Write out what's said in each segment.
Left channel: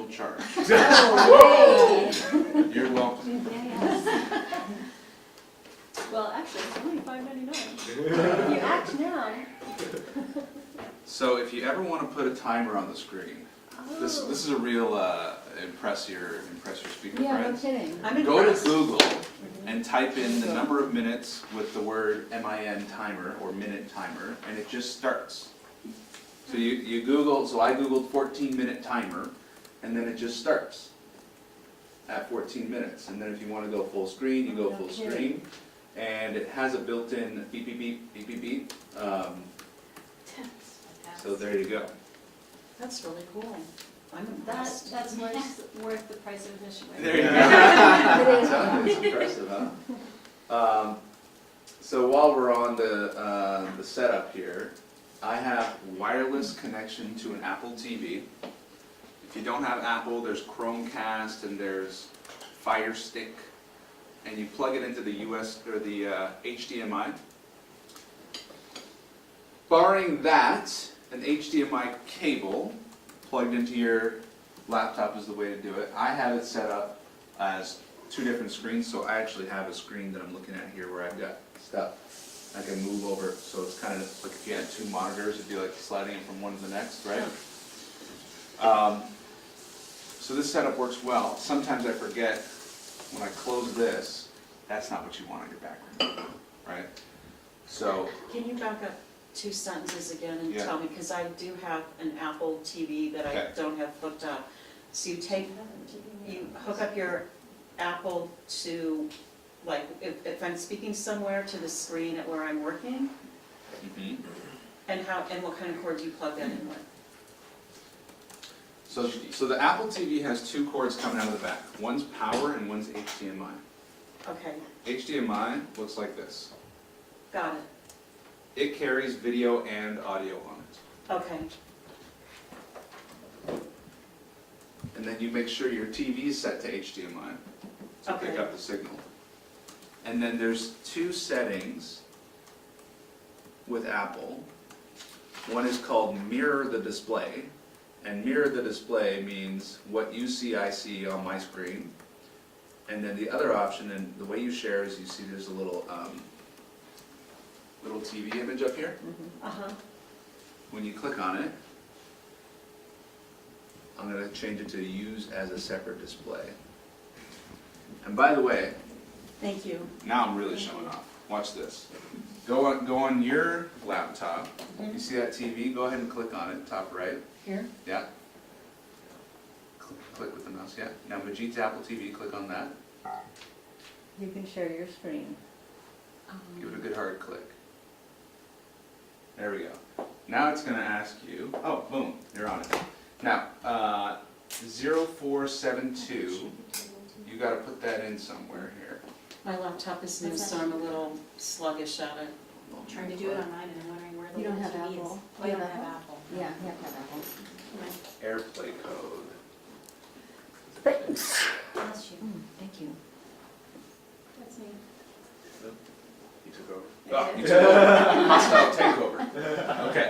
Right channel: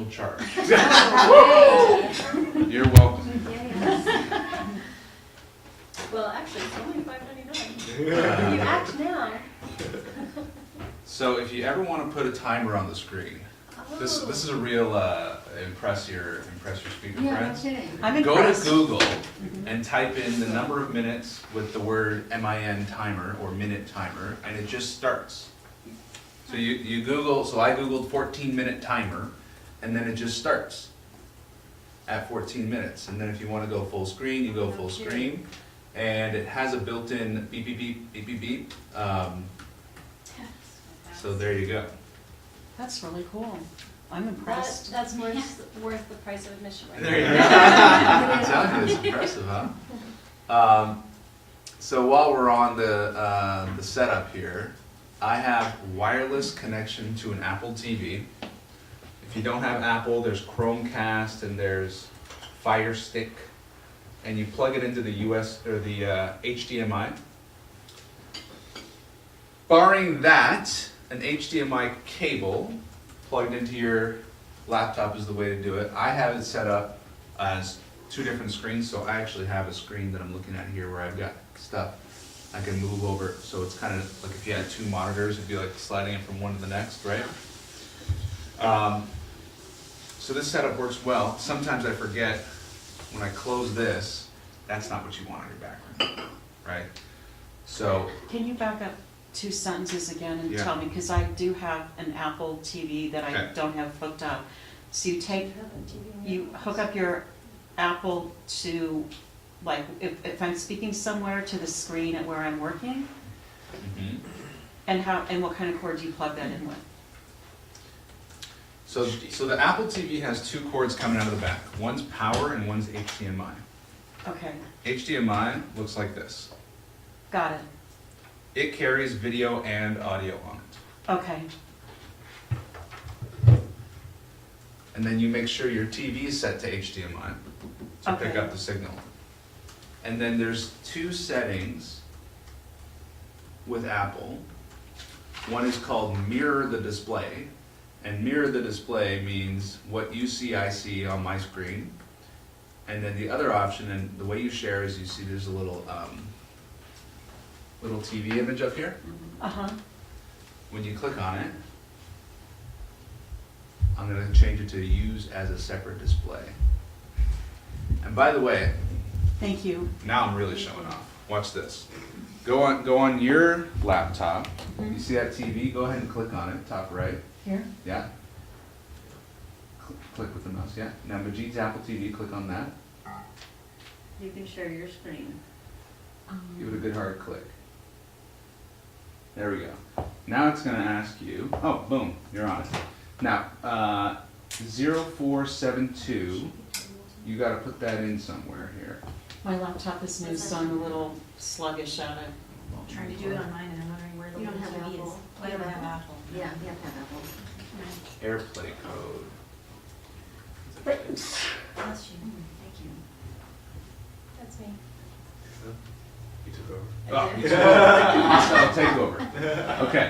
additional charge. Oh, You're welcome. well, actually, it's only $5.99. If you act now. So if you ever want to put a timer on the screen, this is a real impress your speaker Yeah, no friends. kidding. I'm Go to impressed. Google and type in the number of minutes with the word MIN timer or minute timer, and it just starts. So you Google, so I Googled 14-minute timer, and then it just starts at 14 minutes. And then if you want to go full screen, you go full screen, and it has a built-in beep, beep, beep, beep, beep, beep. So there you go. That's really cool. I'm impressed. That's worth the price of admission. Right There you go. Exactly, it's impressive, huh? So while we're on the setup here, I have wireless connection to an Apple TV. If you don't have Apple, there's Chromecast and there's Fire Stick, and you plug it into the US or the HDMI. Barring that, an HDMI cable plugged into your laptop is the way to do it. I have it set up as two different screens, so I actually have a screen that I'm looking at here where I've got stuff I can move over, so it's kind of like if you had two monitors, it'd be like sliding it from one to the next, right? So this setup works well. Sometimes I forget when I close this, that's not what you want on your background, right? So, Can you back up 2 sentences again and Yeah. tell me, because I do have an Apple TV that I Okay. don't have hooked up. So you hook up your Apple to, like, if I'm speaking somewhere, to the screen at where I'm working, and what kind of cord do you plug that in with? so the Apple TV has two cords coming out of the back. One's power and one's HDMI. Okay, HDMI looks like this. got it. It carries video and audio on it. Okay, And then you make sure your TV is set to HDMI to pick Okay. up the signal. And then there's two settings with Apple. One is called mirror the display. And mirror the display means what you see, I see on my screen. And then the other option, and the way you share is you see there's a little TV image up here. uh-huh, When you click on it, I'm going to change it to use as a separate display. And by the way, thank you. now I'm really showing off. Watch this. Go on your laptop. You see that TV? Go ahead and click on it, top right. Here? Yeah. Click with the mouse. Yeah. Now Majeed's Apple TV. Click on that. You can share your screen. Give it a good hard click. There we go. Now it's going to ask you. Oh, boom! You're on it. Now, 0472. You got to put that in somewhere here. My laptop is new, so I'm a little sluggish at it. Trying to do it on mine, and I'm wondering where the You don't little have TV is. Apple. Oh, I don't have Apple. Yeah, you have to have Apple. AirPlay code. Bless you. Thank you. That's me. You took over. I Oh, did. you took over. Hostile takeover. Okay.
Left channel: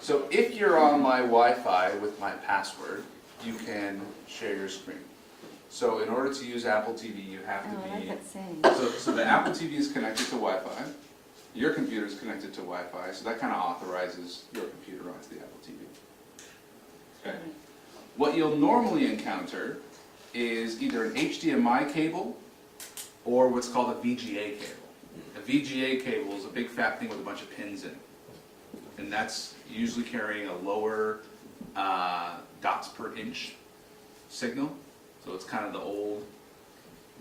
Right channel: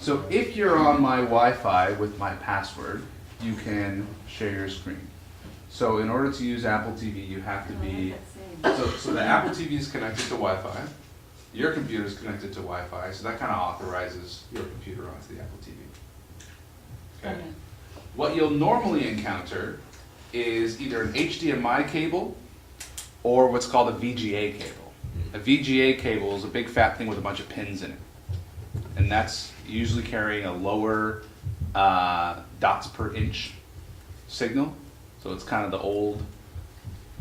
So if you're on my Wi-Fi with my password, you can share your screen. So in order to use Apple TV, you have to be. So the Apple TV is connected to Wi-Fi. Your computer is connected to Wi-Fi, so that kind of authorizes your computer onto the Apple TV. Okay. What you'll normally encounter is either an HDMI cable or what's called a VGA cable. A VGA cable is a big fat thing with a bunch of pins in it. And that's usually carrying a lower dots per inch signal. So it's kind of the old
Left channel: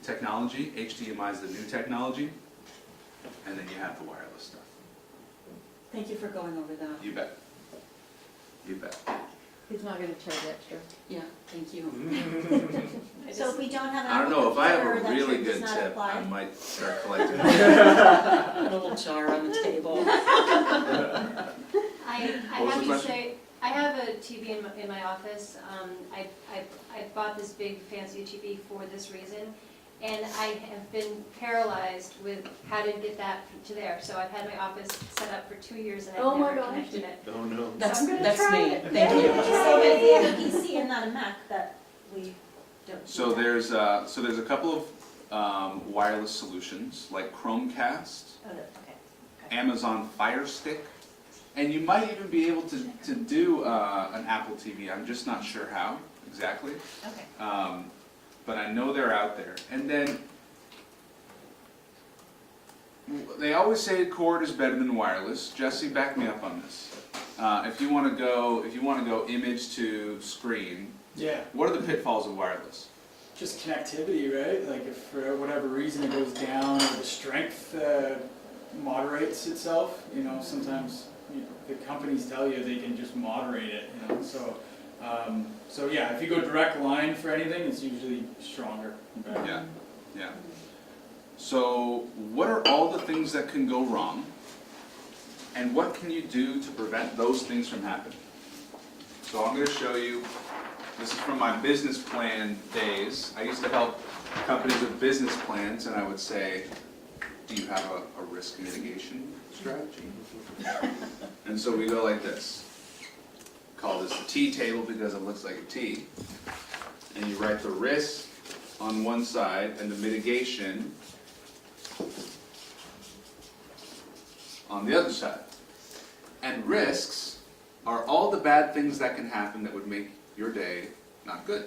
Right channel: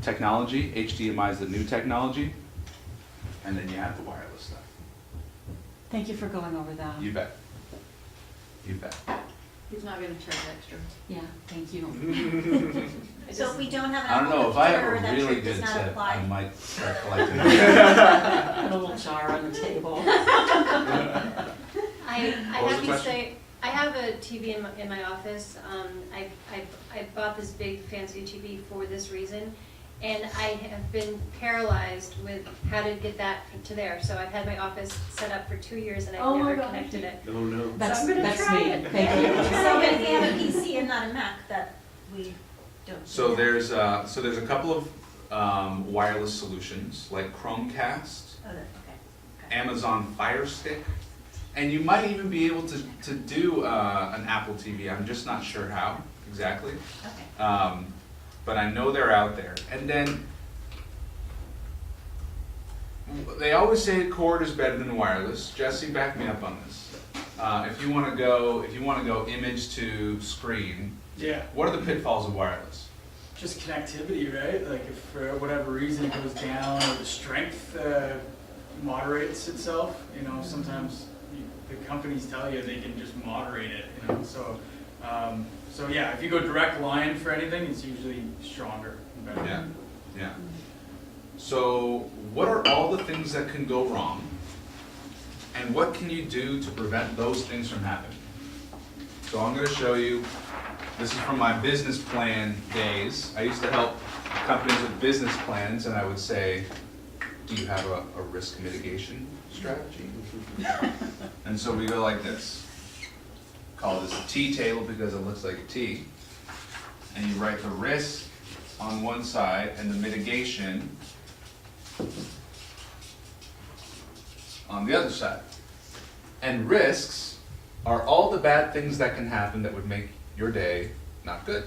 technology. HDMI is the new technology. And then you have the wireless stuff. Thank you for going over that. You bet. You bet. He's not gonna charge extra. Yeah, thank you. So if we don't have an I don't Apple know, if I have computer, a that really trick does good not tip, I apply. might start collecting. Put a little jar on the table. I What was have the to question? say, I have a TV in my office. I bought this big fancy TV for this reason, and I have been paralyzed with how to get that to there. So I've had my office set up for 2 years, and I've Oh my never gosh. connected it. Oh no. That's I'm gonna that's try me. it. Thank you. So if you have a PC, on a Mac that we don't. So there's a couple of wireless solutions like Chromecast, Oh, okay. Amazon Fire Stick, and you might even be able to do an Apple TV. I'm just not sure how exactly, Okay. but I know they're out there. And then they always say cord is better than wireless. Jesse, back me up on this. If you want to go image to screen, Yeah, what are the pitfalls of wireless? just connectivity, right? Like if for whatever reason it goes down or the strength moderates itself, you know, sometimes the companies tell you they can just moderate it, you know, so, so yeah, if you go direct line for anything, it's usually stronger and better. Yeah, yeah. So what are all the things that can go wrong? And what can you do to prevent those things from happening? So I'm going to show you, this is from my business plan days. I used to help companies with business plans, and I would say, do you have a risk mitigation strategy? And so we go like this. Call this a T table because it looks like a T. And you write the risk on one side and the mitigation on the other side. And risks are all the bad things that can happen that would make your day not good.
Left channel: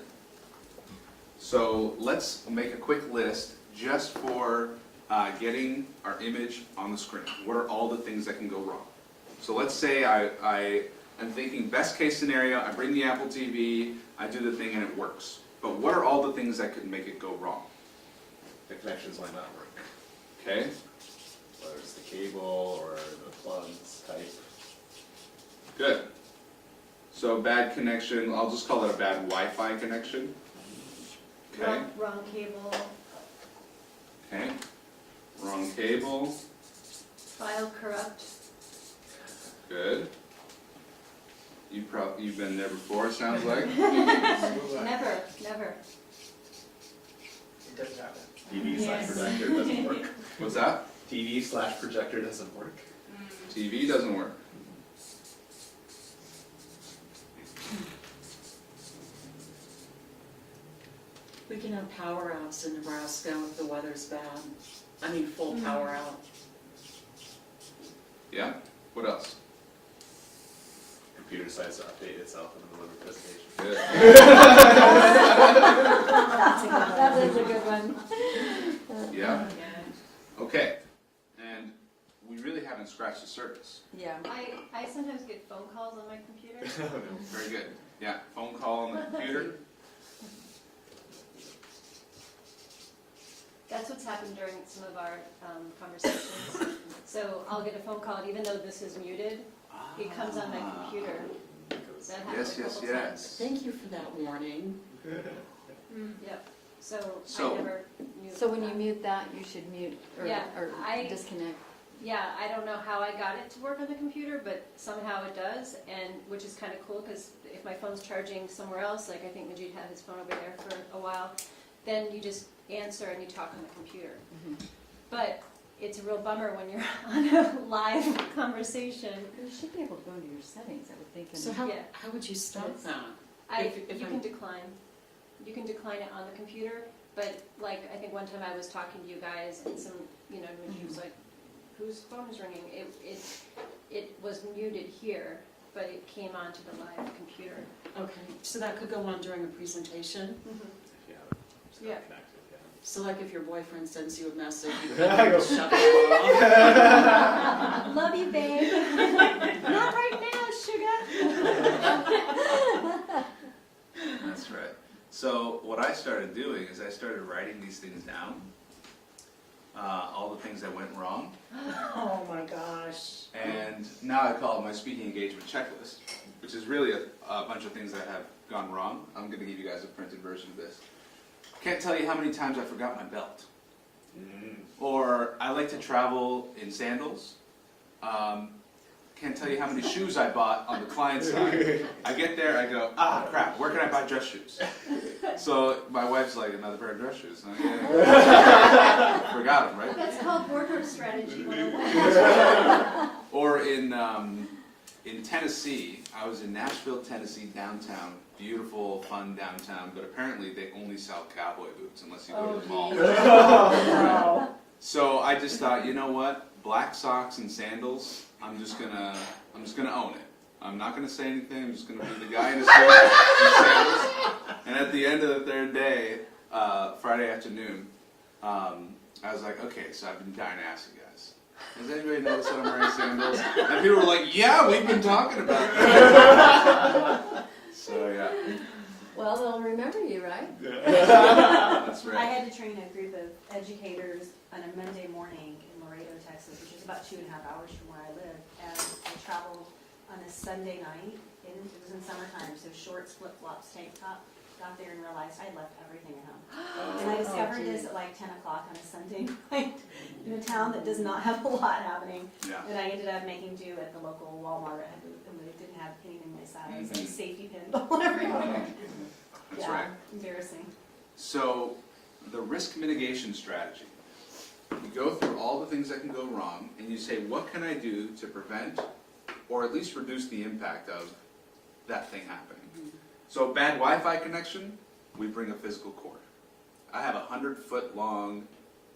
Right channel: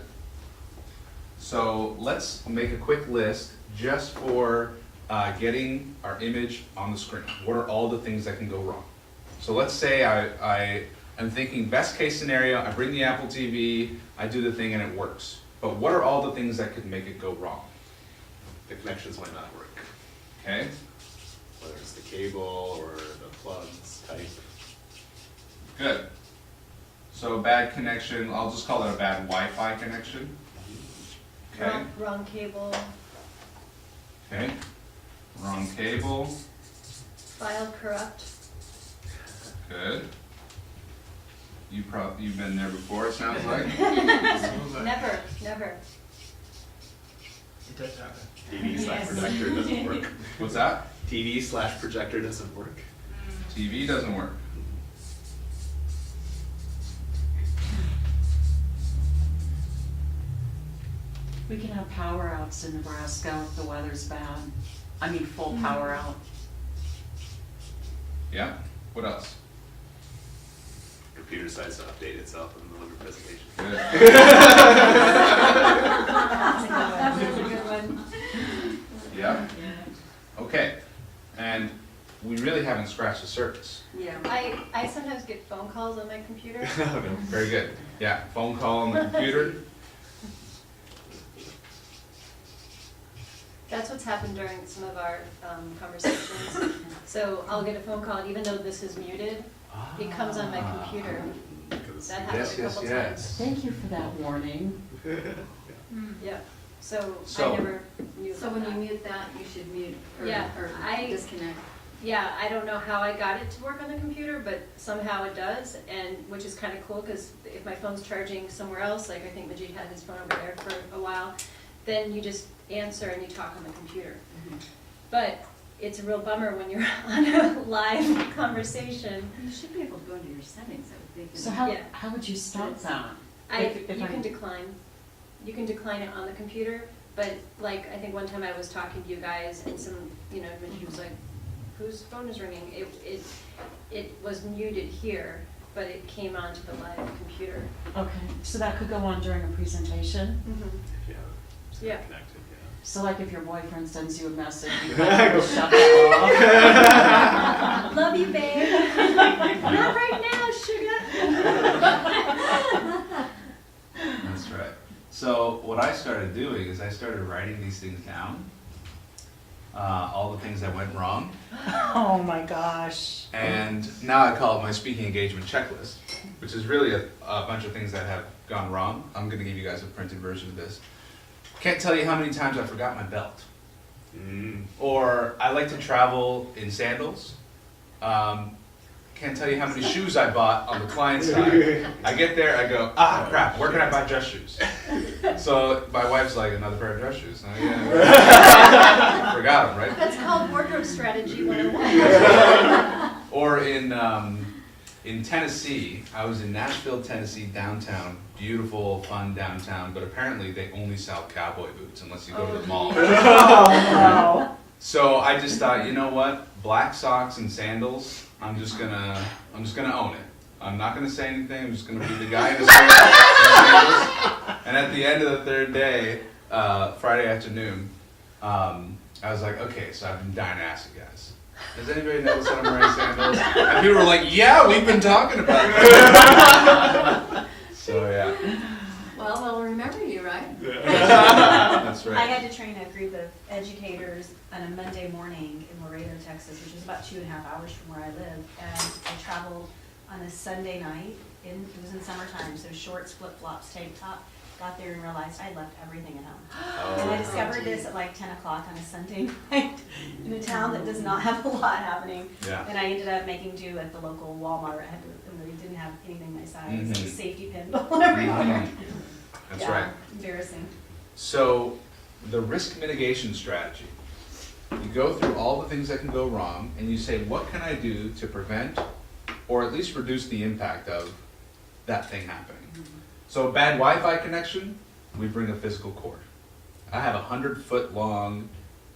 So let's make a quick list just for getting our image on the screen. What are all the things that can go wrong? So let's say I am thinking best case scenario, I bring the Apple TV, I do the thing and it works. But what are all the things that could make it go wrong? The connections might not work, Okay? whether it's the cable or the plugs type. Good. So bad connection, I'll just call it a bad Wi-Fi connection. Okay, Wrong cable, okay. Wrong cable, file corrupt. good. You've been there before, it sounds like. Never. It does happen. TV/projector doesn't work. What's that? TV/projector doesn't work. TV doesn't work. We can have power outs in Nebraska if the weather's bad. I mean, full power out. Yeah, what else? Computer decides to update itself in the middle of a presentation. Good. That was a good one. Yeah, okay. And we really haven't scratched the surface. Yeah. I sometimes get phone calls on my computer. Very good. Yeah, phone call on the computer. That's what's happened during some of our conversations. So I'll get a phone call, and even though this is muted, it comes on my computer. That happened Yes, a yes, couple yes. times. Thank you for that warning. Yeah, so So- I never knew So about when you that. mute that, you should mute or Yeah, disconnect. Yeah, I don't know how I got it to work on the computer, but somehow it does, and which is kind of cool, because if my phone's charging somewhere else, like I think Majeed had his phone over there for a while, then you just answer and you talk on the computer. But it's a real bummer when you're on a live conversation. You should be able to go into your settings, I would think. So Yeah. how would you stop that? If You I- can decline. You can decline it on the computer, but like, I think one time I was talking to you guys and some, Majeed was like, whose phone is ringing? It was muted here, but it came onto the live computer. Okay, so that could go on during a presentation? Yeah. It's Yeah. not connected, yeah. So like if your boyfriend sends you a message, you can just shut that off? Love you, babe. Not right now, sugar. That's right. So what I started doing is I started writing these things down, all the things that went wrong, Oh my gosh. and now I call it my speaking engagement checklist, which is really a bunch of things that have gone wrong. I'm going to give you guys a printed version of this. Can't tell you how many times I forgot my belt. Or I like to travel in sandals. Can't tell you how many shoes I bought on the client side. I get there, I go, crap, where can I buy dress shoes? So my wife's like, another pair of dress shoes. I forgot them, right? That's called wardrobe strategy 101. Or in Tennessee, I was in Nashville, Tennessee, downtown, beautiful, fun downtown, but apparently they only sell cowboy boots unless you go to the mall. Oh, So I just thought, you know what? Black socks and sandals. I'm just gonna own it. I'm not gonna say anything. I'm just gonna be the guy in the sandals. And at the end of the third day, Friday afternoon, I was like, okay, so I've been dying to ask you guys. Does anybody notice that I'm wearing sandals? And people were like, yeah, we've been talking about that. So yeah, Well, they'll remember you, right? that's I right. had to train a group of educators on a Monday morning in Laredo, Texas, which is about 2.5 hours from where I live. And I traveled on a Sunday night, it was in summertime, so shorts, flip-flops, tank top. Got there and realized I left everything at home. And I Oh, discovered this at like 10 o'clock on a Sunday night in a town that does not have a lot happening. yeah. And I ended up making do at the local Walmart. I had to, and they didn't have anything my size. Mhm. Like safety pins all everywhere. Mhm. That's Yeah, right. embarrassing. So, the risk mitigation strategy. You go through all the things that can go wrong, and you say, what can I do to prevent, or at least reduce the impact of that thing happening? So a bad Wi-Fi connection, we bring a physical cord. I have a 100-foot long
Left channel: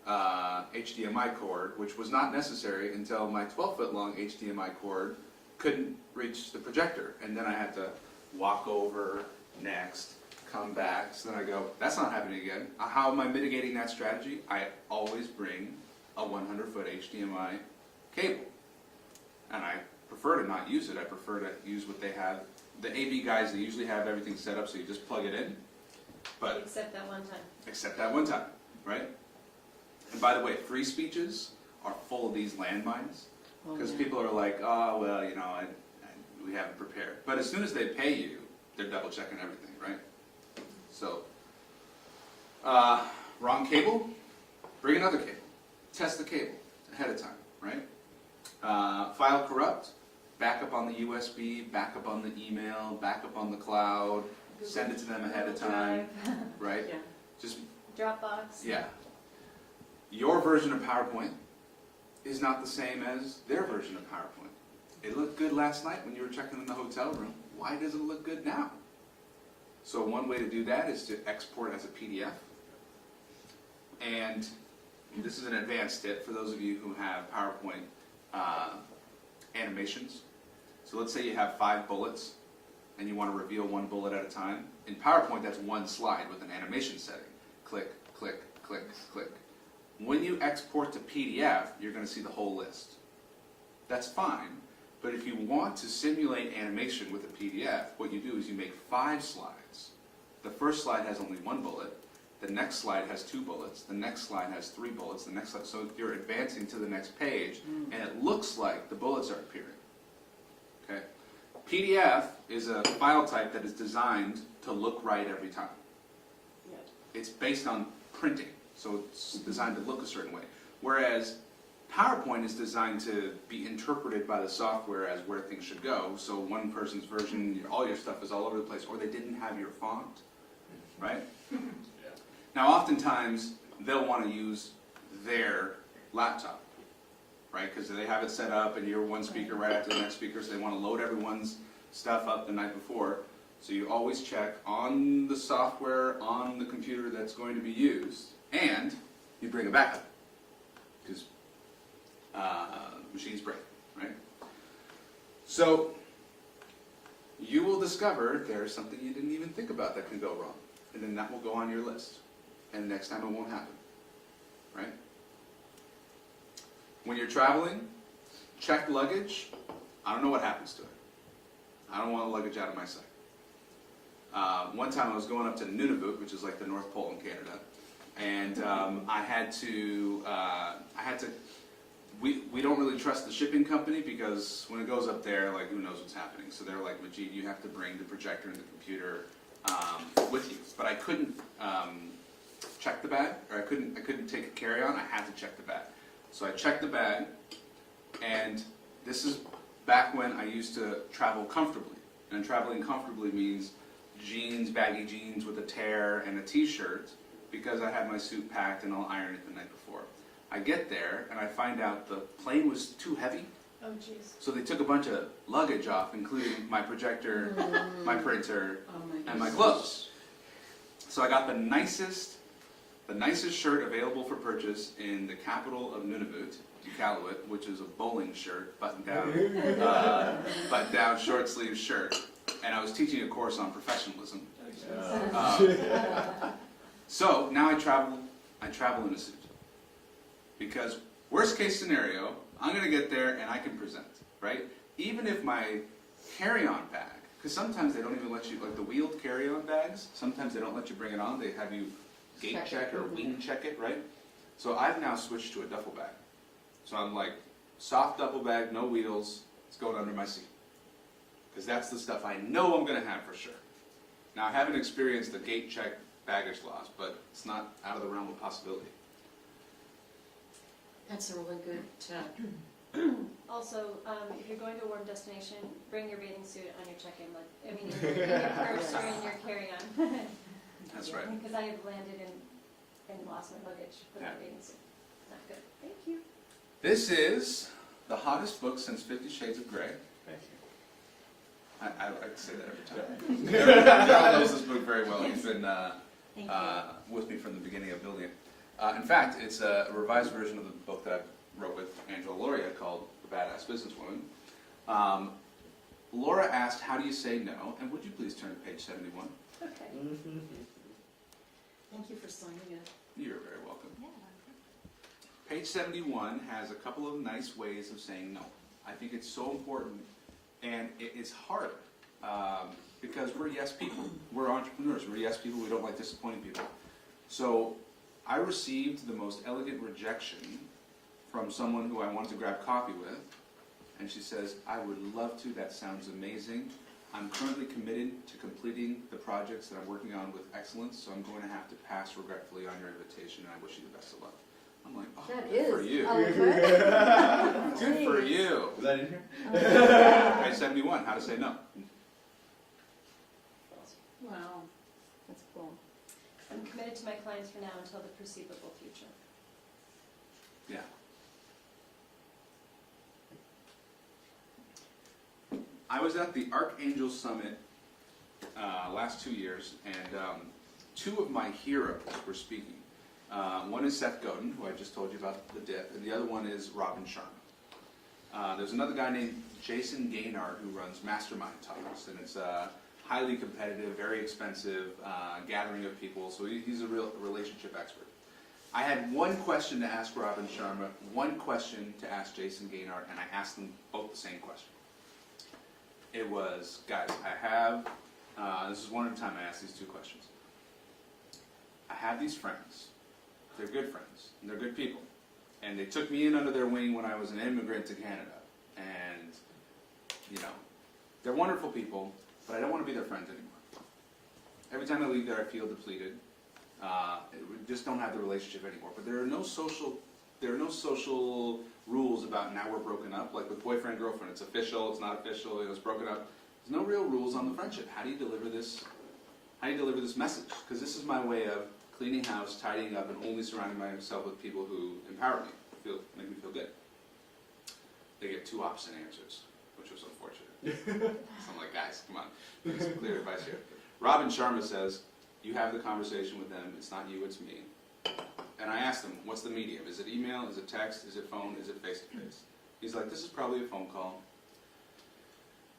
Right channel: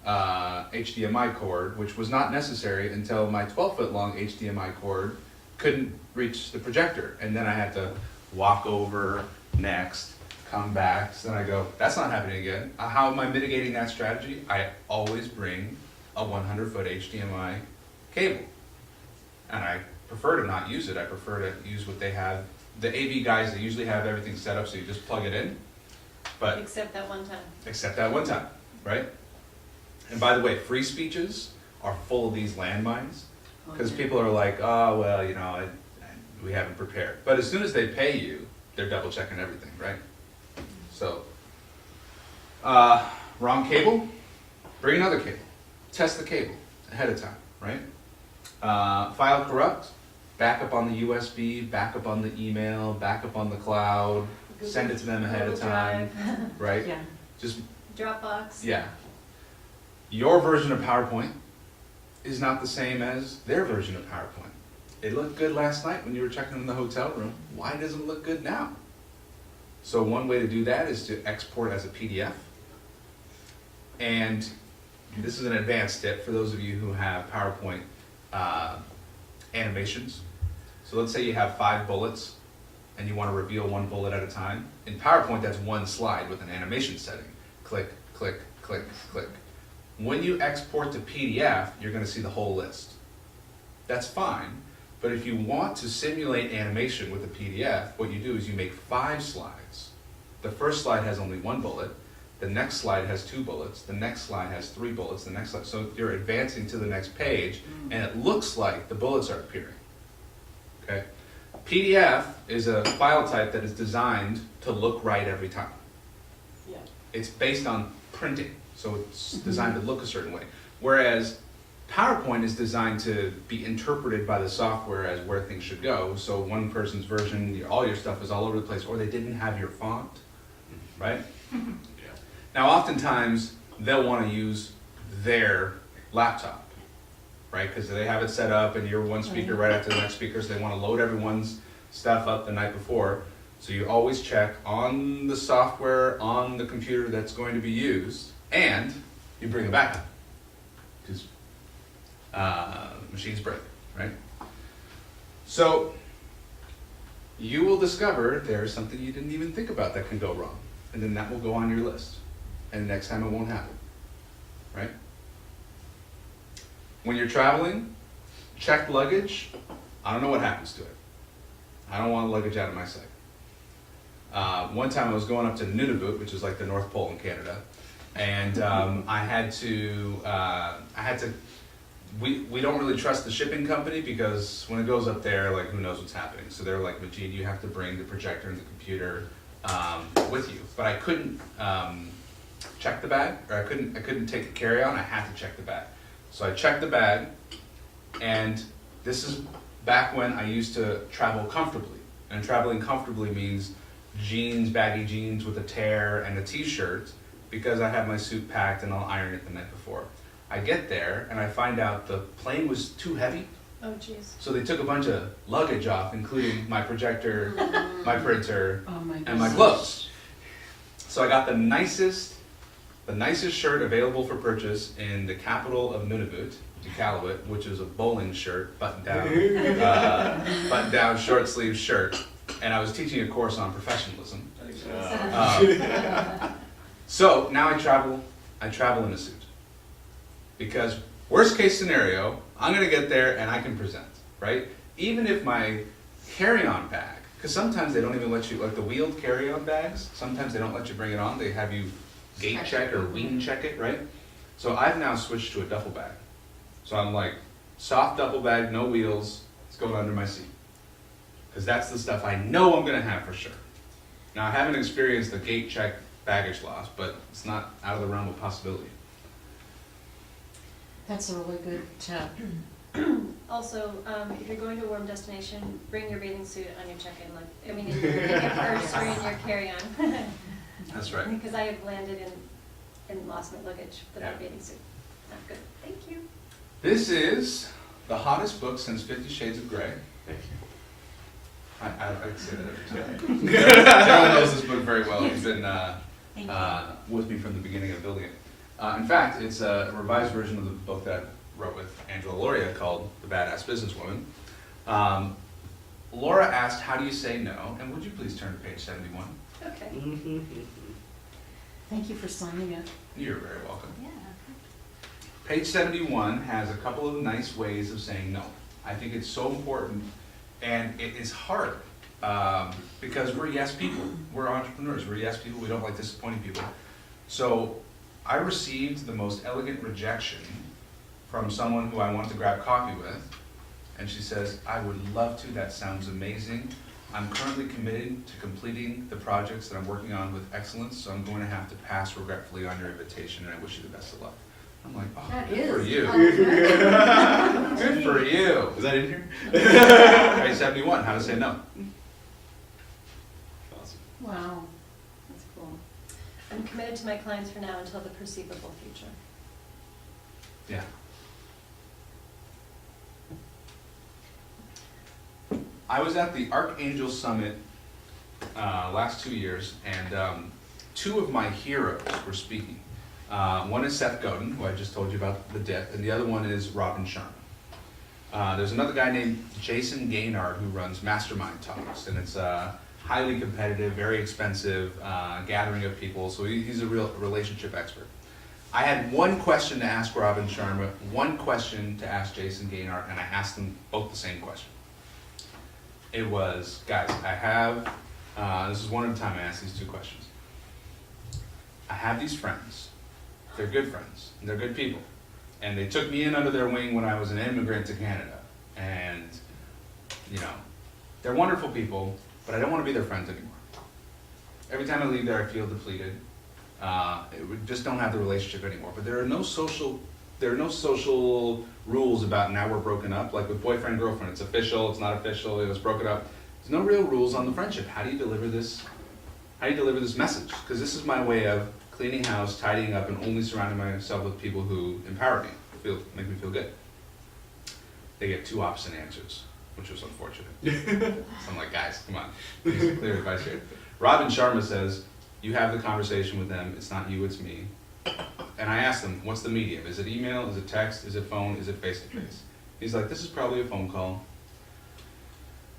HDMI cord, which was not necessary until my 12-foot long HDMI cord couldn't reach the projector. And then I had to walk over next, come back. So then I go, that's not happening again. How am I mitigating that strategy? I always bring a 100-foot HDMI cable. And I prefer to not use it. I prefer to use what they have. The AV guys, they usually have everything set up so you just plug it in. But Except that one time. except that one time, right? And by the way, free speeches are full of these landmines. Because people are like, oh, well, you know, we haven't prepared. But as soon as they pay you, they're double checking everything, right? So, wrong cable, bring another cable. Test the cable ahead of time, right? File corrupt, back up on the USB, back up on the email, back up on the cloud, send it to them ahead of Google time, right? yeah. Just, Dropbox. yeah. Your version of PowerPoint is not the same as their version of PowerPoint. It looked good last night when you were checking in the hotel room. Why doesn't it look good now? So one way to do that is to export as a PDF. And this is an advanced tip for those of you who have PowerPoint animations. So let's say you have 5 bullets and you want to reveal one bullet at a time. In PowerPoint, that's one slide with an animation setting. Click, click, click, click. When you export to PDF, you're going to see the whole list. That's fine, but if you want to simulate animation with a PDF, what you do is you make 5 slides. The first slide has only 1 bullet, the next slide has 2 bullets, the next slide has 3 bullets, the next slide, so you're advancing to the next page, and it looks like the bullets are appearing. Okay? PDF is a file type that is designed to look right every time. Yeah. It's based on printing, so it's designed to look a certain way. Whereas PowerPoint is designed to be interpreted by the software as where things should go. So one person's version, all your stuff is all over the place, or they didn't have your font, right? Yeah. Now, oftentimes they'll want to use their laptop, right? Because they have it set up, and you're one speaker right after the next speaker, so they want to load everyone's stuff up the night before. So you always check on the software on the computer that's going to be used, and you bring a backup, because machines break, right? So you will discover there's something you didn't even think about that can go wrong, and then that will go on your list, and next time it won't happen, right? When you're traveling, check luggage. I don't know what happens to it. I don't want luggage out of my sight. One time I was going up to Nunavut, which is like the North Pole in Canada, and we don't really trust the shipping company because when it goes up there, like who knows what's happening. So they're like, Majeed, you have to bring the projector and the computer with you. But I couldn't check the bag, or I couldn't take a carry-on. I had to check the bag. So I checked the bag, and this is back when I used to travel comfortably. And traveling comfortably means jeans, baggy jeans with a tear and a t-shirt, because I have my suit packed and I'll iron it the night before. I get there and I find out the plane was too heavy, Oh, jeez. so they took a bunch of luggage off, including my projector my printer, Oh my and my goodness. clothes. So I got the nicest shirt available for purchase in the capital of Nunavut, Iqaluit, which is a bowling shirt, button down short sleeve shirt. And I was teaching a course on professionalism. So now I travel in a suit. Because worst case scenario, I'm gonna get there and I can present, right? Even if my carry-on bag, because sometimes they don't even let you, like the wheeled carry-on bags, sometimes they don't let you bring it on, they have you gate check or wing check it, right? So I've now switched to a duffel bag. So I'm like, soft duffel bag, no wheels, it's going under my seat. Because that's the stuff I know I'm gonna have for sure. Now I haven't experienced the gate check baggage loss, but it's not out of the realm of possibility. That's a really good tip. Also, if you're going to a warm destination, bring your bathing suit on your check-in, in your purse or in your carry-on. That's right. Because I have landed and lost my luggage without a bathing suit. Not good. Thank you. This is the hottest book since 50 Shades of Grey. I say that every time. Daryl knows this book very well. He's been Thank you. with me from the beginning of building it. In fact, it's a revised version of the book that I wrote with Angela Lauria called The Badass Businesswoman. Laura asked, how do you say no? And would you please turn to page 71? Okay. Thank you for signing it. You're very welcome. Yeah. Page 71 has a couple of nice ways of saying no. I think it's so important, and it is hard because we're yes people. We're entrepreneurs. We're yes people. We don't like disappointing people. So I received the most elegant rejection from someone who I want to grab coffee with, and she says, I would love to. That sounds amazing. I'm currently committed to completing the projects that I'm working on with excellence, so I'm going to have to pass regretfully on your invitation, and I wish you the best of luck. I'm like, oh, That good for is. you. Oh, Good for you. Is that in here? Page 71, how to say no. Awesome. Wow. That's cool. I'm committed to my clients for now until the perceivable future. Yeah. I was at the Archangel Summit last 2 years, and two of my heroes were speaking. One is Seth Godin, who I just told you about the dip, and the other one is Robin Sharma. There's another guy named Jason Gaynard who runs Mastermind Talks, and it's highly competitive, very expensive gathering of people, so he's a real relationship expert. I had one question to ask Robin Sharma, one question to ask Jason Gaynard, and I asked them both the same question. It was, guys, I have, this is one at a time I asked these two questions. I have these friends. They're good friends, and they're good people. And they took me in under their wing when I was an immigrant to Canada. And, you know, they're wonderful people, but I don't want to be their friends anymore. Every time I leave there, I feel depleted. We just don't have the relationship anymore. But there are no social rules about now we're broken up. Like with boyfriend, girlfriend, it's official, it's not official, it was broken up. There's no real rules on the friendship. How do you deliver this? How do you deliver this message? Because this is my way of cleaning house, tidying up, and only surrounding myself with people who empower me, make me feel good. They get two opposite answers, which was unfortunate. So I'm like, guys, come on, there's clear advice here. Robin Sharma says, you have the conversation with them, it's not you, it's me. And I asked him, what's the medium? Is it email, is it text, is it phone, is it face-to-face? He's like, this is probably a phone call.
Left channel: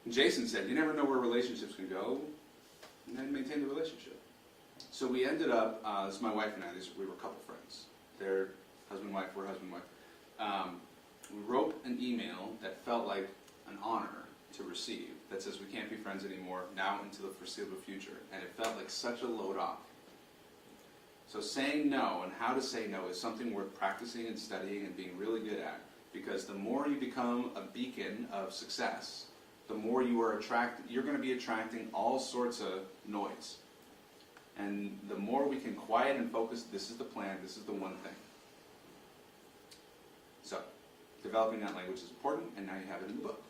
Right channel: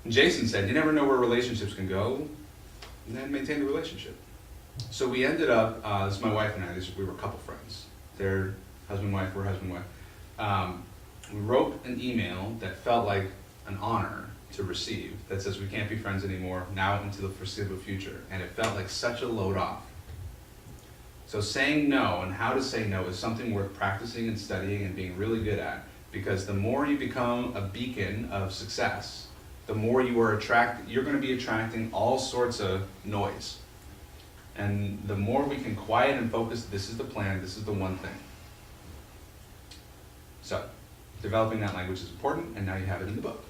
And Jason said, you never know where relationships can go, and then maintain the relationship. So we ended up, this is my wife and I, we were a couple friends. They're husband-wife, we're husband-wife. We wrote an email that felt like an honor to receive that says we can't be friends anymore, now into the foreseeable future. And it felt like such a load off. So saying no and how to say no is something worth practicing and studying and being really good at, because the more you become a beacon of success, the more you're going to be attracting all sorts of noise. And the more we can quiet and focus, this is the plan, this is the one thing. So, developing that language is important, and now you have it in the book.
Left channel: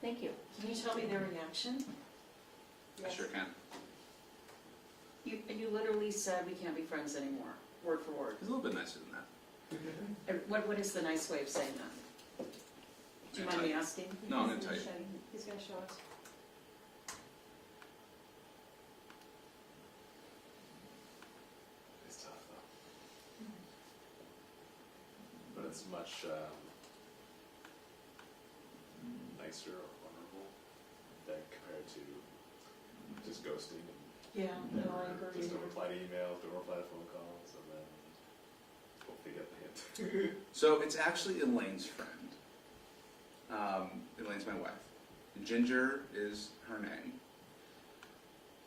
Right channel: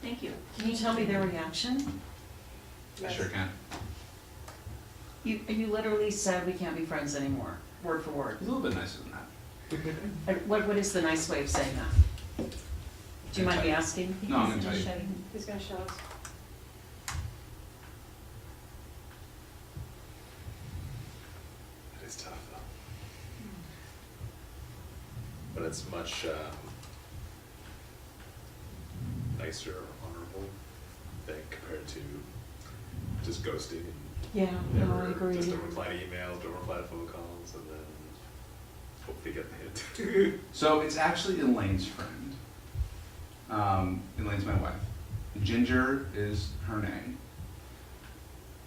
Thank you. Can you tell me their reaction? I sure can. You literally said we can't be friends anymore, word for word. It's a little bit nicer than that. What is the nice way of saying that? Do you mind me asking? No, I'm going to tell you. Who's going to show us? that's much nicer or honorable, I think, compared to just ghosting and Yeah, no, I never agree. just don't reply to emails, don't reply to phone calls, and then hope they get the hint. So it's actually Elaine's friend. Elaine's my wife. Ginger is her name.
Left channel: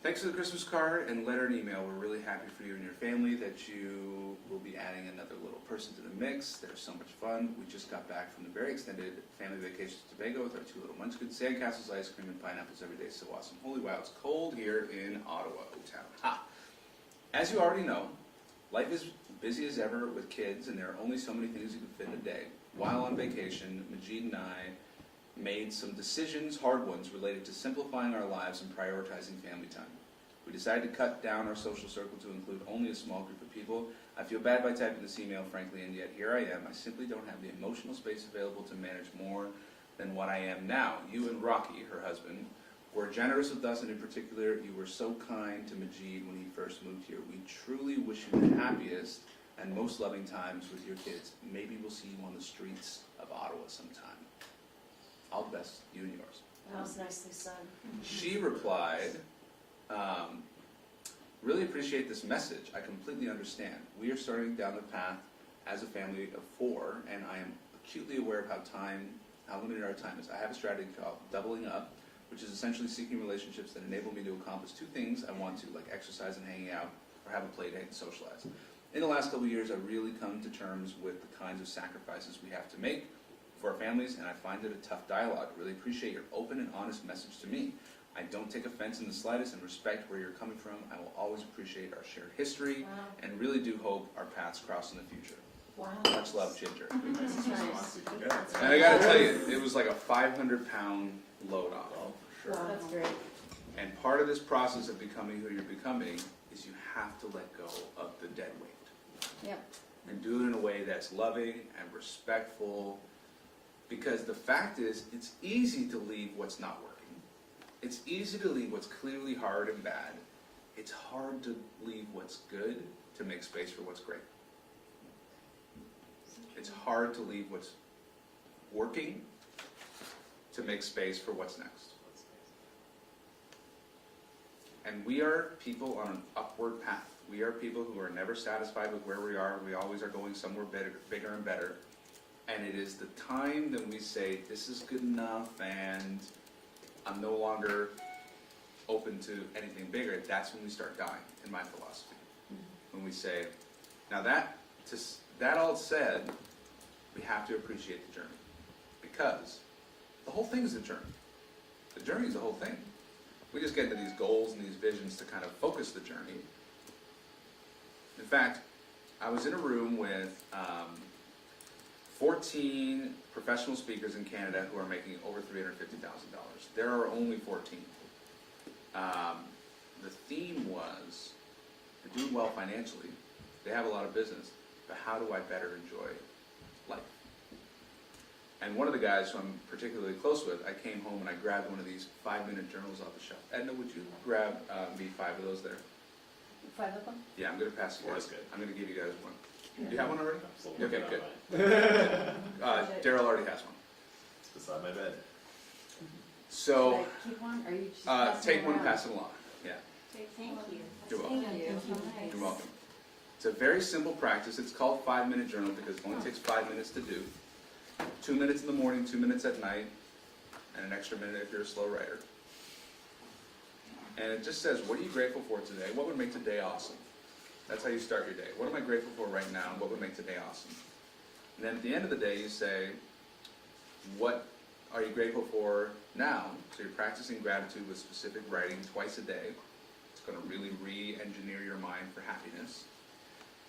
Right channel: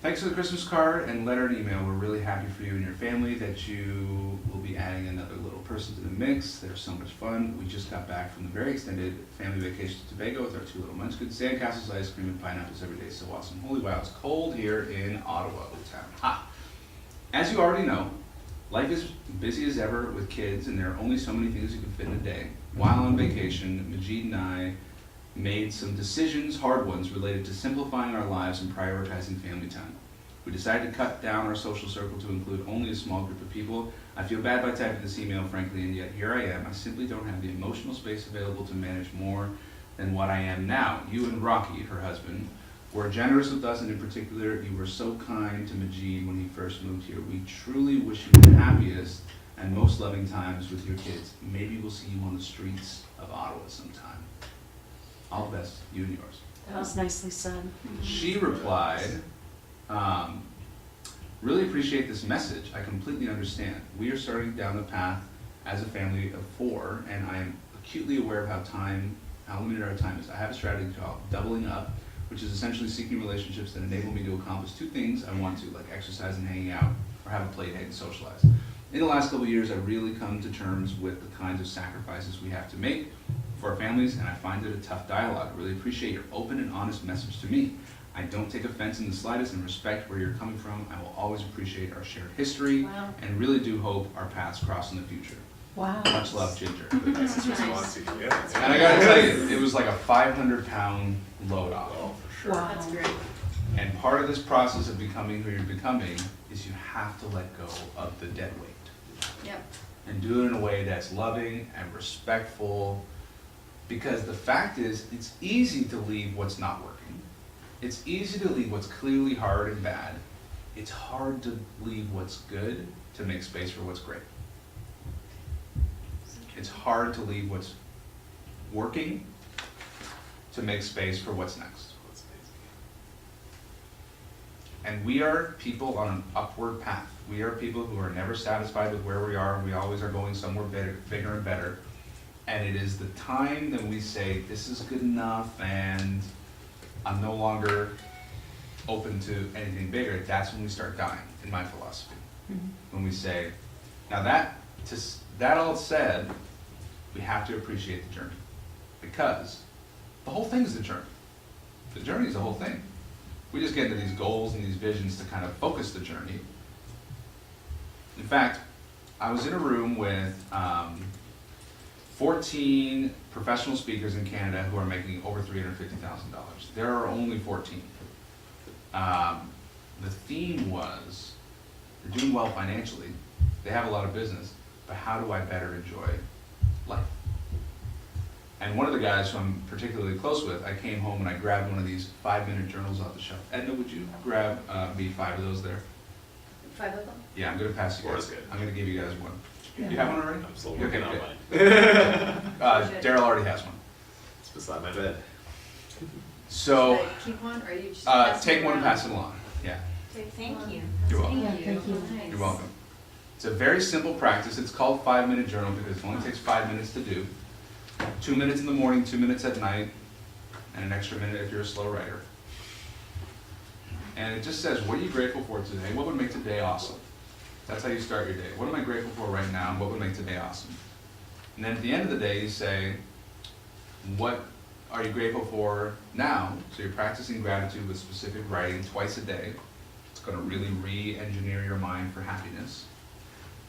Thanks for the Christmas card and letter and email. We're really happy for you and your family that you will be adding another little person to the mix. They're so much fun. We just got back from the very extended family vacation to Tobago with our 2 little munchkins. Sandcastles, ice cream, and pineapples every day. So awesome. Holy wow, it's cold here in Ottawa, Old Town. Ha! As you already know, life is busy as ever with kids, and there are only so many things you can fit in a day. While on vacation, Majeed and I made some decisions, hard ones, related to simplifying our lives and prioritizing family time. We decided to cut down our social circle to include only a small group of people. I feel bad by typing this email, frankly, and yet here I am. I simply don't have the emotional space available to manage more than what I am now. You and Rocky, her husband, were generous with us, and in particular, you were so kind to Majeed when he first moved here. We truly wish you the happiest and most loving times with your kids. Maybe we'll see you on the streets of Ottawa sometime. All the best, you and yours. That was nicely said. She replied, really appreciate this message. I completely understand. We are starting down the path as a family of 4, and I am acutely aware of how limited our time is. I have a strategy called doubling up, which is essentially seeking relationships that enable me to accomplish 2 things I want to, like exercise and hanging out, or have a play date and socialize. In the last couple of years, I've really come to terms with the kinds of sacrifices we have to make for our families, and I find it a tough dialogue. I really appreciate your open and honest message to me. I don't take offense in the slightest and respect where you're coming from. I will always appreciate our shared history Wow. and really do hope our paths cross in the future. Wow. Much love, Ginger. The nicest response you can get. And I gotta tell you, it was like a 500-pound load off. Oh, for sure. Wow. That's great. And part of this process of becoming who you're becoming is you have to let go of the dead weight. Yep. And do it in a way that's loving and respectful, because the fact is, it's easy to leave what's not working. It's easy to leave what's clearly hard and bad. It's hard to leave what's good to make space for what's great. It's hard to leave what's working to make space for what's next. That's amazing. And we are people on an upward path. We are people who are never satisfied with where we are. We always are going somewhere better, bigger and better. And it is the time that we say, this is good enough and I'm no longer open to anything bigger. That's when we start dying, in my philosophy. When we say, now that all said, we have to appreciate the journey. Because the whole thing is the journey. The journey is the whole thing. We just get into these goals and these visions to kind of focus the journey. In fact, I was in a room with 14 professional speakers in Canada who are making over $350,000. There are only 14. The theme was, they're doing well financially, they have a lot of business, but how do I better enjoy life? And one of the guys who I'm particularly close with, I came home and I grabbed one of these 5-minute journals off the shelf. Edna, would you grab me 5 of those there? 5 of them? Yeah, I'm gonna pass you Four guys. is good. I'm gonna give you guys one. You have one already? I'm still Okay, working on good. mine. Daryl already has one. It's beside my bed. So, Should I keep one, or you just take one, pass it along. Yeah, Thank you. you're welcome. Thank you. Nice. You're welcome. It's a very simple practice. It's called 5-minute journal because it only takes 5 minutes to do. 2 minutes in the morning, 2 minutes at night, and an extra minute if you're a slow writer. And it just says, what are you grateful for today? What would make today awesome? That's how you start your day. What am I grateful for right now? What would make today awesome? And then at the end of the day, you say, what are you grateful for now? So you're practicing gratitude with specific writing twice a day. It's going to really re-engineer your mind for happiness.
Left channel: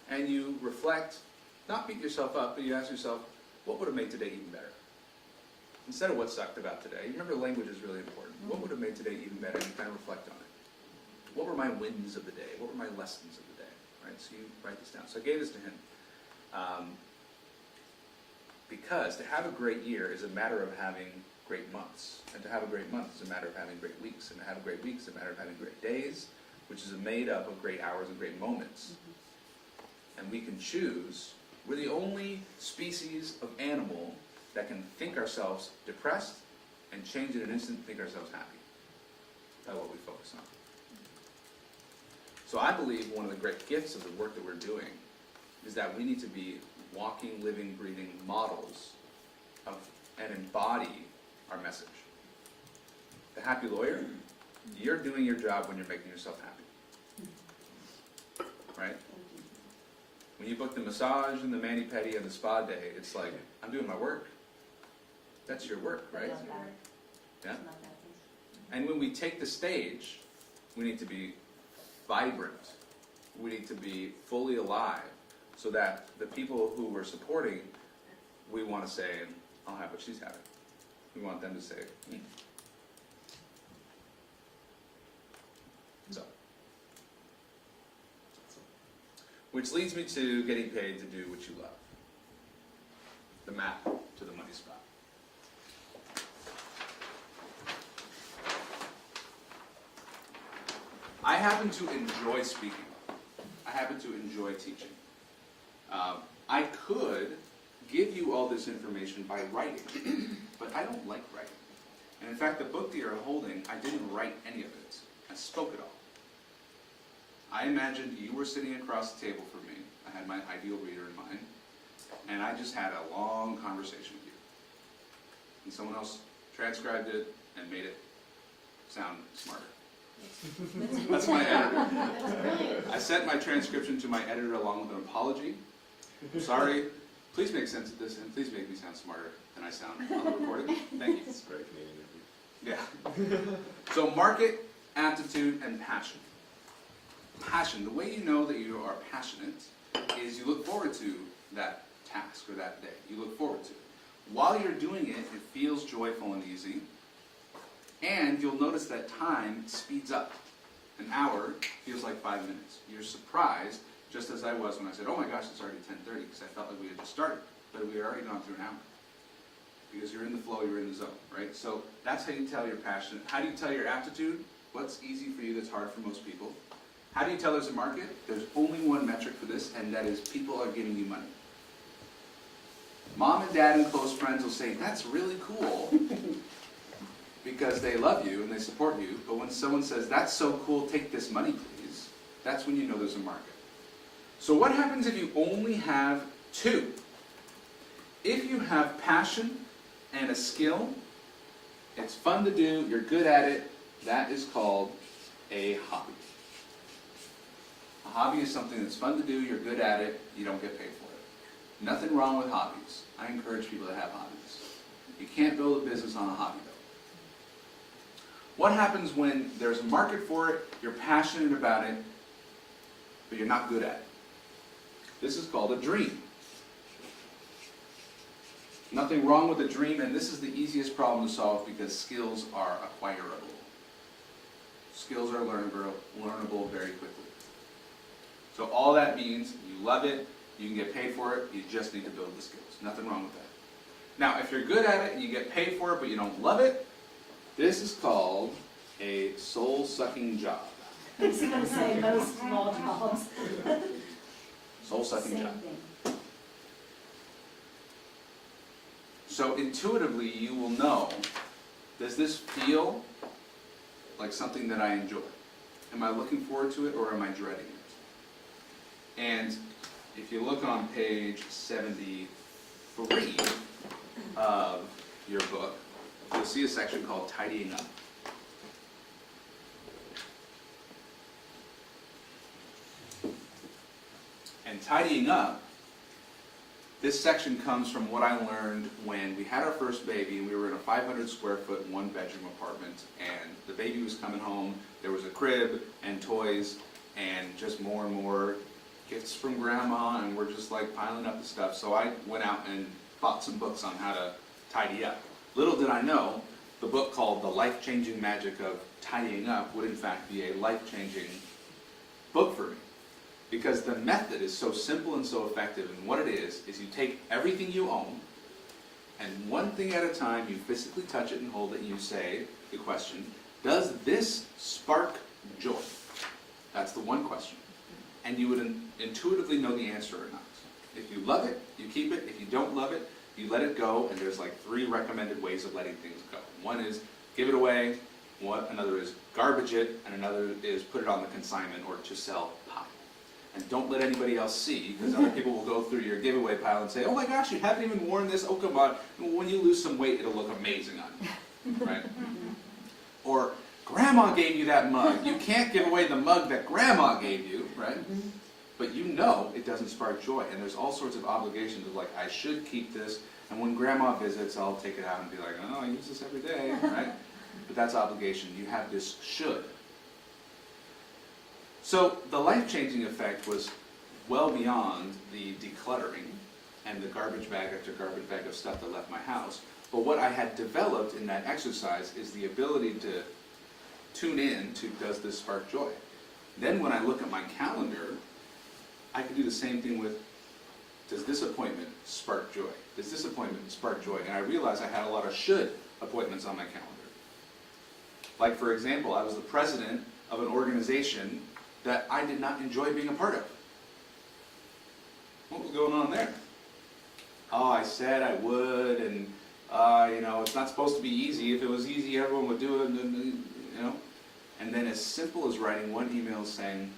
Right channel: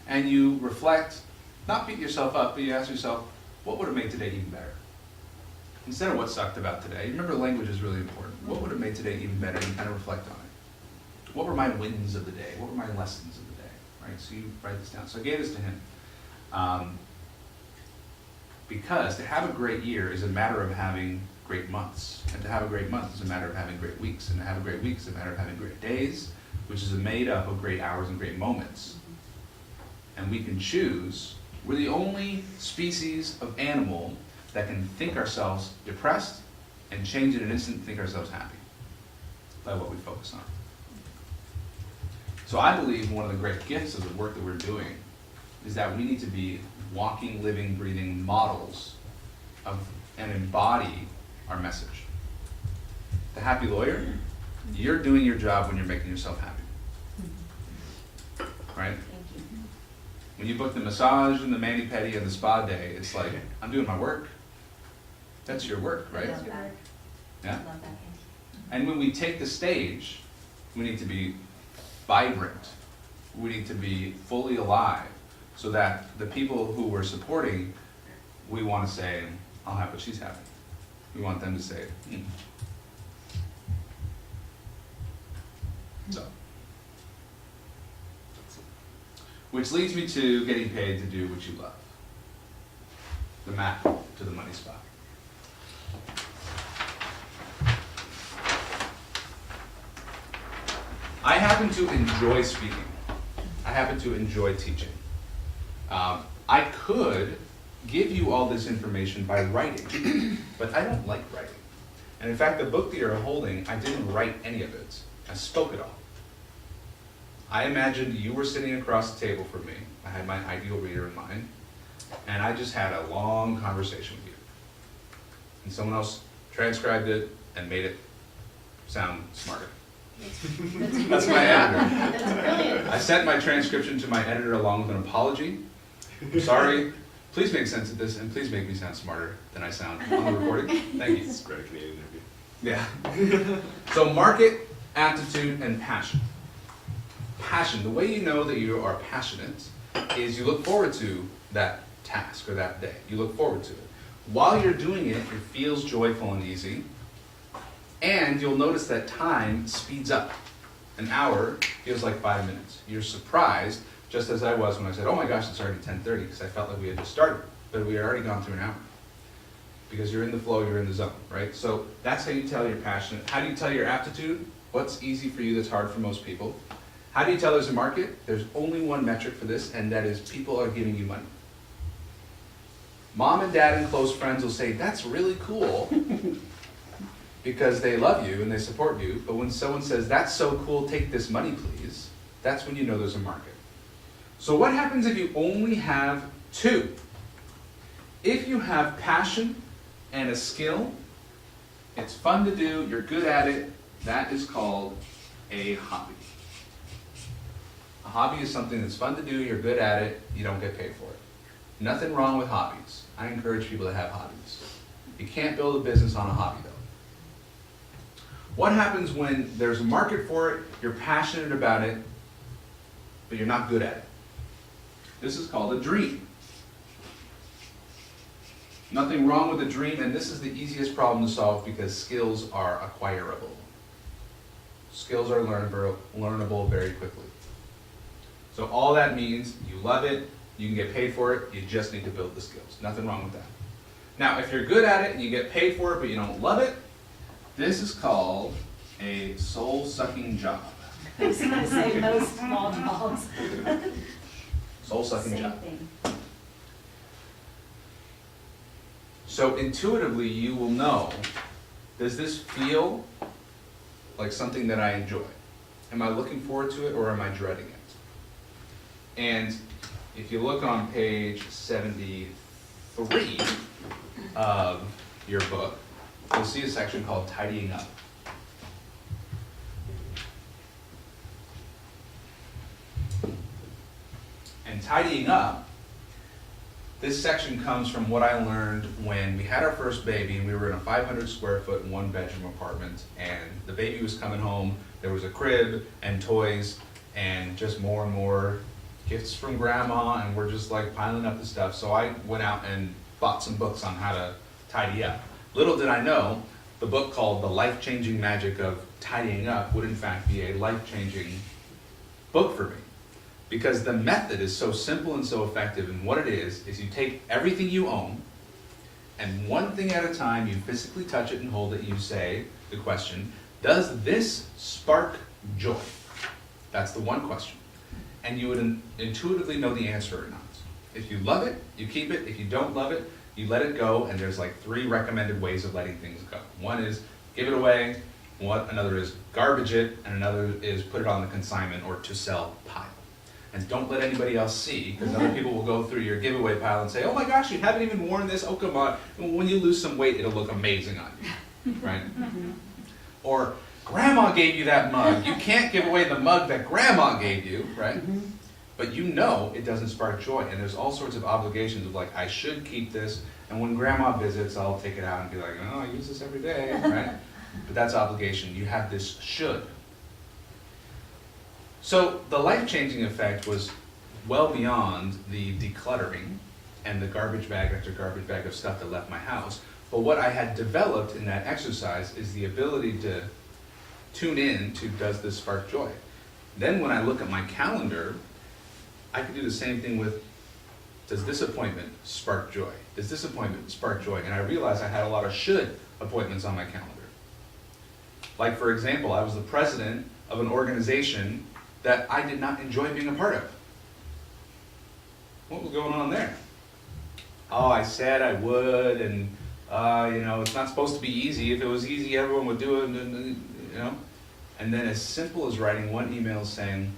And you reflect, not beat yourself up, but you ask yourself, what would have made today even better? Instead of what sucked about today. Remember, language is really important. What would have made today even better? And kind of reflect on it. What were my wins of the day? What were my lessons of the day? Right? So you write this down. So I gave this to him. Because to have a great year is a matter of having great months. And to have a great month is a matter of having great weeks. And to have a great week is a matter of having great days, which is made up of great hours and great moments. And we can choose We're the only species of animal that can think ourselves depressed and change it in an instant and think ourselves happy by what we focus on. So I believe one of the great gifts of the work that we're doing is that we need to be walking, living, breathing models of and embody our message. The happy lawyer, you're doing your job when you're making yourself happy. Right? Thank you. When you book the massage and the mani-pedi and the spa day, it's like, I'm doing my work. That's your work, right? I love that. Yeah? I love that, thank you. And when we take the stage, we need to be vibrant. We need to be fully alive so that the people who we're supporting, we want to say, I'll have what she's having. We want them to say, So. Which leads me to getting paid to do what you love. The map to the money spot. I happen to enjoy speaking. I happen to enjoy teaching. I could give you all this information by writing, but I don't like writing. And in fact, the book that you're holding, I didn't write any of it. I spoke it all. I imagined you were sitting across the table from me. I had my ideal reader in mind, and I just had a long conversation with you. And someone else transcribed it and made it sound smarter. That's my editor. That's brilliant. I sent my transcription to my editor along with an apology. I'm sorry, please make sense of this and please make me sound smarter than I sound on the recording. Thank you. It's a great Canadian interview. Yeah. So market, aptitude, and passion. Passion, the way you know that you are passionate is you look forward to that task or that day. You look forward to it. While you're doing it, it feels joyful and easy. And you'll notice that time speeds up. An hour feels like 5 minutes. You're surprised, just as I was when I said, oh my gosh, it's already 10:30, because I felt like we had just started, but we had already gone through an hour. Because you're in the flow, you're in the zone, right? So that's how you tell you're passionate. How do you tell your aptitude? What's easy for you that's hard for most people? How do you tell there's a market? There's only one metric for this, and that is people are giving you money. Mom and dad and close friends will say, that's really cool, because they love you and they support you. But when someone says, that's so cool, take this money please, that's when you know there's a market. So what happens if you only have two? If you have passion and a skill, it's fun to do, you're good at it, that is called a hobby. A hobby is something that's fun to do, you're good at it, you don't get paid for it. Nothing wrong with hobbies. I encourage people to have hobbies. You can't build a business on a hobby though. What happens when there's a market for it, you're passionate about it, but you're not good at it? This is called a dream. Nothing wrong with a dream, and this is the easiest problem to solve because skills are acquirable. Skills are learnable very quickly. So all that means, you love it, you can get paid for it, you just need to build the skills. Nothing wrong with that. Now, if you're good at it and you get paid for it but you don't love it, this is called a soul-sucking job. I was gonna say most small jobs. Soul-sucking Same job. thing. So intuitively you will know, does this feel like something that I enjoy? Am I looking forward to it or am I dreading it? And if you look on page 73 of your book, you'll see a section called Tidying Up. And tidying up, this section comes from what I learned when we had our first baby and we were in a 500 square foot, 1-bedroom apartment, and the baby was coming home. There was a crib and toys and just more and more gifts from grandma, and we're just like piling up the stuff. So I went out and bought some books on how to tidy up. Little did I know, the book called The Life-Changing Magic of Tidying Up would in fact be a life-changing book for me. Because the method is so simple and so effective, and what it is you take everything you own, and one thing at a time, you physically touch it and hold it, you say the question, does this spark joy? That's the one question. And you would intuitively know the answer or not. If you love it, you keep it. If you don't love it, you let it go, and there's like 3 recommended ways of letting things go. One is give it away, another is garbage it, and another is put it on the consignment or to sell pile. And don't let anybody else see, because other people will go through your giveaway pile and say, oh my gosh, you haven't even worn this, oh come on. When you lose some weight, it'll look amazing on you, right? Or, grandma gave you that mug. You can't give away the mug that grandma gave you, right? But you know it doesn't spark joy, and there's all sorts of obligations of like, I should keep this, and when grandma visits, I'll take it out and be like, oh, I use this every day, right? But that's obligation. You have this should. So the life-changing effect was well beyond the decluttering and the garbage bag after garbage bag of stuff that left my house. But what I had developed in that exercise is the ability to tune in to, does this spark joy? Then when I look at my calendar, I could do the same thing with, does this appointment spark joy? Does this appointment spark joy? And I realized I had a lot of should appointments on my calendar. Like for example, I was the president of an organization that I did not enjoy being a part of. What was going on there? Oh, I said I would, and you know, it's not supposed to be easy. If it was easy, everyone would do it, you know? And then as simple as writing one email saying,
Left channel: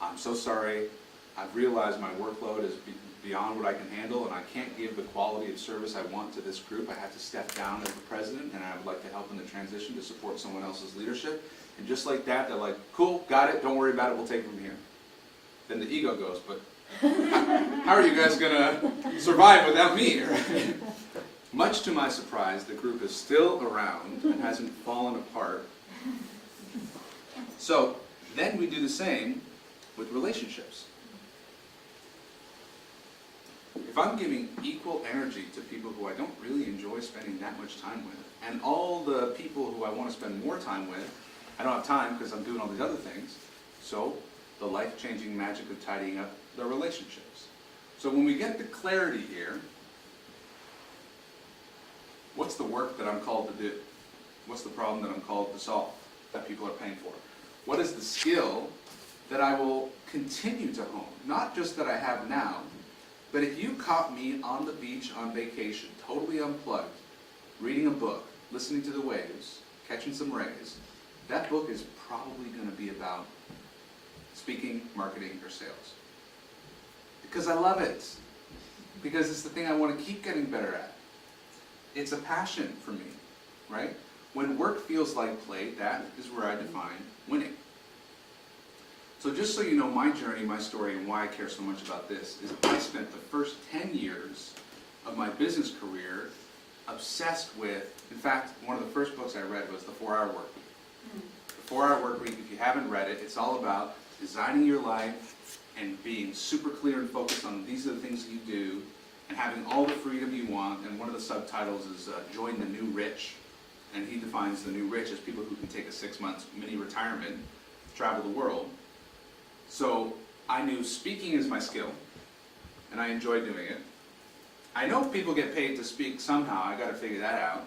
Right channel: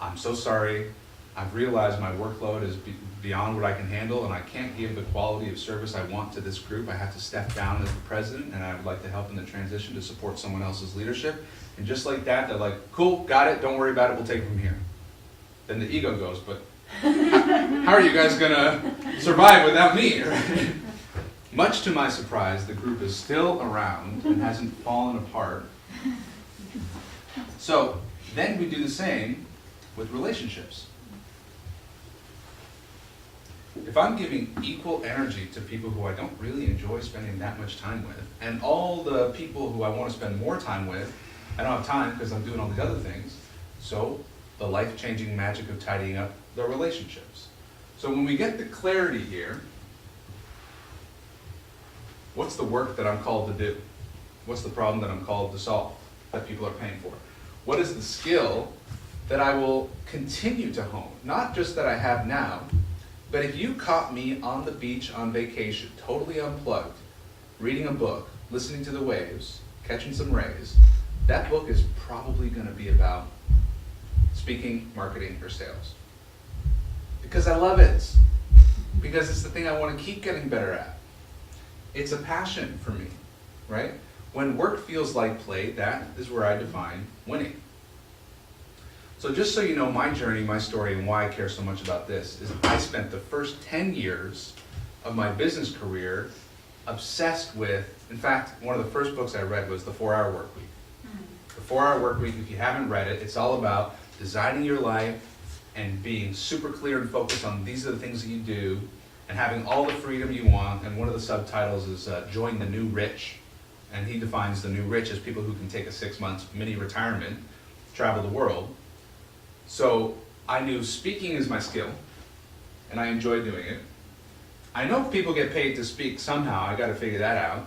I'm so sorry, I've realized my workload is beyond what I can handle, and I can't give the quality of service I want to this group. I have to step down as the president, and I would like to help in the transition to support someone else's leadership. And just like that, they're like, cool, got it, don't worry about it, we'll take it from here. Then the ego goes, but how are you guys gonna survive without me? Right? Much to my surprise, the group is still around and hasn't fallen apart. So then we do the same with relationships. If I'm giving equal energy to people who I don't really enjoy spending that much time with, and all the people who I want to spend more time with, I don't have time because I'm doing all these other things, so the life-changing magic of tidying up the relationships. So when we get the clarity here, what's the work that I'm called to do? What's the problem that I'm called to solve, that people are paying for? What is the skill that I will continue to hone? Not just that I have now, but if you caught me on the beach on vacation, totally unplugged, reading a book, listening to the waves, catching some rays, that book is probably going to be about speaking, marketing, or sales. Because I love it. Because it's the thing I want to keep getting better at. It's a passion for me, right? When work feels like play, that is where I define winning. So just so you know my journey, my story, and why I care so much about this, is I spent the first 10 years of my business career obsessed with, in fact, one of the first books I read was The 4-Hour Workweek. The 4-Hour Workweek, if you haven't read it, it's all about designing your life and being super clear and focused on these are the things that you do, and having all the freedom you want. And one of the subtitles is Join the New Rich. And he defines the new rich as people who can take a 6-month mini retirement, travel the world. So I knew speaking is my skill, and I enjoy doing it. I know if people get paid to speak somehow, I gotta figure that out.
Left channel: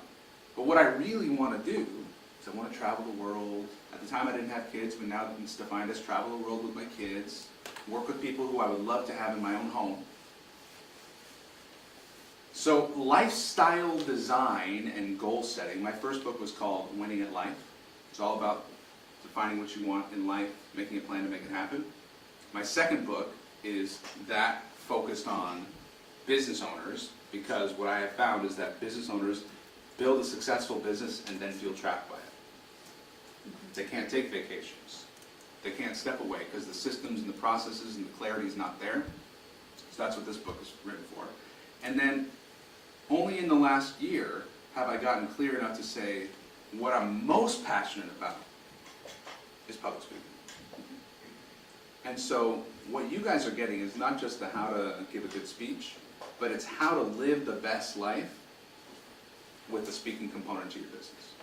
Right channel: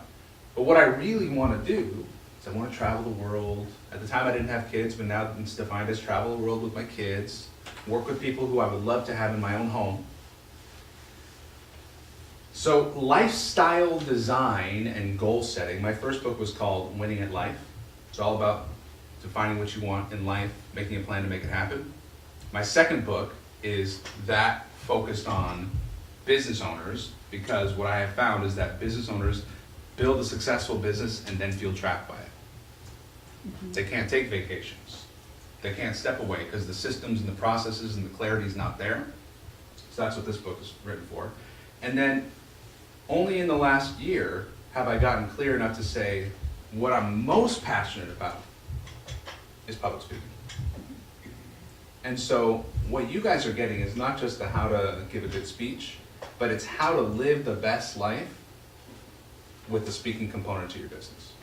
But what I really wanna do is I wanna travel the world. At the time I didn't have kids, but now it's defined as travel the world with my kids, work with people who I would love to have in my own home. So lifestyle design and goal setting, my first book was called Winning at Life. It's all about defining what you want in life, making a plan to make it happen. My second book is that focused on business owners, because what I have found is that business owners build a successful business and then feel trapped by it. They can't take vacations. They can't step away because the systems and the processes and the clarity is not there. So that's what this book is written for. And then only in the last year have I gotten clear enough to say what I'm most passionate about is public speaking. And so what you guys are getting is not just the how to give a good speech, but it's how to live the best life with the speaking component to your business.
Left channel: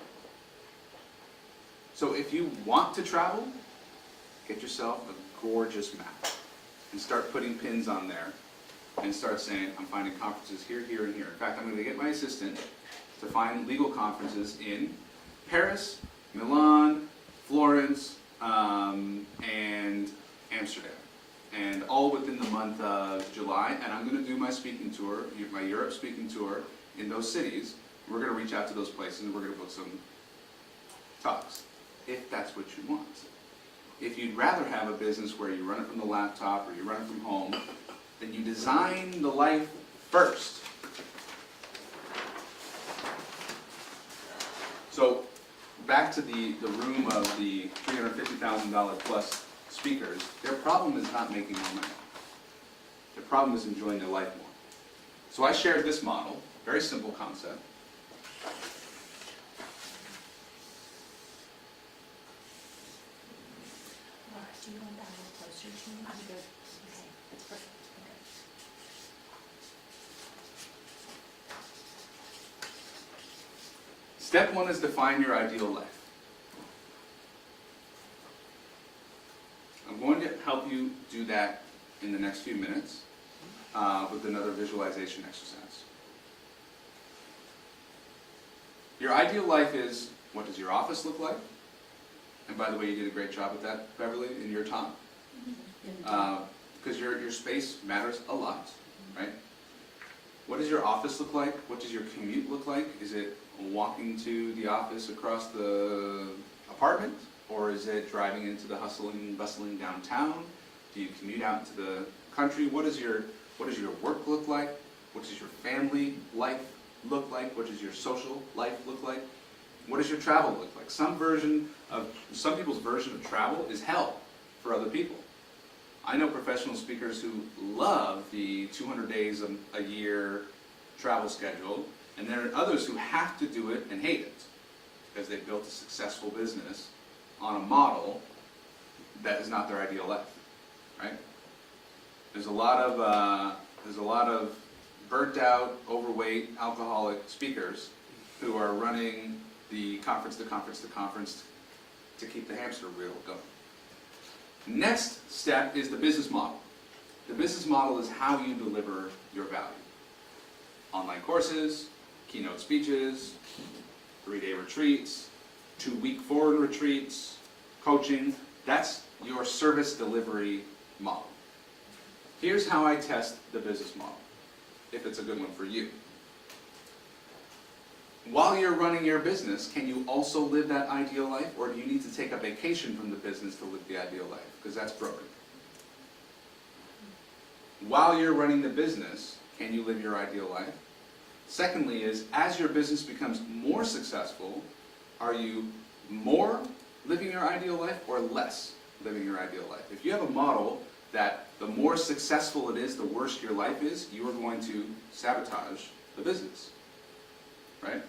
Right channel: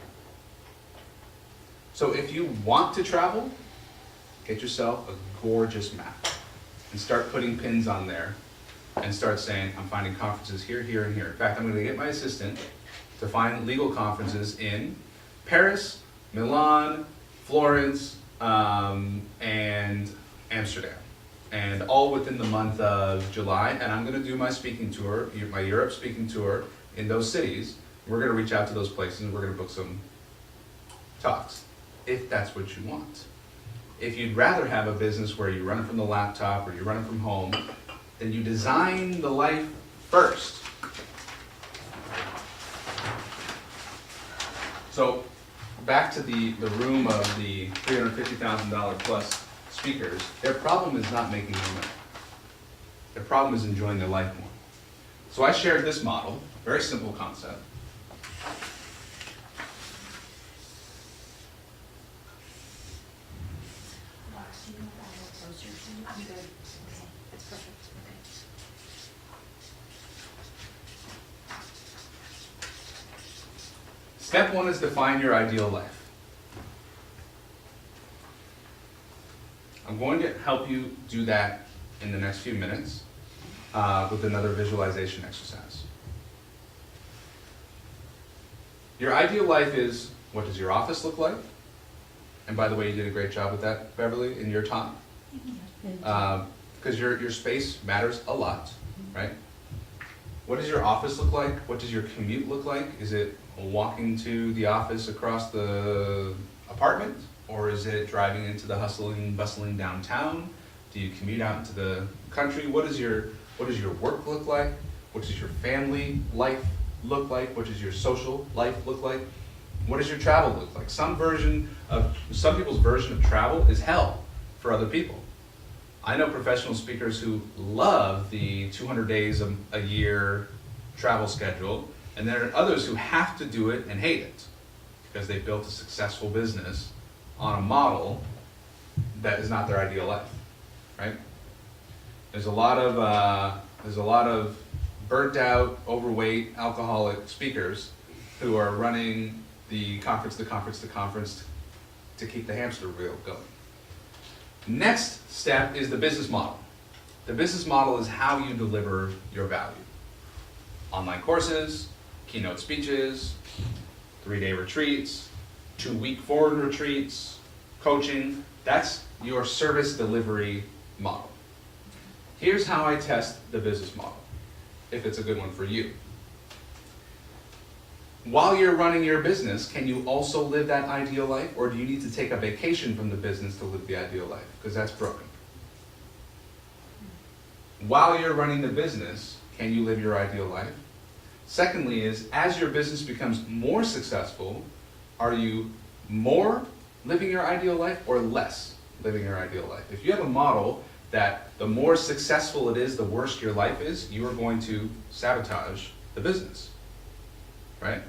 So if you want to travel, get yourself a gorgeous map and start putting pins on there and start saying, I'm finding conferences here, here, and here. In fact, I'm going to get my assistant to find legal conferences in Paris, Milan, Florence, and Amsterdam. and all within the month of July. And I'm going to do my speaking tour, my Europe speaking tour in those cities. We're going to reach out to those places and we're going to book some talks, if that's what you want. If you'd rather have a business where you run it from the laptop or you run it from home, then you design the life first. So back to the room of the $350,000 plus speakers, their problem is not making more money. Their problem is enjoying their life more. So I shared this model, very simple concept. Step one is define your ideal life. I'm going to help you do that in the next few minutes with another visualization exercise. Your ideal life is, what does your office look like? And by the way, you did a great job with that, Beverly, in your talk. Because your space matters a lot, right? What does your office look like? What does your commute look like? Is it walking to the office across the apartment? Or is it driving into the hustling, bustling downtown? Do you commute out into the country? What does your work look like? What does your family life look like? What does your social life look like? What does your travel look like? Some people's version of travel is hell for other people. I know professional speakers who love the 200 days a year travel schedule, and there are others who have to do it and hate it because they've built a successful business on a model that is not their ideal life, right? There's a lot of burnt out, overweight, alcoholic speakers who are running the conference to keep the hamster wheel going. Next step is the business model. The business model is how you deliver your value. Online courses, keynote speeches, 3-day retreats, 2-week foreign retreats, coaching. That's your service delivery model. Here's how I test the business model, if it's a good one for you. While you're running your business, can you also live that ideal life, or do you need to take a vacation from the business to live the ideal life? Because that's broken. While you're running the business, can you live your ideal life? Secondly is, as your business becomes more successful, are you more living your ideal life or less living your ideal life? If you have a model that the more successful it is, the worse your life is, you are going to sabotage the business, right?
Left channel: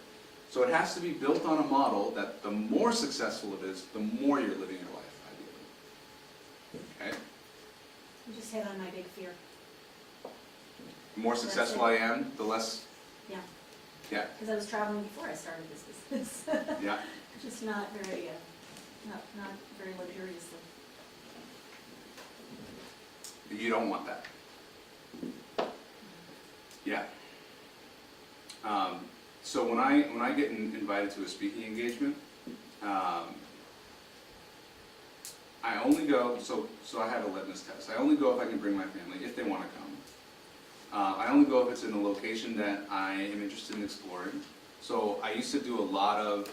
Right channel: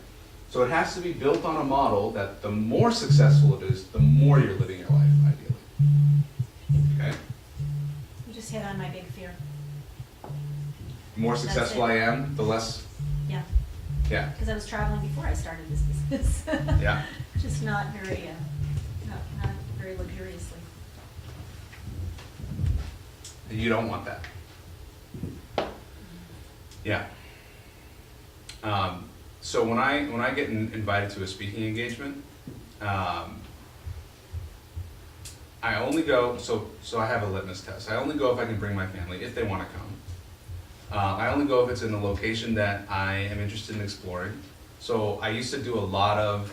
So it has to be built on a model that the more successful it is, the more you're living your life, ideally. Okay? You just hit on my big fear. The more successful I am, the less... Yeah. Yeah. Because I was traveling before I started this business. Yeah. Just not very, not very luxuriously. You don't want that. Yeah. So when I get invited to a speaking engagement, I only go, so I have a litmus test. I only go if I can bring my family, if they want to come. I only go if it's in a location that I am interested in exploring. So I used to do a lot of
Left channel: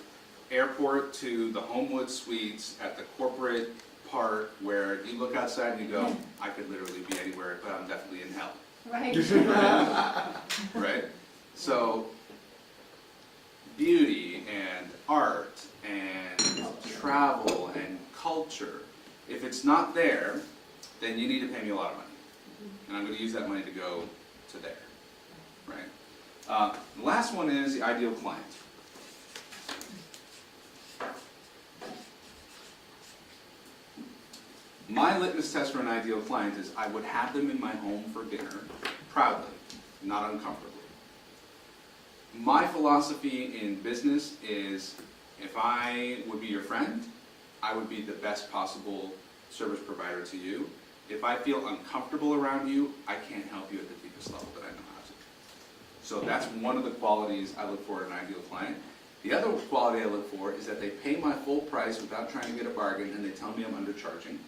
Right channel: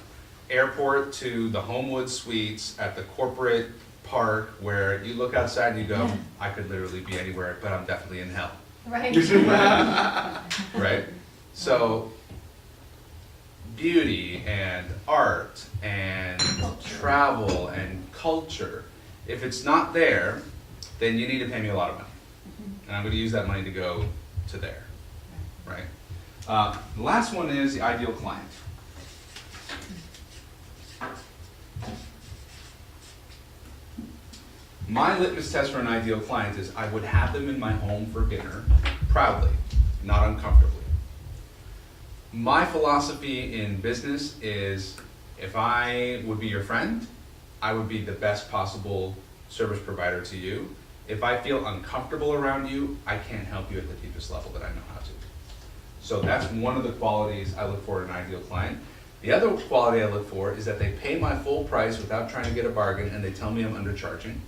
airport to the Homewood Suites at the corporate park where you look outside and you go, I could literally be anywhere, but I'm definitely in hell. Right. Right? So beauty and art and travel and culture, if it's not there, then you need to pay me a lot of money. And I'm going to use that money to go to there, right? The last one is the ideal client. My litmus test for an ideal client is I would have them in my home for dinner, proudly, not uncomfortably. My philosophy in business is if I would be your friend, I would be the best possible service provider to you. If I feel uncomfortable around you, I can't help you at the deepest level that I know how to. So that's one of the qualities I look for in an ideal client. The other quality I look for is that they pay my full price without trying to get a bargain and they tell me I'm undercharging.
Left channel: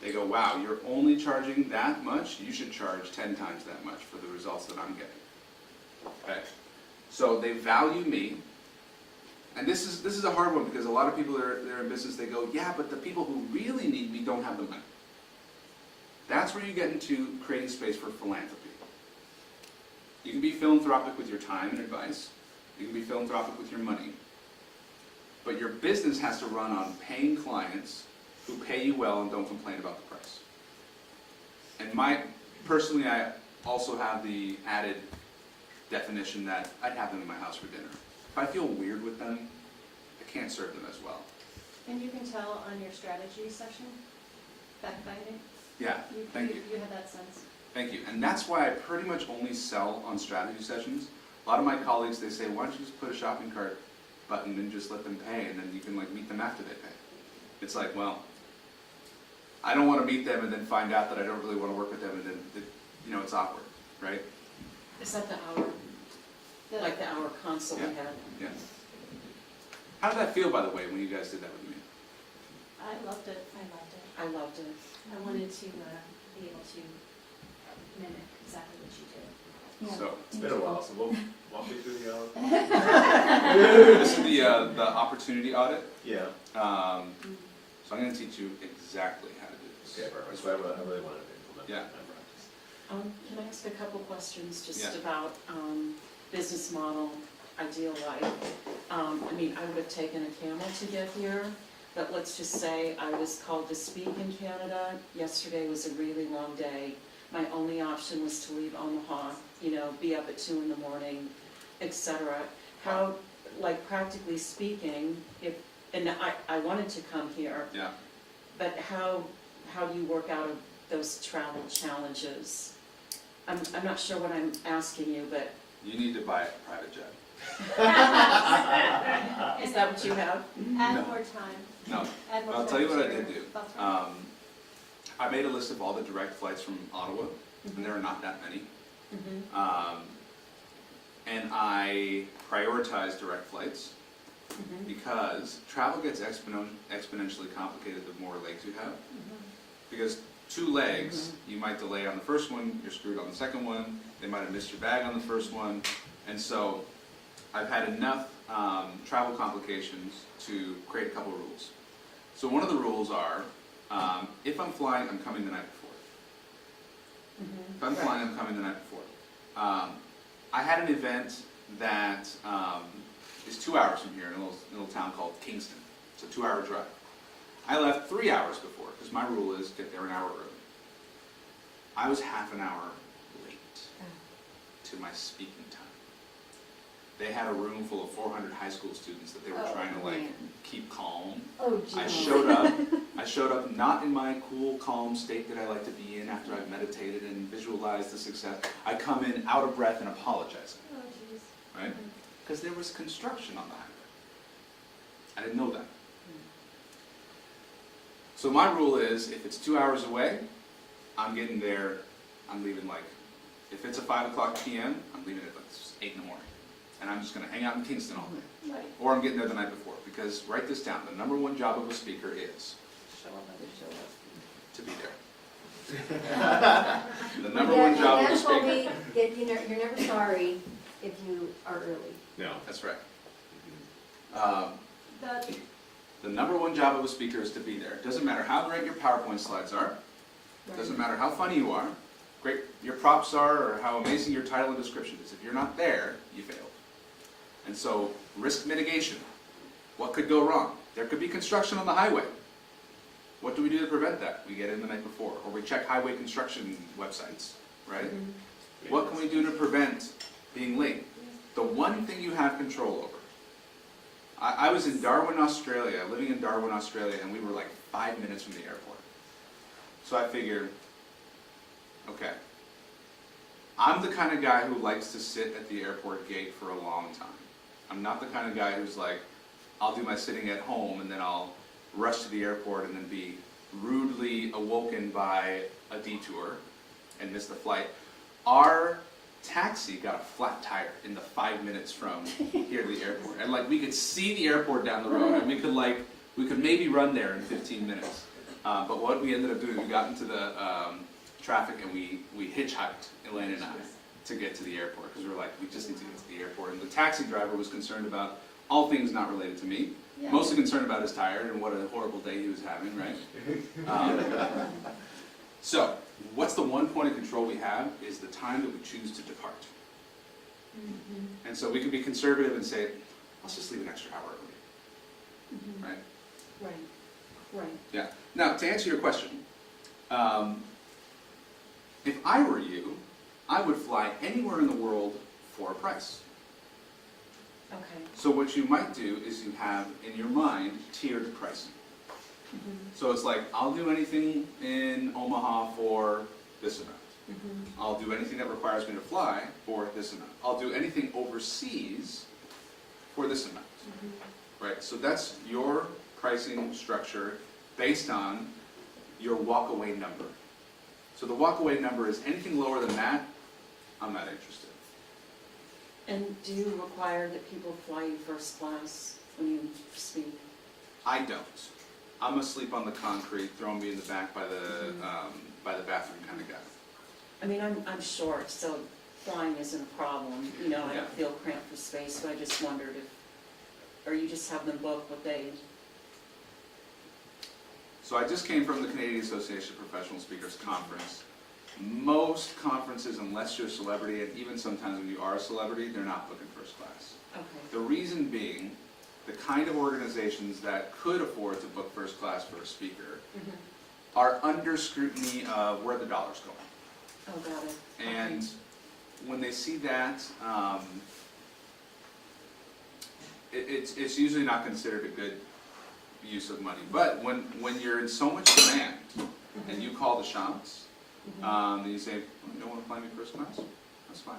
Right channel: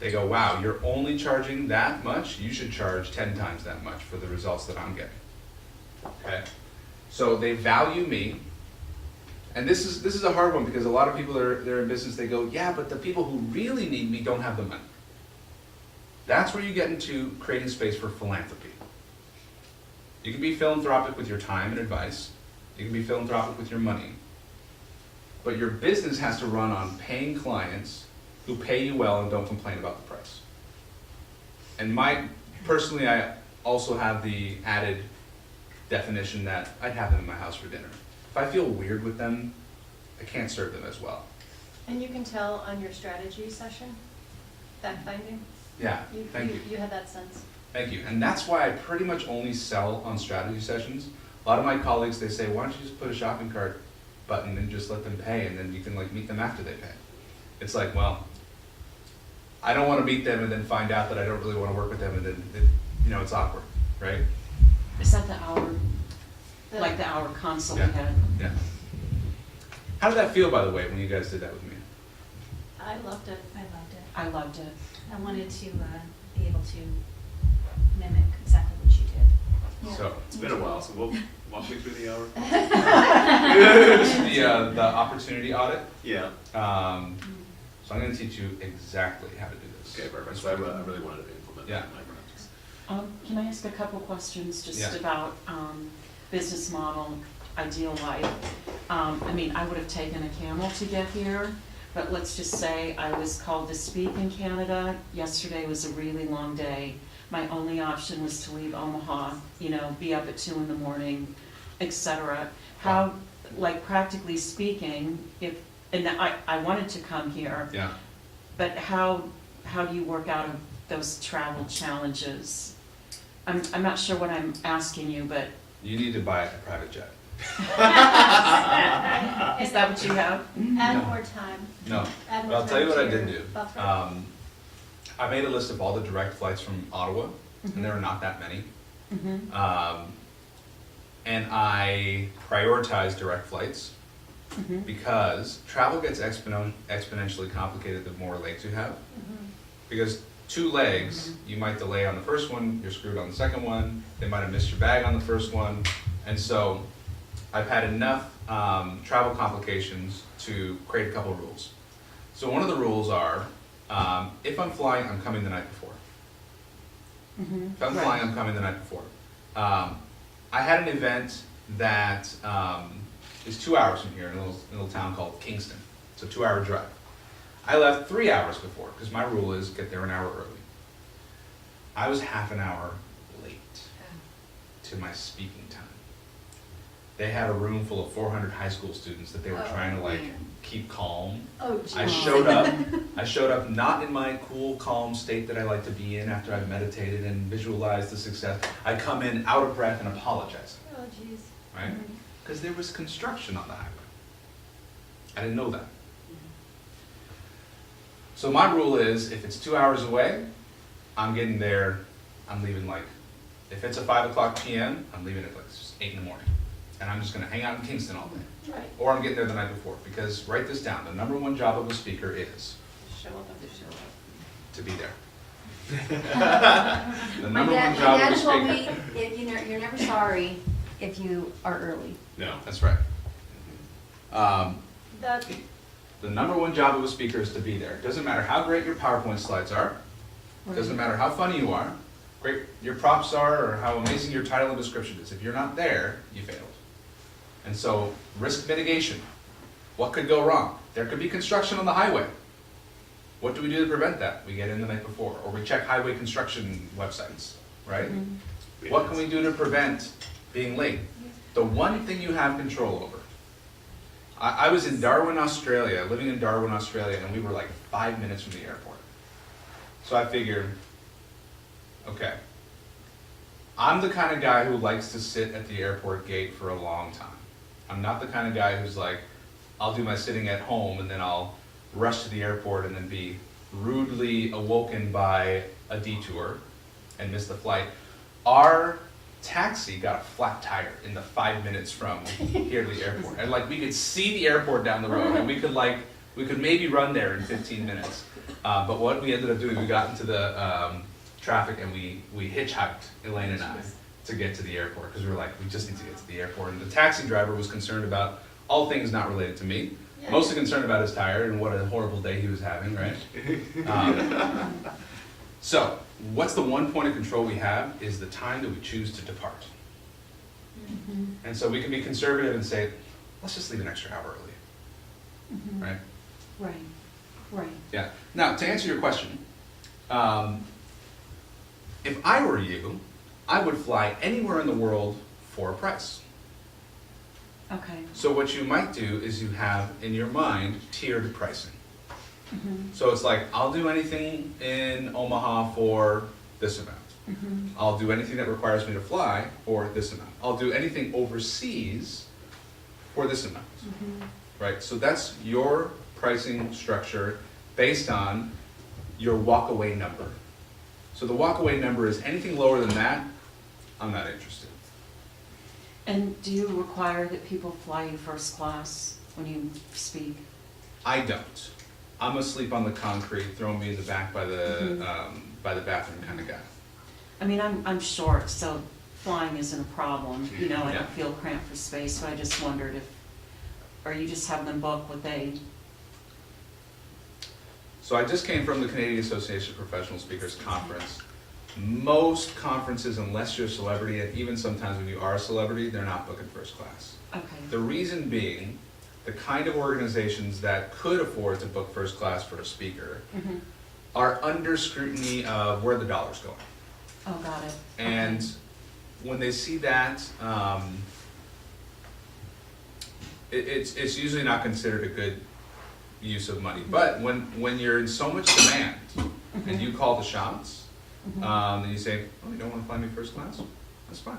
They go, wow, you're only charging that much? You should charge 10 times that much for the results that I'm getting. Okay? So they value me. And this is a hard one because a lot of people they're in business, they go, yeah, but the people who really need me don't have the money. That's where you get into creating space for philanthropy. You can be philanthropic with your time and advice. You can be philanthropic with your money. But your business has to run on paying clients who pay you well and don't complain about the price. And personally, I also have the added definition that I'd have them in my house for dinner. If I feel weird with them, I can't serve them as well. And you can tell on your strategy session, fact finding. Yeah, thank you. You have that sense. Thank you. And that's why I pretty much only sell on strategy sessions. A lot of my colleagues, they say, why don't you just put a shopping cart button and just let them pay, and then you can like meet them after they pay. It's like, well, I don't want to meet them and then find out that I don't really want to work with them, and then it's awkward, right? Is that the hour, like the hour consult we had? Yeah. How did that feel, by the way, when you guys did that with me? I loved it. I loved it. I loved it. I wanted to be able to mimic exactly what you did. Yeah. So It's been a while, so we'll walk me through the hour. this is the opportunity audit. Yeah. So I'm going to teach you exactly how to do this. Okay, perfect. So I really wanted to implement that in my practice. Can I ask a couple questions just Yeah. about business model, ideal life? I mean, I would have taken a camel to get here, but let's just say I was called to speak in Canada. Yesterday was a really long day. My only option was to leave Omaha, be up at 2 in the morning, etc. How, like practically speaking, and I wanted to come here, Yeah. but how do you work out of those travel challenges? I'm not sure what I'm asking you, but You need to buy a private jet. is that what you have? Add No. more time. No. Add more But I'll tell you time what I to did your do. buffer. I made a list of all the direct flights from Ottawa, and there are not that many. Mm-hmm. And I prioritized direct flights Mm-hmm. because travel gets exponentially complicated the more legs you have. Mhm. Because 2 legs, you might delay on the first one, you're screwed on the second one, they might have missed your bag on the first one. And so I've had enough travel complications to create a couple of rules. So one of the rules are, if I'm flying, I'm coming the night before. Mm-hmm. If I'm flying, I'm coming the night before. I had an event that is 2 hours from here in a little town called Kingston. It's a 2-hour drive. I left 3 hours before because my rule is get there an hour early. I was half an hour late to my speaking time. They had a room full of 400 high school students that they were trying to keep calm. Oh, I geez. showed up not in my cool, calm state that I like to be in after I've meditated and visualized the success. I come in out of breath and apologizing, Oh, jeez. right? Because there was construction on the highway. I didn't know that. So my rule is, if it's 2 hours away, I'm getting there, I'm leaving if it's a 5 o'clock p.m., I'm leaving at 8 in the morning. And I'm just gonna hang out in Kingston all day. Right. Or I'm getting there the night before, because write this down, the number 1 job of a speaker is Show up and show up. to be there. The number 1 job of a Dad told me, speaker. you're never sorry if you are early. No. That's right. That, The number 1 job of a speaker is to be there. It doesn't matter how great your PowerPoint slides are. It doesn't matter how funny you are, great your props are, or how amazing your title and description is. If you're not there, you failed. And so, risk mitigation. What could go wrong? There could be construction on the highway. What do we do to prevent that? We get in the night before, or we check highway construction websites, right? What can we do to prevent being late? The one thing you have control over. I was in Darwin, Australia, living in Darwin, Australia, and we were 5 minutes from the airport. So I figured, okay, I'm the kind of guy who likes to sit at the airport gate for a long time. I'm not the kind of guy who's I'll do my sitting at home and then I'll rush to the airport and then be rudely awoken by a detour and miss the flight. Our taxi got a flat tire in the 5 minutes from here to the airport. And we could see the airport down the road and we could maybe run there in 15 minutes. But what we ended up doing, we got into the traffic and we hitchhiked, Elaine and I, to get to the airport, because we were like, we just need to get to the airport. And the taxi driver was concerned about all things not related to me, Yeah. mostly concerned about his tire and what a horrible day he was having, right? So, what's the one point of control we have is the time that we choose to depart. And so we can be conservative and say, let's just leave an extra hour early, right? Right, Yeah. Now, to answer your question, if I were you, I would fly anywhere in the world for a price. okay. So what you might do is you have in your mind tiered pricing. So it's like, I'll do anything in Omaha for this amount. I'll do anything that requires me to fly for this amount. I'll do anything overseas for this amount. Right? So that's your pricing structure based on your walkaway number. So the walkaway number is anything lower than that, I'm not interested. And do you require that people fly you first class when you speak? I don't. I'm a sleep on the concrete, throw me in the back by the bathroom kind of guy. I mean, I'm short, so flying isn't a problem, you know, I Yeah. don't feel cramped for space, so I just wondered if, or you just have them book what they, So I just came from the Canadian Association of Professional Speakers Conference. Most conferences, unless you're a celebrity, and even sometimes when you are a celebrity, they're not booking first class. okay, The reason being, the kind of organizations that could afford to book first class for a speaker are under scrutiny of where the dollar's going. oh, got it. And when they see that, it's usually not considered a good use of money. But when you're in so much demand and you call the shots, and you say, oh, you don't want to fly me first class? That's fine.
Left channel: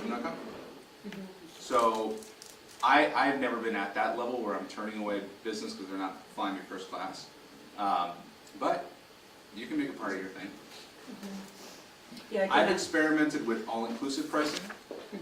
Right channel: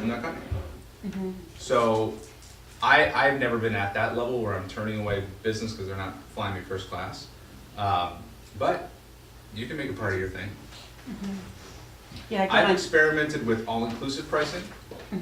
I'm not coming. So I've never been at that level where I'm turning away business because they're not flying me first class. But you can make it part of your thing. Yeah, I've I got it. experimented with all-inclusive pricing,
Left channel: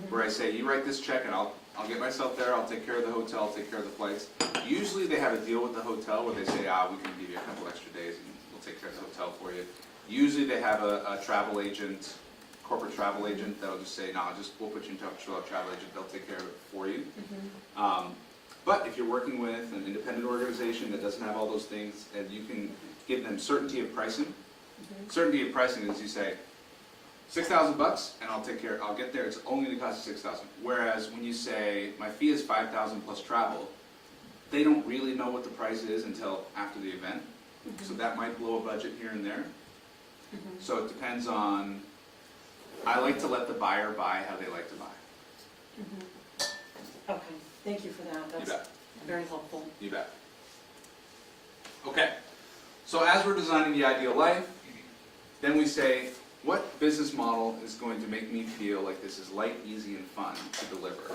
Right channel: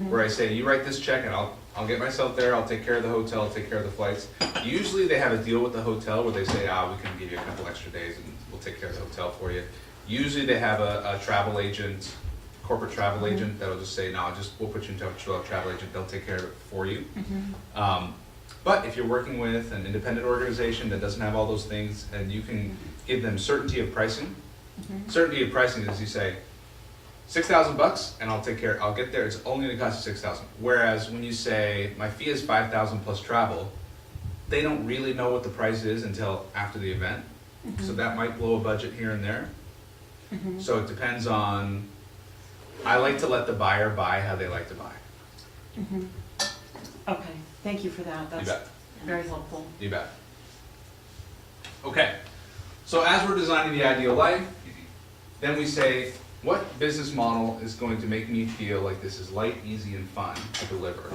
where I say, you write this check and I'll get myself there, I'll take care of the hotel, I'll take care of the flights. Usually they have a deal with the hotel where they say, we can give you a couple extra days and we'll take care of the hotel for you. Usually they have a travel agent, corporate travel agent, that'll just say, no, we'll put you in touch with a travel agent, they'll take care of it for you. But if you're working with an independent organization that doesn't have all those things, and you can give them certainty of pricing. Certainty of pricing is you say, $6,000 and I'll get there, it's only gonna cost you $6,000. Whereas when you say, my fee is $5,000 plus travel, they don't really know what the price is until after the event. So that might blow a budget here and there. So it depends on, I like to let the buyer buy how they like to buy. Okay, thank you for that, You that's bet. very helpful. You bet. Okay, so as we're designing the ideal life, then we say, what business model is going to make me feel like this is light, easy, and fun to deliver?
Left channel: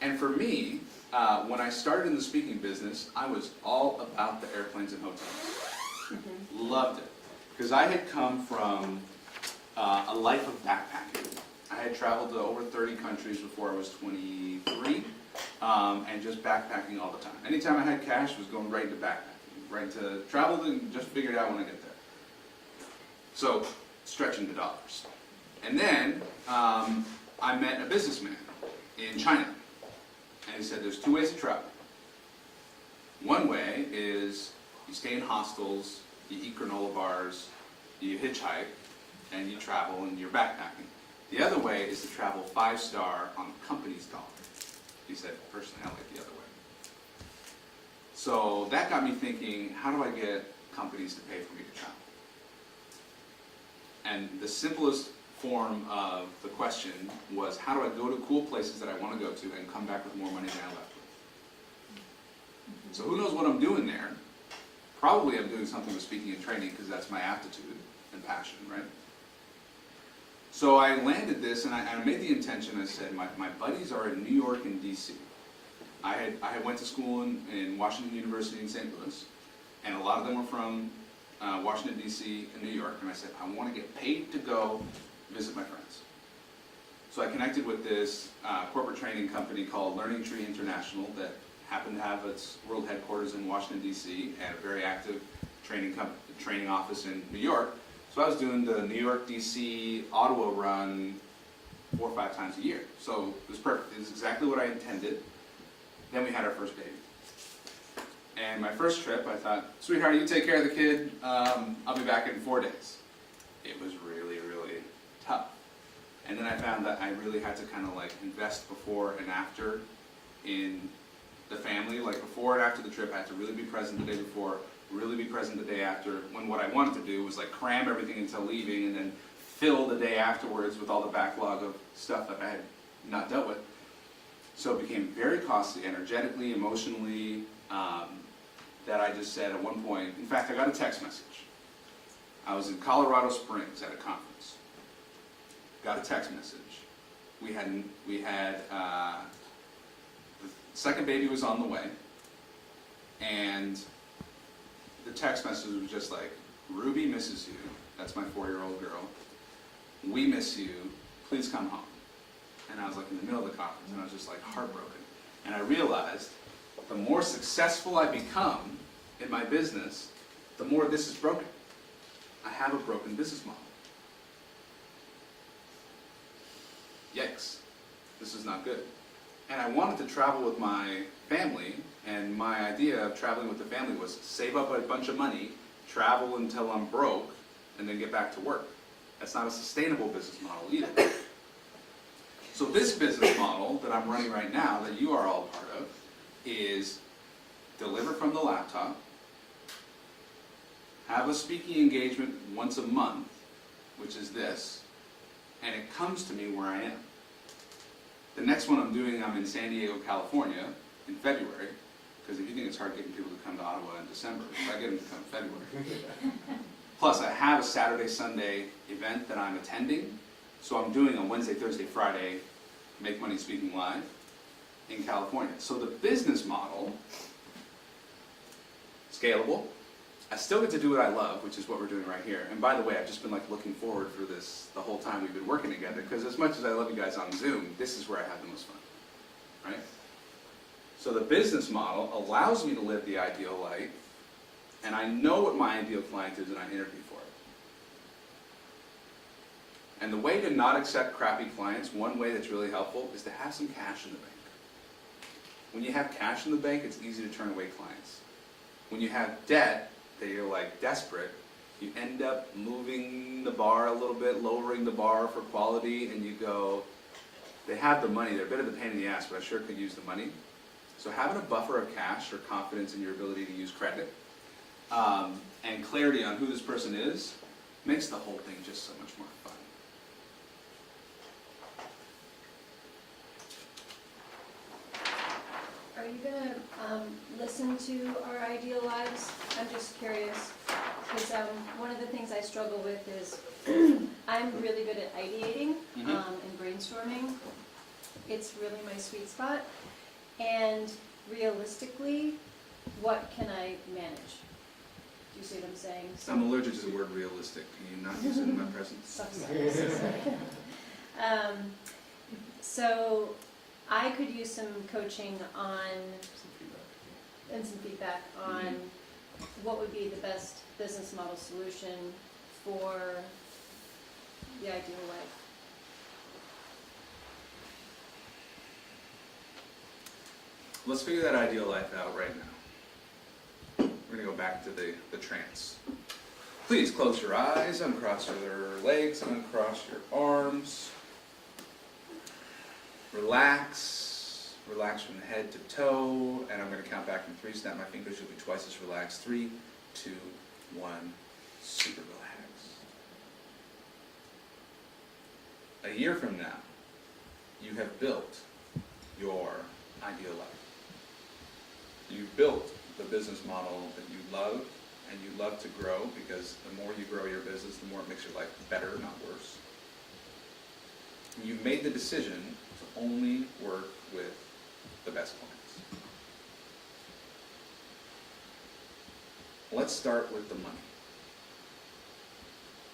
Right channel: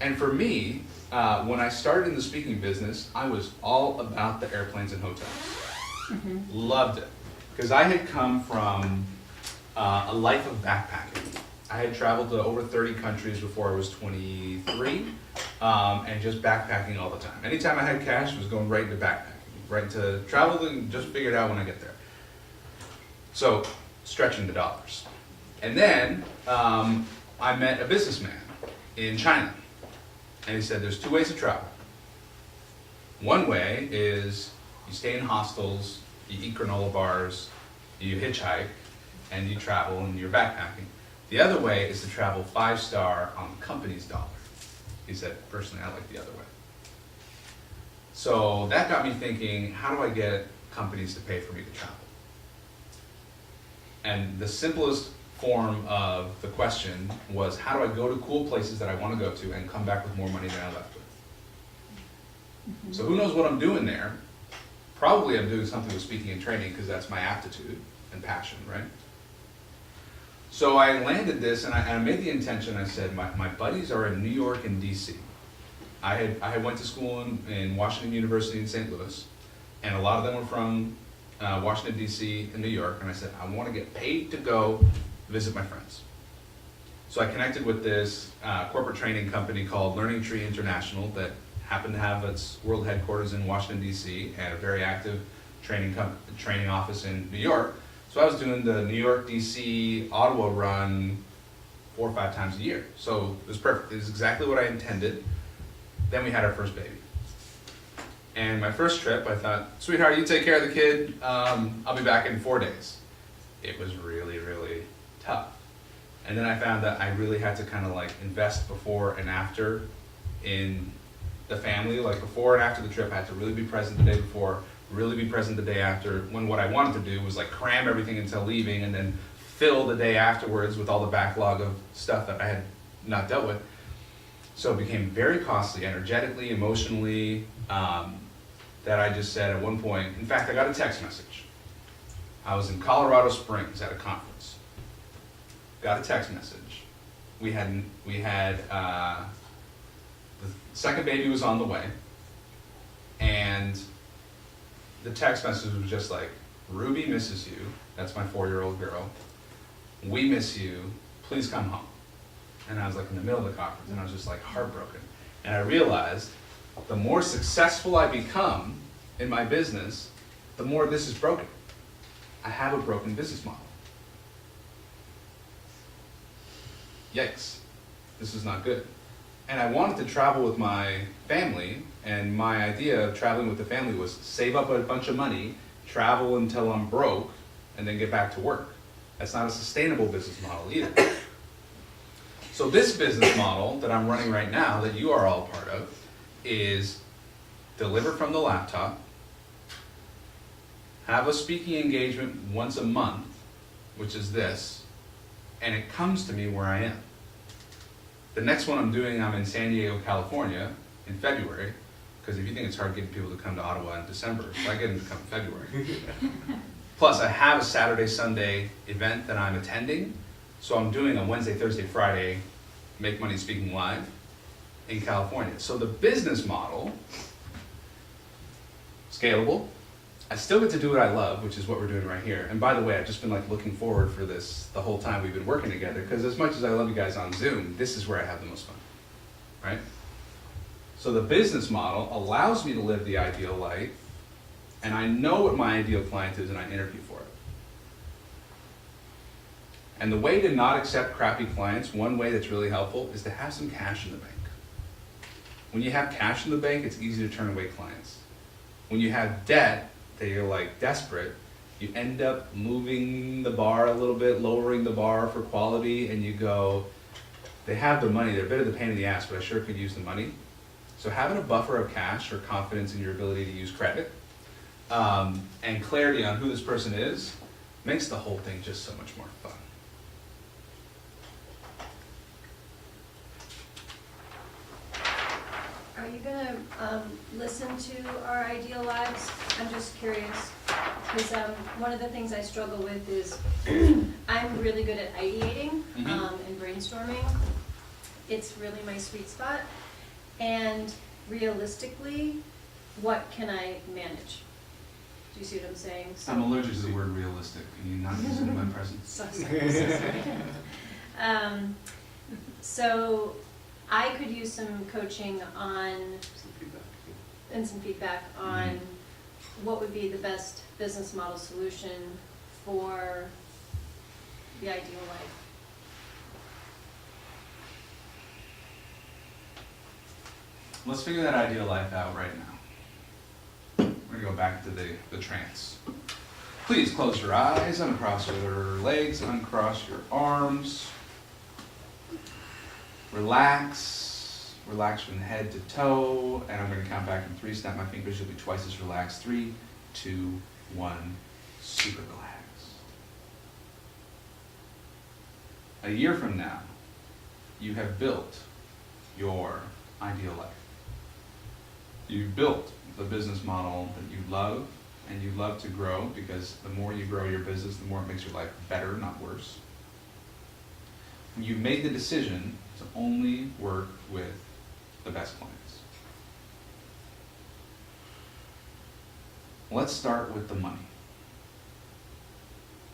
And for me, when I started in the speaking business, I was all about the airplanes and hotels. Loved it. Because I had come from a life of backpacking. I had traveled to over 30 countries before I was 23, and just backpacking all the time. Anytime I had cash, it was going right into backpacking, right into travel, and just figure it out when I get there. So, stretching the dollars. And then, I met a businessman in China, and he said there's two ways to travel. One way is you stay in hostels, you eat granola bars, you hitchhike, and you travel and you're backpacking. The other way is to travel 5-star on the company's dollar. He said, personally, I like the other way. So that got me thinking, how do I get companies to pay for me to travel? And the simplest form of the question was, how do I go to cool places that I want to go to and come back with more money than I left with? So who knows what I'm doing there? Probably I'm doing something with speaking and training because that's my aptitude and passion, right? So I landed this and I made the intention, I said, my buddies are in New York and DC. I had went to school in Washington University in St. Louis, and a lot of them were from Washington, D.C. and New York, and I said, I want to get paid to go visit my friends. So I connected with this corporate training company called Learning Tree International that happened to have its world headquarters in Washington DC and a very active training office in New York. So I was doing the New York DC Ottawa run 4 or 5 times a year. So it was perfect. It was exactly what I intended. Then we had our first baby. And my first trip, I thought, sweetheart, you take care of the kid. I'll be back in 4 days. It was really, really tough. And then I found that I really had to kind of like invest before and after in the family. Like before and after the trip, I had to really be present the day before, really be present the day after, when what I wanted to do was like cram everything until leaving and then fill the day afterwards with all the backlog of stuff that I had not dealt with. So it became very costly, energetically, emotionally, that I just said at one point, in fact, I got a text message. I was in Colorado Springs at a conference. Got a text message. We had the second baby was on the way, and the text message was just like, Ruby misses you. That's my 4-year-old girl. We miss you. Please come home. And I was like in the middle of the conference, and I was just like heartbroken. And I realized the more successful I become in my business, the more this is broken. I have a broken business model. Yikes, this is not good. And I wanted to travel with my family, and my idea of traveling with the family was save up a bunch of money, travel until I'm broke, and then get back to work. That's not a sustainable business model either. So this business model that I'm running right now, that you are all part of, is deliver from the laptop, have a speaking engagement once a month, which is this, and it comes to me where I am. The next one I'm doing, I'm in San Diego, California in February, because if you think it's hard getting people to come to Ottawa in December, I get them to come in February. Plus I have a Saturday, Sunday event that I'm attending, so I'm doing a Wednesday, Thursday, Friday, Make Money Speaking Live in California. So the business model, scalable. I still get to do what I love, which is what we're doing right here. And by the way, I've just been like looking forward for this the whole time we've been working together, because as much as I love you guys on Zoom, this is where I have the most fun, right? So the business model allows me to live the ideal life, and I know what my ideal client is and I interview for it. And the way to not accept crappy clients, one way that's really helpful, is to have some cash in the bank. When you have cash in the bank, it's easy to turn away clients. When you have debt that you're like desperate, you end up moving the bar a little bit, lowering the bar for quality, and you go, they have the money, they're a bit of the pain in the ass, but I sure could use the money. So having a buffer of cash or confidence in your ability to use credit, and clarity on who this person is, makes the whole thing just so much more fun. Are you gonna listen to our ideal lives? I'm just curious, because one of the things I struggle with is I'm really good at ideating and brainstorming. It's really my sweet spot. And realistically, what can I manage? Do you see what I'm saying? So, I'm allergic to the word realistic. Can you not use it in my presence? so sorry. So I could use some coaching on, and some feedback on what would be the best business model solution for the ideal life. Let's figure that ideal life out right now. We're gonna go back to the trance. Please close your eyes, uncross your legs, uncross your arms. Relax from head to toe, and I'm gonna count back from 3, snap my fingers, you'll be twice as relaxed. 3, 2, 1, super relaxed. A year from now, you have built your ideal life. You've built the business model that you love and you love to grow, because the more you grow your business, the more it makes your life better, not worse. You've made the decision to only work with the best clients. Let's start with the money.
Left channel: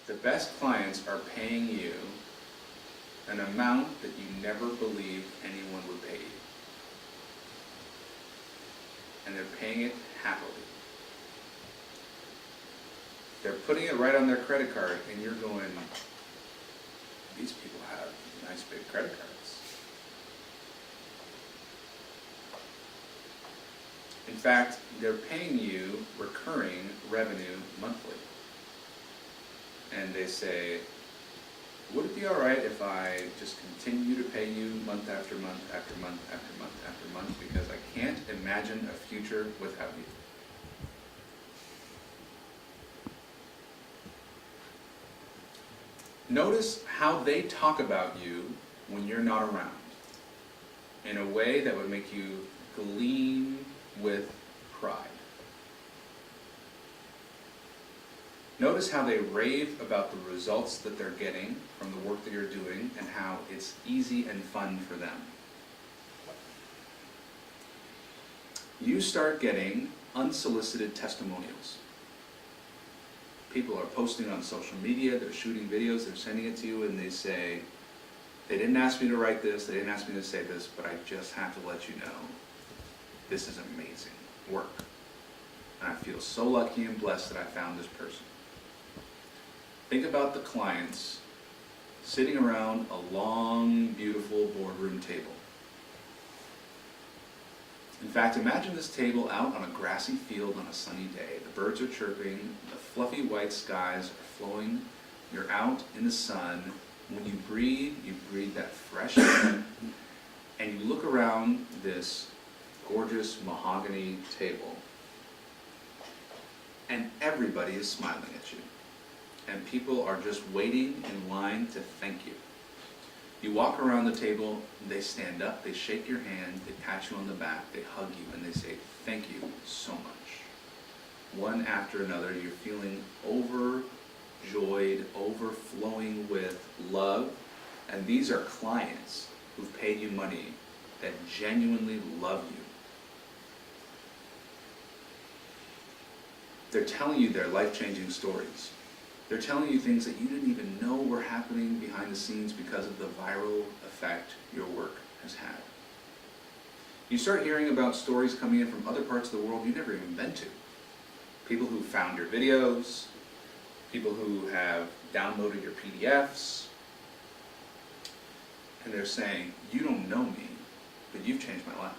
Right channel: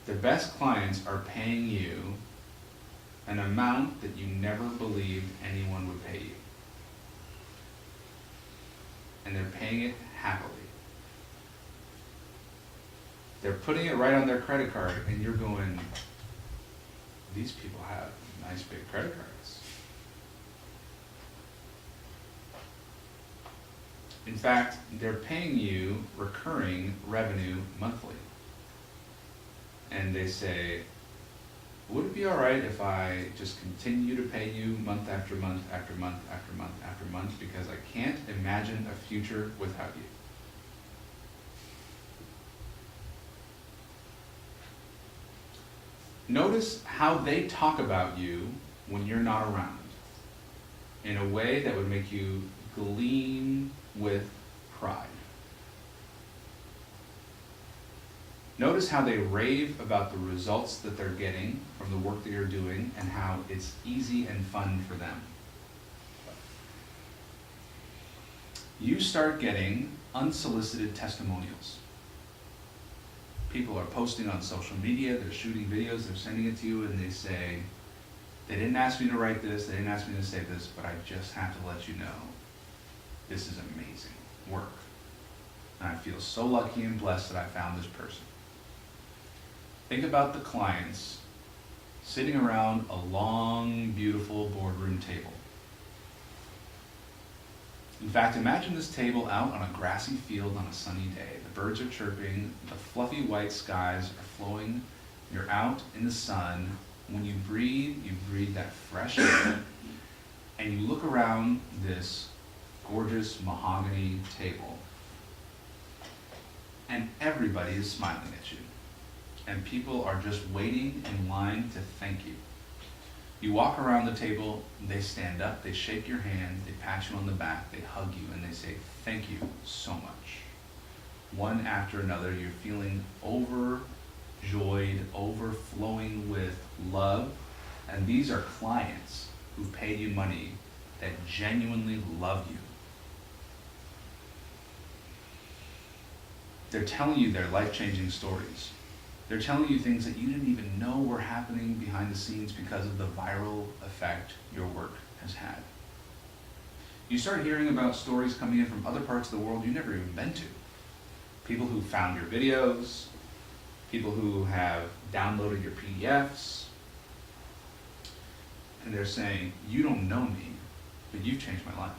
The best clients are paying you an amount that you never believed anyone would pay you. and they're paying it happily. They're putting it right on their credit card, and you're going, these people have nice big credit cards. In fact, they're paying you recurring revenue monthly. And they say, would it be all right if I just continue to pay you month after month after month after month after month, because I can't imagine a future without you? Notice how they talk about you when you're not around, in a way that would make you gleam with pride. Notice how they rave about the results that they're getting from the work that you're doing and how it's easy and fun for them. You start getting unsolicited testimonials. People are posting on social media, they're shooting videos, they're sending it to you, and they say, they didn't ask me to write this, they didn't ask me to say this, but I just have to let you know, this is amazing work. And I feel so lucky and blessed that I found this person. Think about the clients sitting around a long, beautiful boardroom table. In fact, imagine this table out on a grassy field on a sunny day. The birds are chirping, the fluffy white skies are flowing, you're out in the sun. When you breathe that fresh air, and you look around this gorgeous mahogany table, and everybody is smiling at you. And people are just waiting in line to thank you. You walk around the table, they stand up, they shake your hand, they pat you on the back, they hug you, and they say, thank you so much. One after another, you're feeling overjoyed, overflowing with love. And these are clients who've paid you money that genuinely love you. They're telling you their life-changing stories. They're telling you things that you didn't even know were happening behind the scenes because of the viral effect your work has had. You start hearing about stories coming in from other parts of the world you've never even been to. People who found your videos, people who have downloaded your PDFs, and they're saying, you don't know me, but you've changed my life.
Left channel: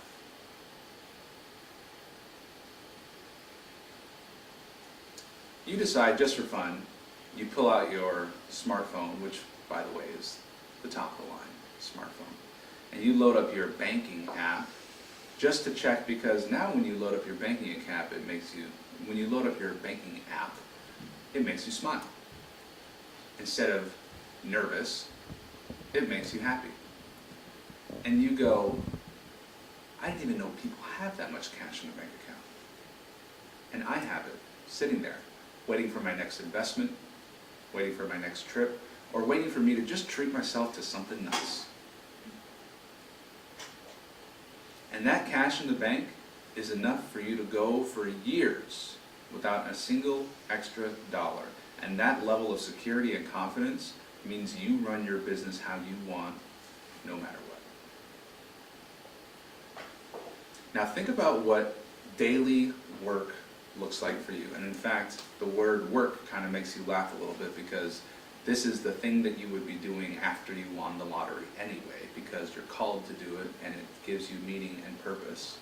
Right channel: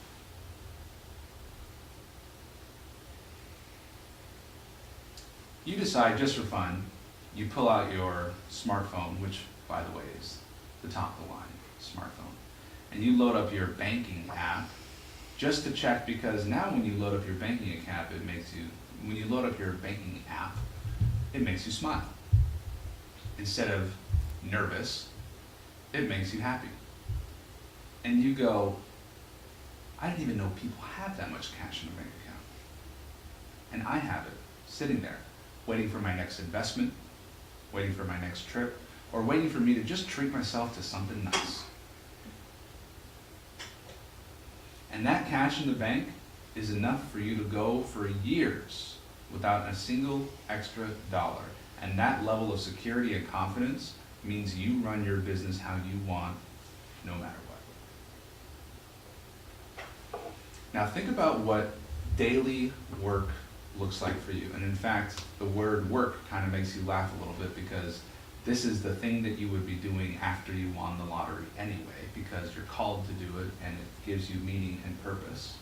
You decide, just for fun, you pull out your smartphone, which, by the way, is the top of the line smartphone, and you load up your banking app just to check, because now when you load up your banking app, it makes you smile. Instead of nervous, it makes you happy. And you go, I didn't even know people have that much cash in their bank account. And I have it, sitting there, waiting for my next investment, waiting for my next trip, or waiting for me to just treat myself to something nice. And that cash in the bank is enough for you to go for years without a single extra dollar. And that level of security and confidence means you run your business how you want, no matter what. Now think about what daily work looks like for you. And in fact, the word work kind of makes you laugh a little bit, because this is the thing that you would be doing after you won the lottery anyway, because you're called to do it and it gives you meaning and purpose.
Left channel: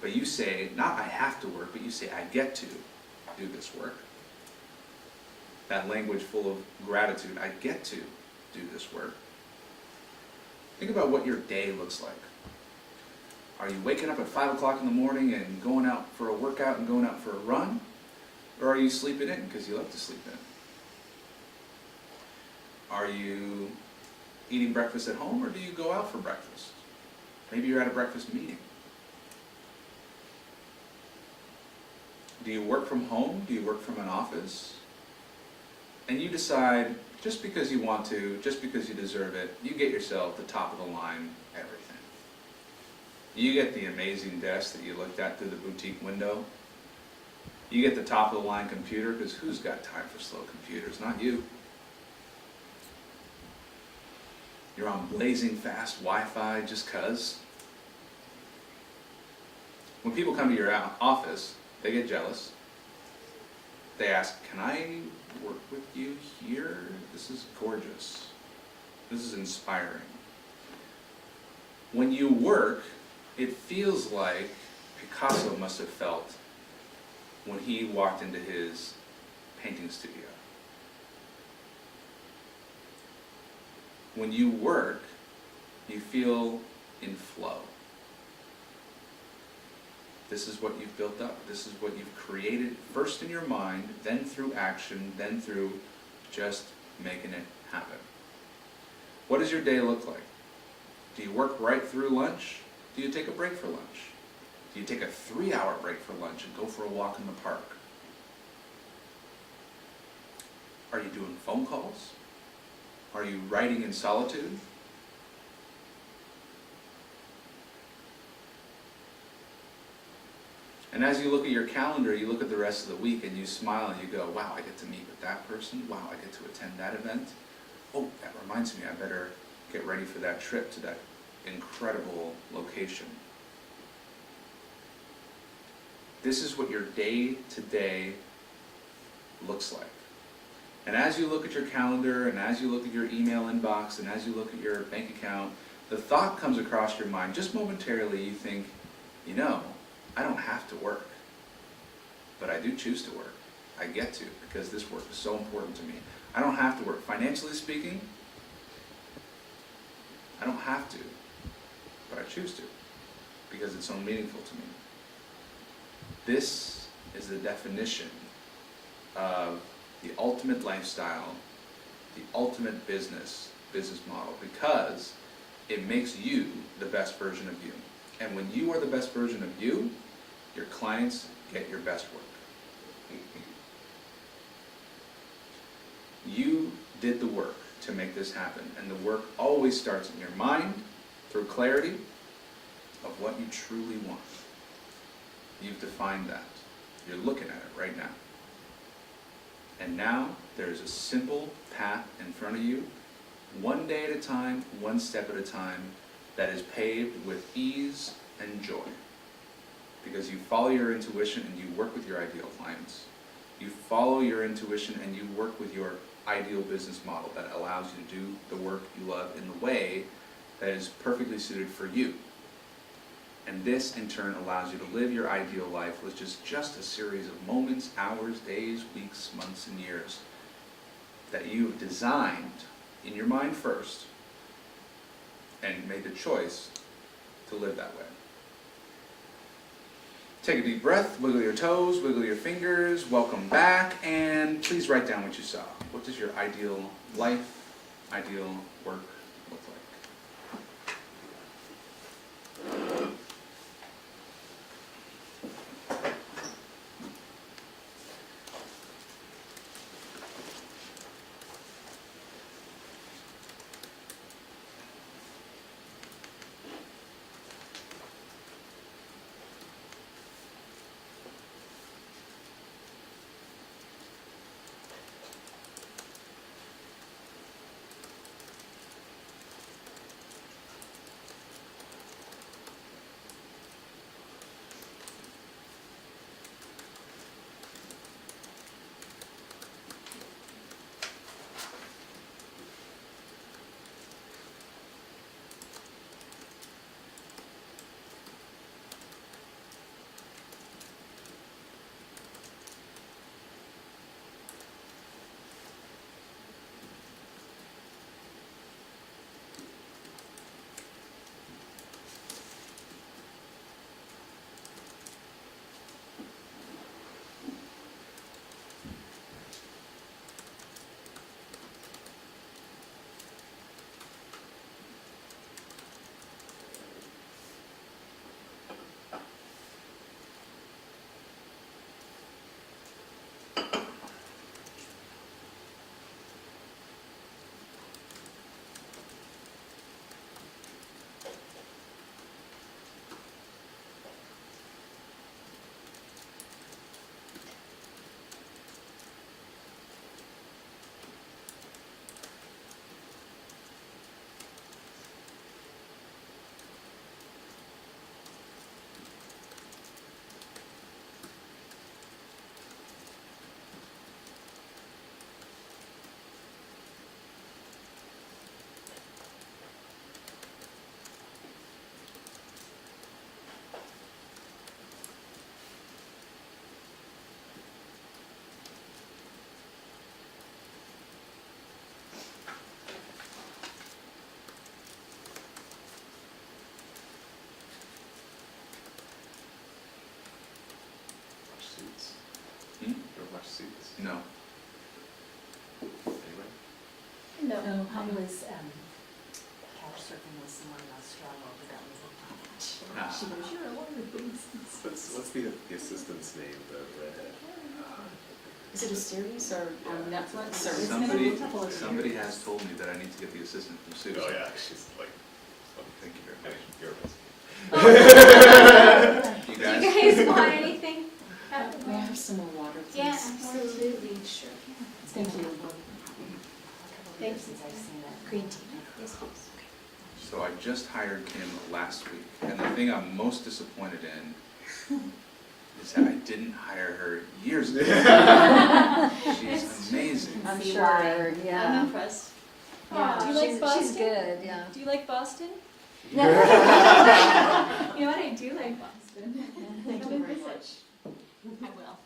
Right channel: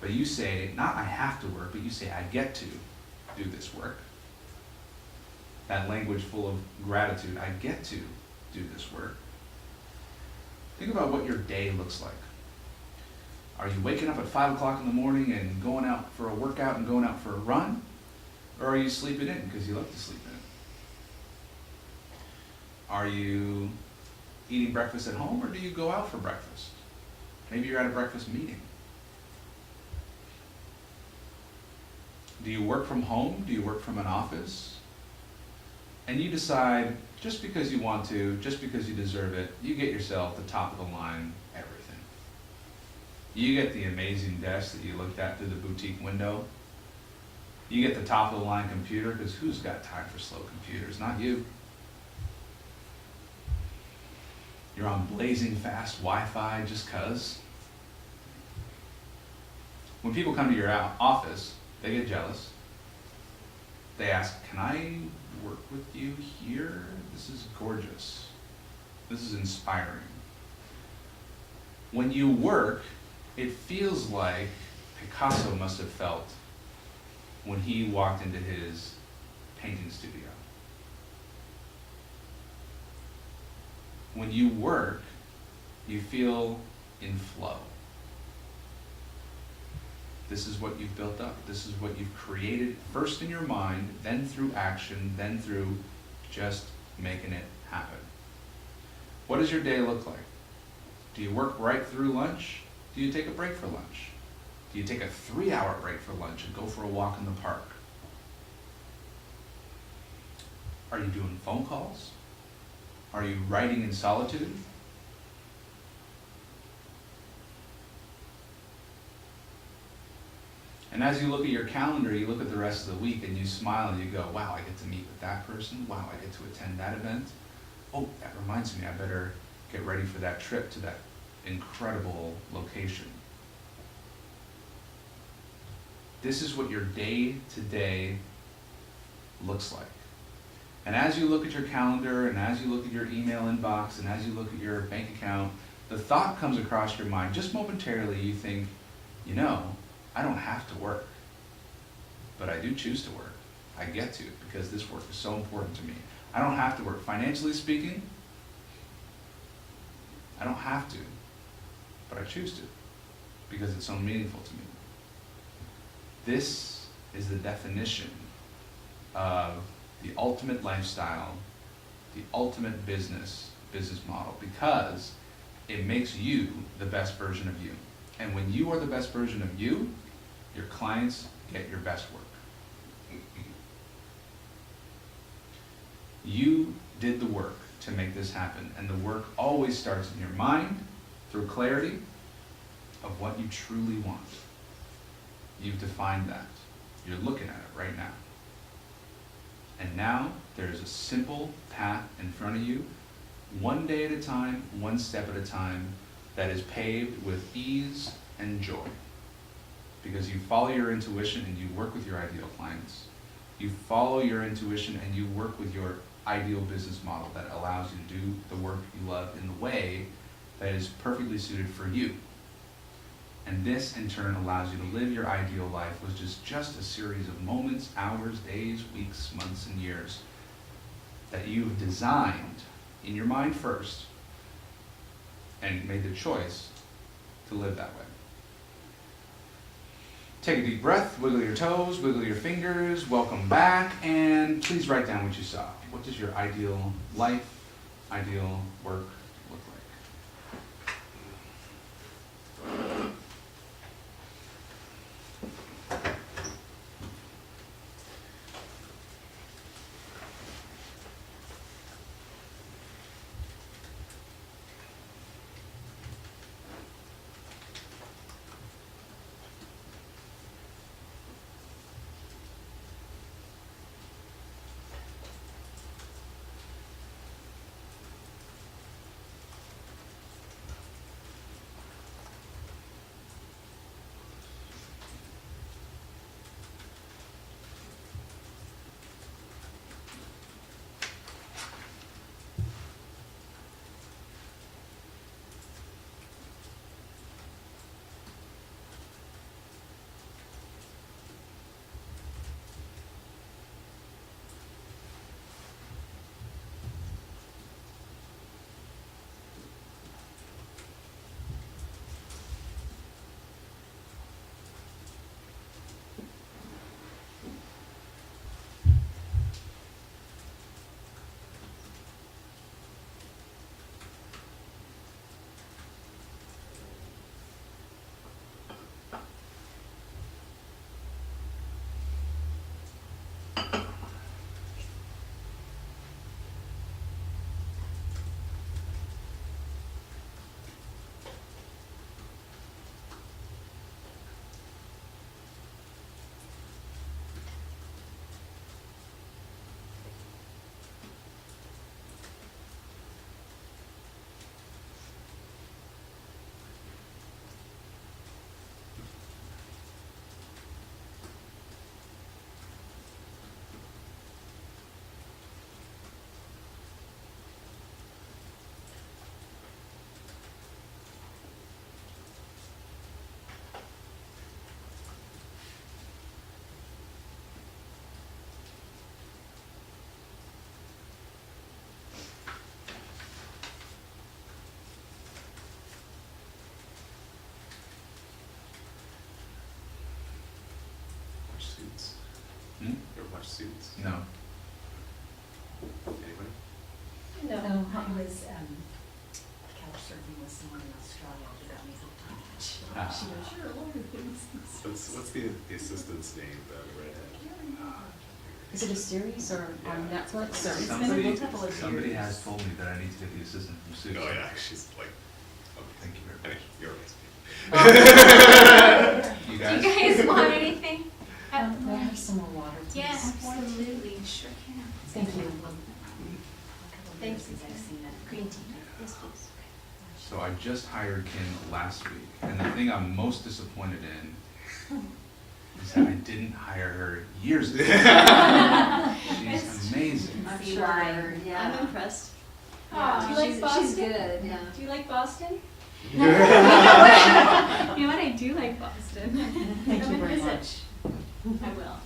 But you say, not I have to work, but you say, I get to do this work. That language full of gratitude, I get to do this work. Think about what your day looks like. Are you waking up at 5 o'clock in the morning and going out for a workout and going out for a run? Or are you sleeping in because you like to sleep in? Are you eating breakfast at home, or do you go out for breakfast? Maybe you're at a breakfast meeting. Do you work from home? Do you work from an office? And you decide, just because you want to, just because you deserve it, you get yourself the top of the line everything. You get the amazing desk that you looked at through the boutique window. You get the top of the line computer, because who's got time for slow computers? Not you. You're on blazing fast Wi-Fi just 'cause. When people come to your office, they get jealous. They ask, can I work with you here? This is gorgeous. This is inspiring. When you work, it feels like Picasso must have felt when he walked into his painting studio. When you work, you feel in flow. This is what you've built up. This is what you've created, first in your mind, then through action, then through just making it happen. What does your day look like? Do you work right through lunch? Do you take a break for lunch? Do you take a 3-hour break for lunch and go for a walk in the park? Are you doing phone calls? Are you writing in solitude? And as you look at your calendar, you look at the rest of the week and you smile and you go, wow, I get to meet with that person. Wow, I get to attend that event. Oh, that reminds me, I better get ready for that trip to that incredible location. This is what your day-to-day looks like. And as you look at your calendar, and as you look at your email inbox, and as you look at your bank account, the thought comes across your mind, just momentarily you think, you know, I don't have to work, but I do choose to work. I get to, because this work is so important to me. I don't have to work. Financially speaking, I don't have to, but I choose to, because it's so meaningful to me. This is the definition of the ultimate lifestyle, the ultimate business model, because it makes you the best version of you. And when you are the best version of you, your clients get your best work. You did the work to make this happen, and the work always starts in your mind through clarity of what you truly want. You've defined that. You're looking at it right now. And now there is a simple path in front of you, one day at a time, one step at a time, that is paved with ease and joy. Because you follow your intuition and you work with your ideal clients. You follow your intuition and you work with your ideal business model that allows you to do the work you love in the way that is perfectly suited for you. And this, in turn, allows you to live your ideal life, which is just a series of moments, hours, days, weeks, months, and years that you've designed in your mind first and made the choice to live that way. Take a deep breath, wiggle your toes, wiggle your fingers, welcome back, and please write down what you saw. What does your ideal life, ideal work look like? Hmm? Or much students? No. Anyway? No. I was, couch surfing with someone in Australia who got me hooked. She Ah. goes, you're a lawyer, please. What's the assistant's name, the redhead? Is it a series or on Yeah. Netflix or? It's been a Somebody, couple of somebody years. has told me that I need to get the assistant from Sue. Oh yeah, she's like, Thank you very much. you're amazing. You Do guys? you guys want anything? May I have some more water, please? Yeah, absolutely, sure can. Thank you. Thank you. Since I've seen that. Green tea. Yes, please. So I just hired Kim last week, and the thing I'm most disappointed in is that I didn't hire her years ago. She's amazing. I'm Be sure, wired, I'm yeah. impressed. Yeah, Do you like she's Boston? good, yeah. Do you like Boston? No. You know what, I do like Boston. Thank Come you and very visit. much. I will.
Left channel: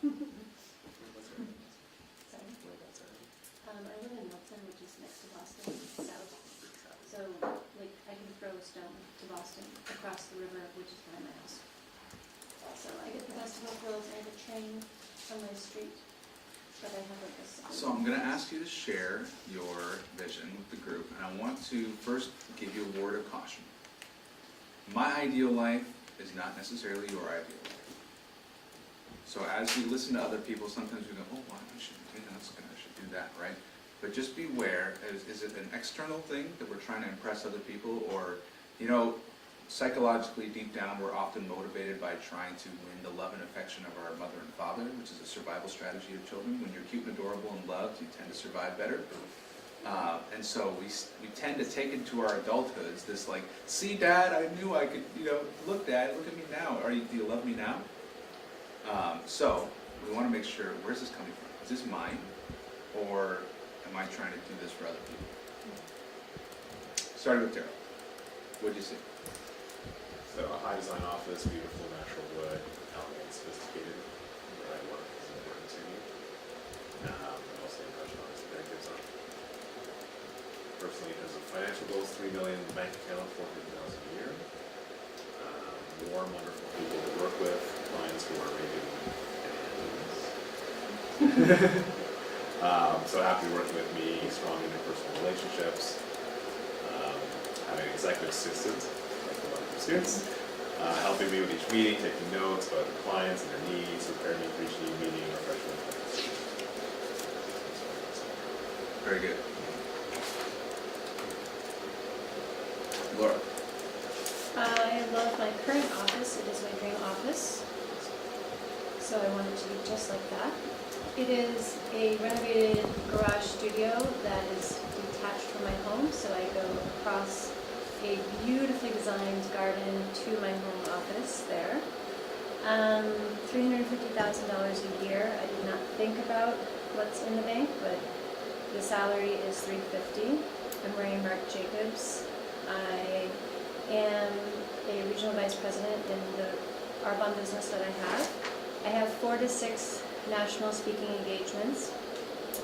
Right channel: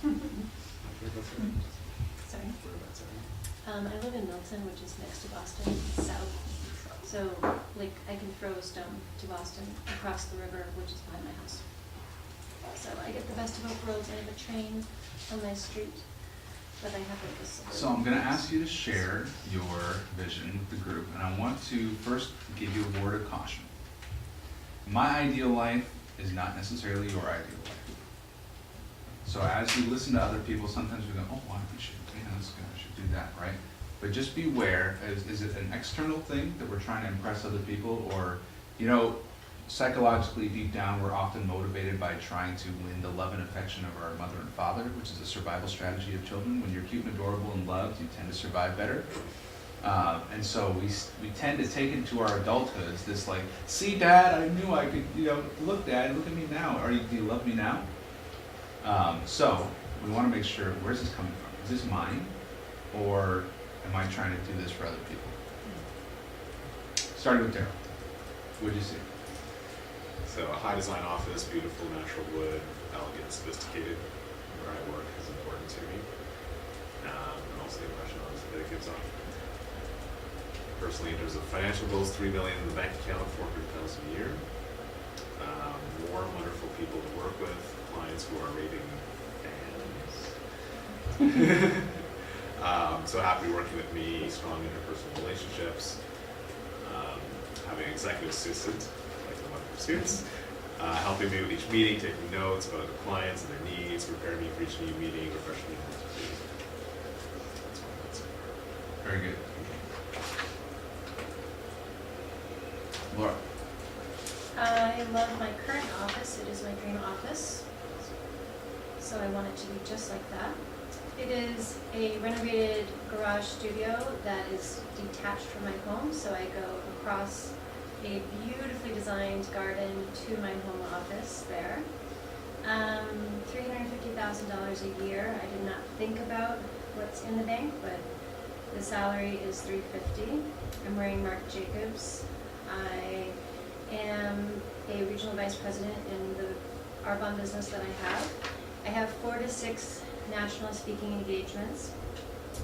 Sorry. Whereabouts are I live in Milton, which is next to Boston, south. So, like, I can throw a stone to Boston across the river, which is behind my house. So I get the best of both worlds. I have a train on my street, but I have like a suburban. So I'm gonna ask you to share your vision with the group, and I want to first give you a word of caution. My ideal life is not necessarily your ideal life. So as you listen to other people, sometimes we go, oh, well, I should do that, right? But just beware, is it an external thing that we're trying to impress other people, or, you know, psychologically deep down, we're often motivated by trying to win the love and affection of our mother and father, which is a survival strategy of children. When you're cute and adorable and loved, you tend to survive better. And so we tend to take into our adulthoods this like, see dad, I knew I could, you know, look dad, look at me now. Do you love me now? So we want to make sure, where's this coming from? Is this mine? Or am I trying to do this for other people? Starting with Daryl. What'd you see? So a high design office, beautiful natural wood, elegant, sophisticated. Where I work is important to me. And also the impression obviously that gives off. Personally, in terms of financial goals, $3 million in the bank account, $400,000 a year. Warm, wonderful people to work with, clients who are rated Ns. So happy working with me, strong interpersonal relationships, having an executive assistant, like the one from students, helping me with each meeting, taking notes about the clients and their needs, preparing me for each meeting, refreshing me. Very good. Laura. I love my current office. It is my dream office. So I want it to be just like that. It is a renovated garage studio that is detached from my home, so I go across a beautifully designed garden to my home office there. $350,000 a year. I did not think about what's in the bank, but the salary is $350,000. I'm wearing Marc Jacobs. I am a regional vice president in the Arbonne business that I have. I have 4 to 6 national speaking engagements.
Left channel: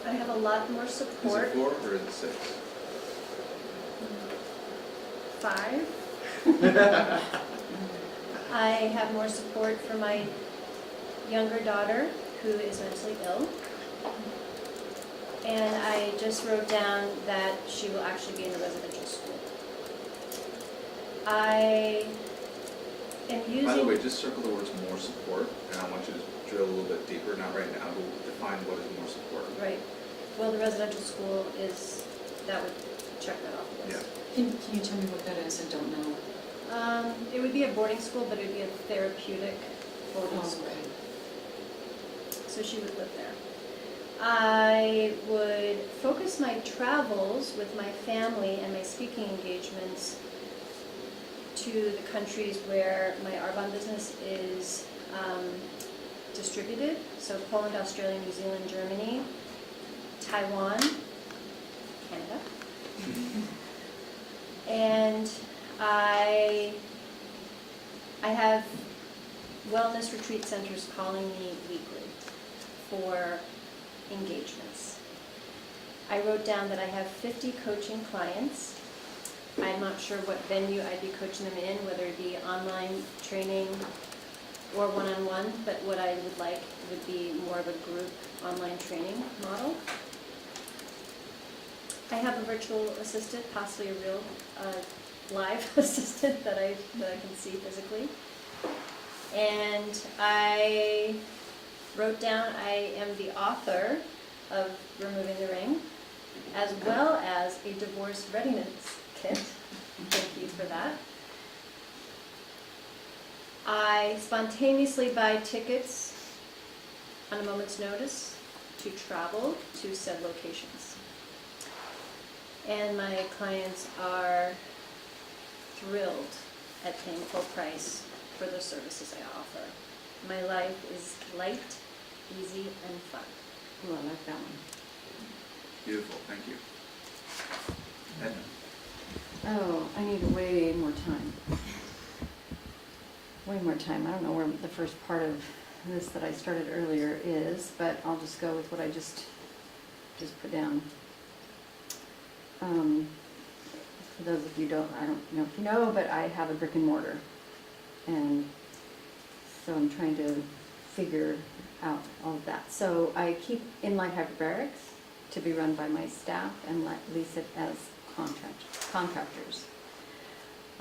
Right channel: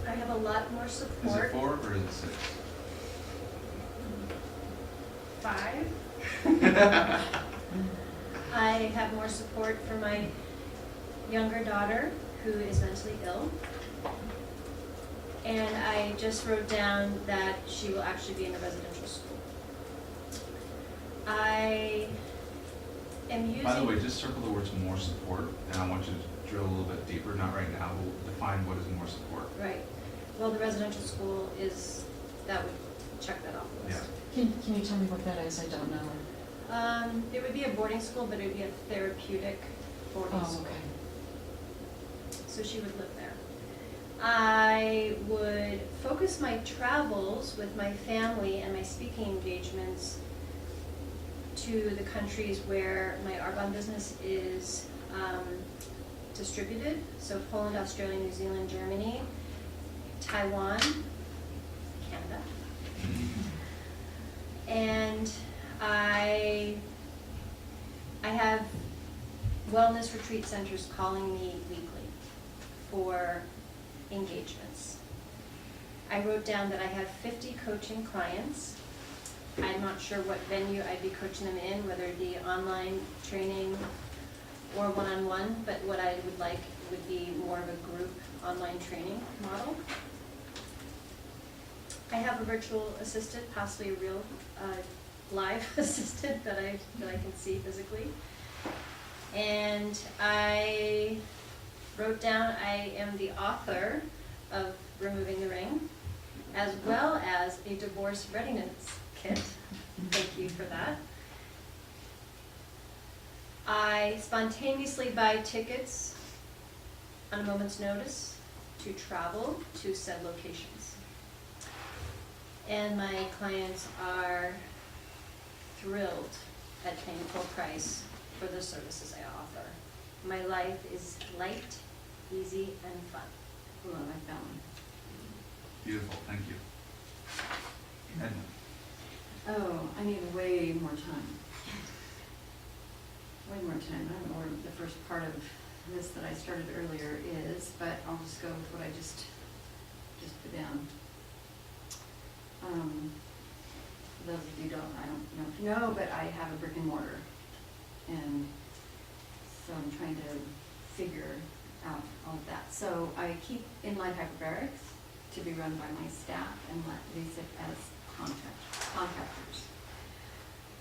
I have a lot more Is support. it 4 or is it 6? 5. I have more support from my younger daughter, who is mentally ill. And I just wrote down that she will actually be in a residential school. I am using... By the way, just circle the words more support, and I want you to drill a little bit deeper, not right now, but define what is more support. Right. Well, the residential school is, that would check that off the list. Can you tell me what that is? I don't know. It would be a boarding school, but it would be a therapeutic boarding Oh, school. okay. So she would live there. I would focus my travels with my family and my speaking engagements to the countries where my Arbonne business is distributed. So Poland, Australia, New Zealand, Germany, Taiwan, Canada. And I have wellness retreat centers calling me weekly for engagements. I wrote down that I have 50 coaching clients. I'm not sure what venue I'd be coaching them in, whether it be online training, or one-on-one, but what I would like would be more of a group online training model. I have a virtual assistant, possibly a real live assistant that I can see physically. And I wrote down I am the author of Removing the Ring, as well as a divorce readiness kit. Thank you for that. I spontaneously buy tickets on a moment's notice to travel to said locations. And my clients are thrilled at paying full price for the services I offer. My life is light, easy, and fun. Oh, I like that one. Beautiful, thank you. Edna? Oh, I need way more time. Way more time. I don't know where the first part of this that I started earlier is, but I'll just go with what I just put down. For those of you I don't know if you know, but I have a brick and mortar. And so I'm trying to figure out all of that. So I keep inline hyperbarics to be run by my staff and lease it as contractors.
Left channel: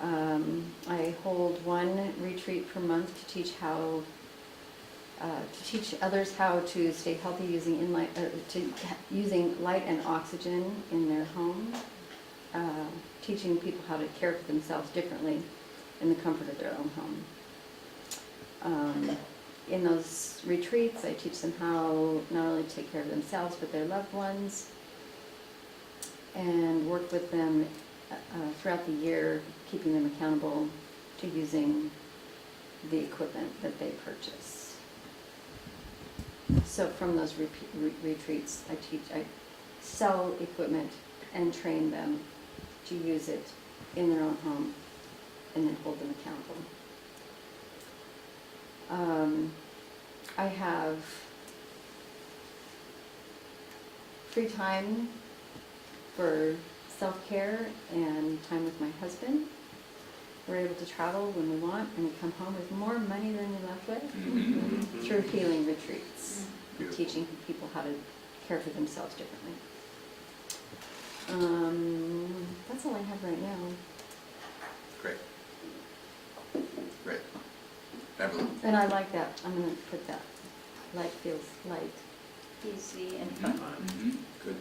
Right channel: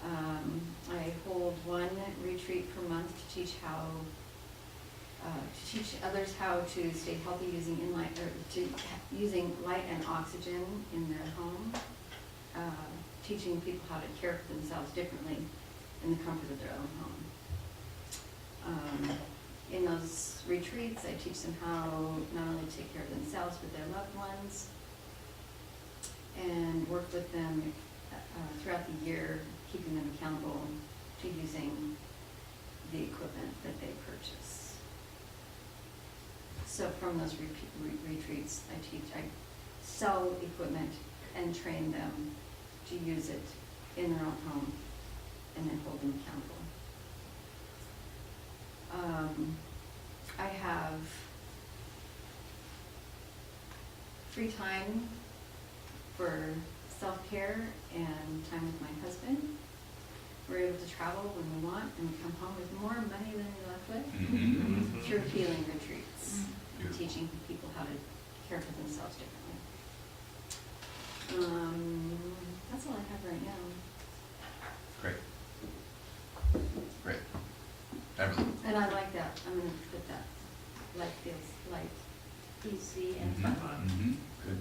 I hold one retreat per month to teach others how to stay healthy using light and oxygen in their home, teaching people how to care for themselves differently in the comfort of their own home. In those retreats, I teach them how not only to take care of themselves but their loved ones, and work with them throughout the year, keeping them accountable to using the equipment that they purchase. So from those retreats, I sell equipment and train them to use it in their own home and then hold them accountable. I have free time for self-care and time with my husband. We're able to travel when we want, and we come home with more money than we left with through healing retreats, teaching people how to care for themselves differently. That's all I have right now. Great. Great. Evelyn? And I like that. I'm going to put that. Life feels light. Easy and fun. Mm-hmm. Good.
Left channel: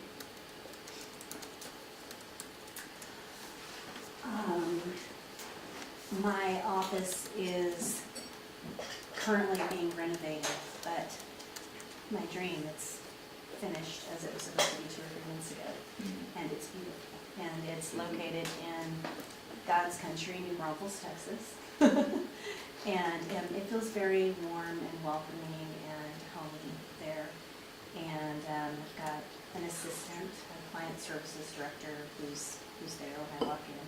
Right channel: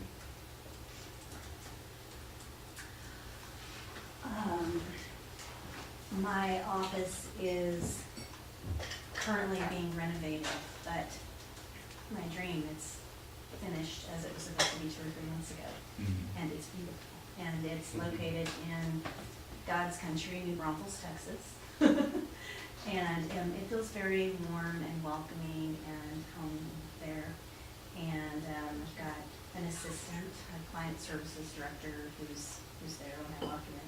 My office is currently being renovated, but my dream, it's finished as it was supposed to be 2 or 3 months ago. And it's beautiful. And it's located in God's country, New Braunfels, Texas. And it feels very warm and welcoming and homey there. And I've got an assistant, a client services director who's there when I walk in.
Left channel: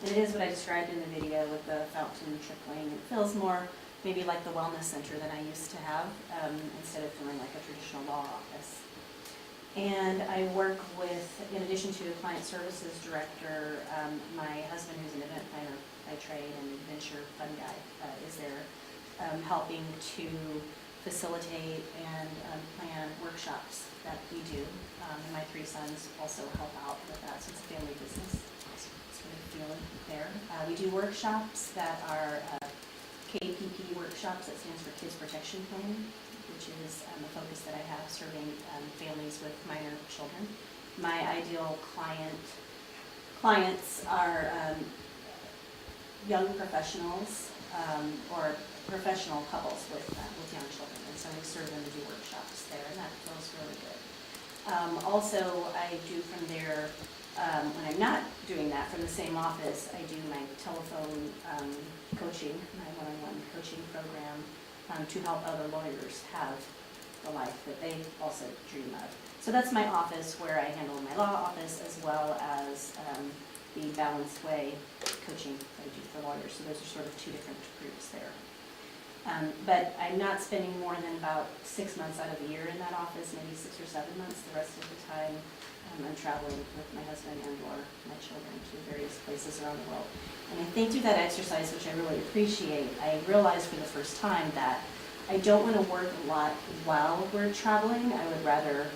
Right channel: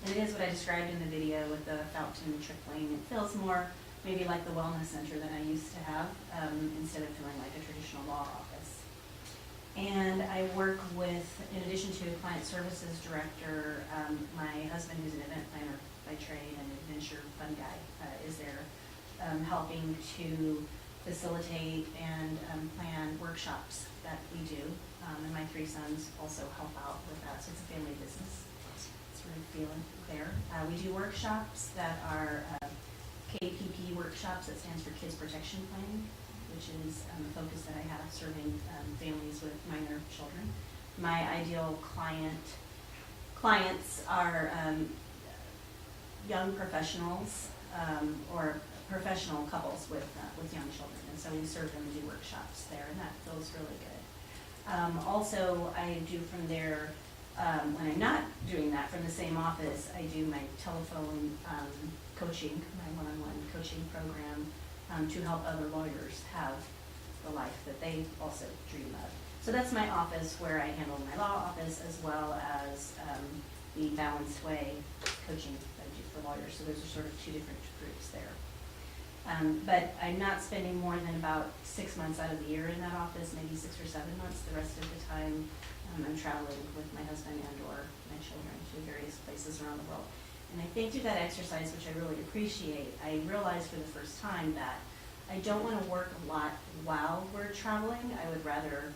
And it is what I described in the video with the fountain and the trickling. It feels more maybe like the wellness center that I used to have, instead of feeling like a traditional law office. And I work with, in addition to a client services director, my husband, who's an event planner by trade and adventure fun guy, is there helping to facilitate and plan workshops that we do. And my 3 sons also help out with that, so it's a family business. It's really feeling there. We do workshops that are KPP workshops, that stands for Kids Protection Plan, which is the focus that I have, serving families with minor children. My ideal clients are young professionals or professional couples with young children, and so we serve them to do workshops there, and that feels really good. Also, I do from there, when I'm not doing that from the same office, I do my telephone coaching, my one-on-one coaching program to help other lawyers have the life that they also dream of. So that's my office, where I handle my law office as well as the Balanced Way coaching that I do for lawyers. So those are sort of 2 different groups there. But I'm not spending more than about 6 months out of the year in that office, maybe 6 or 7 months. The rest of the time I'm traveling with my husband and or my children to various places around the world. And I think through that exercise, which I really appreciate, I realized for the first time that I don't want to work a lot while we're traveling. I would rather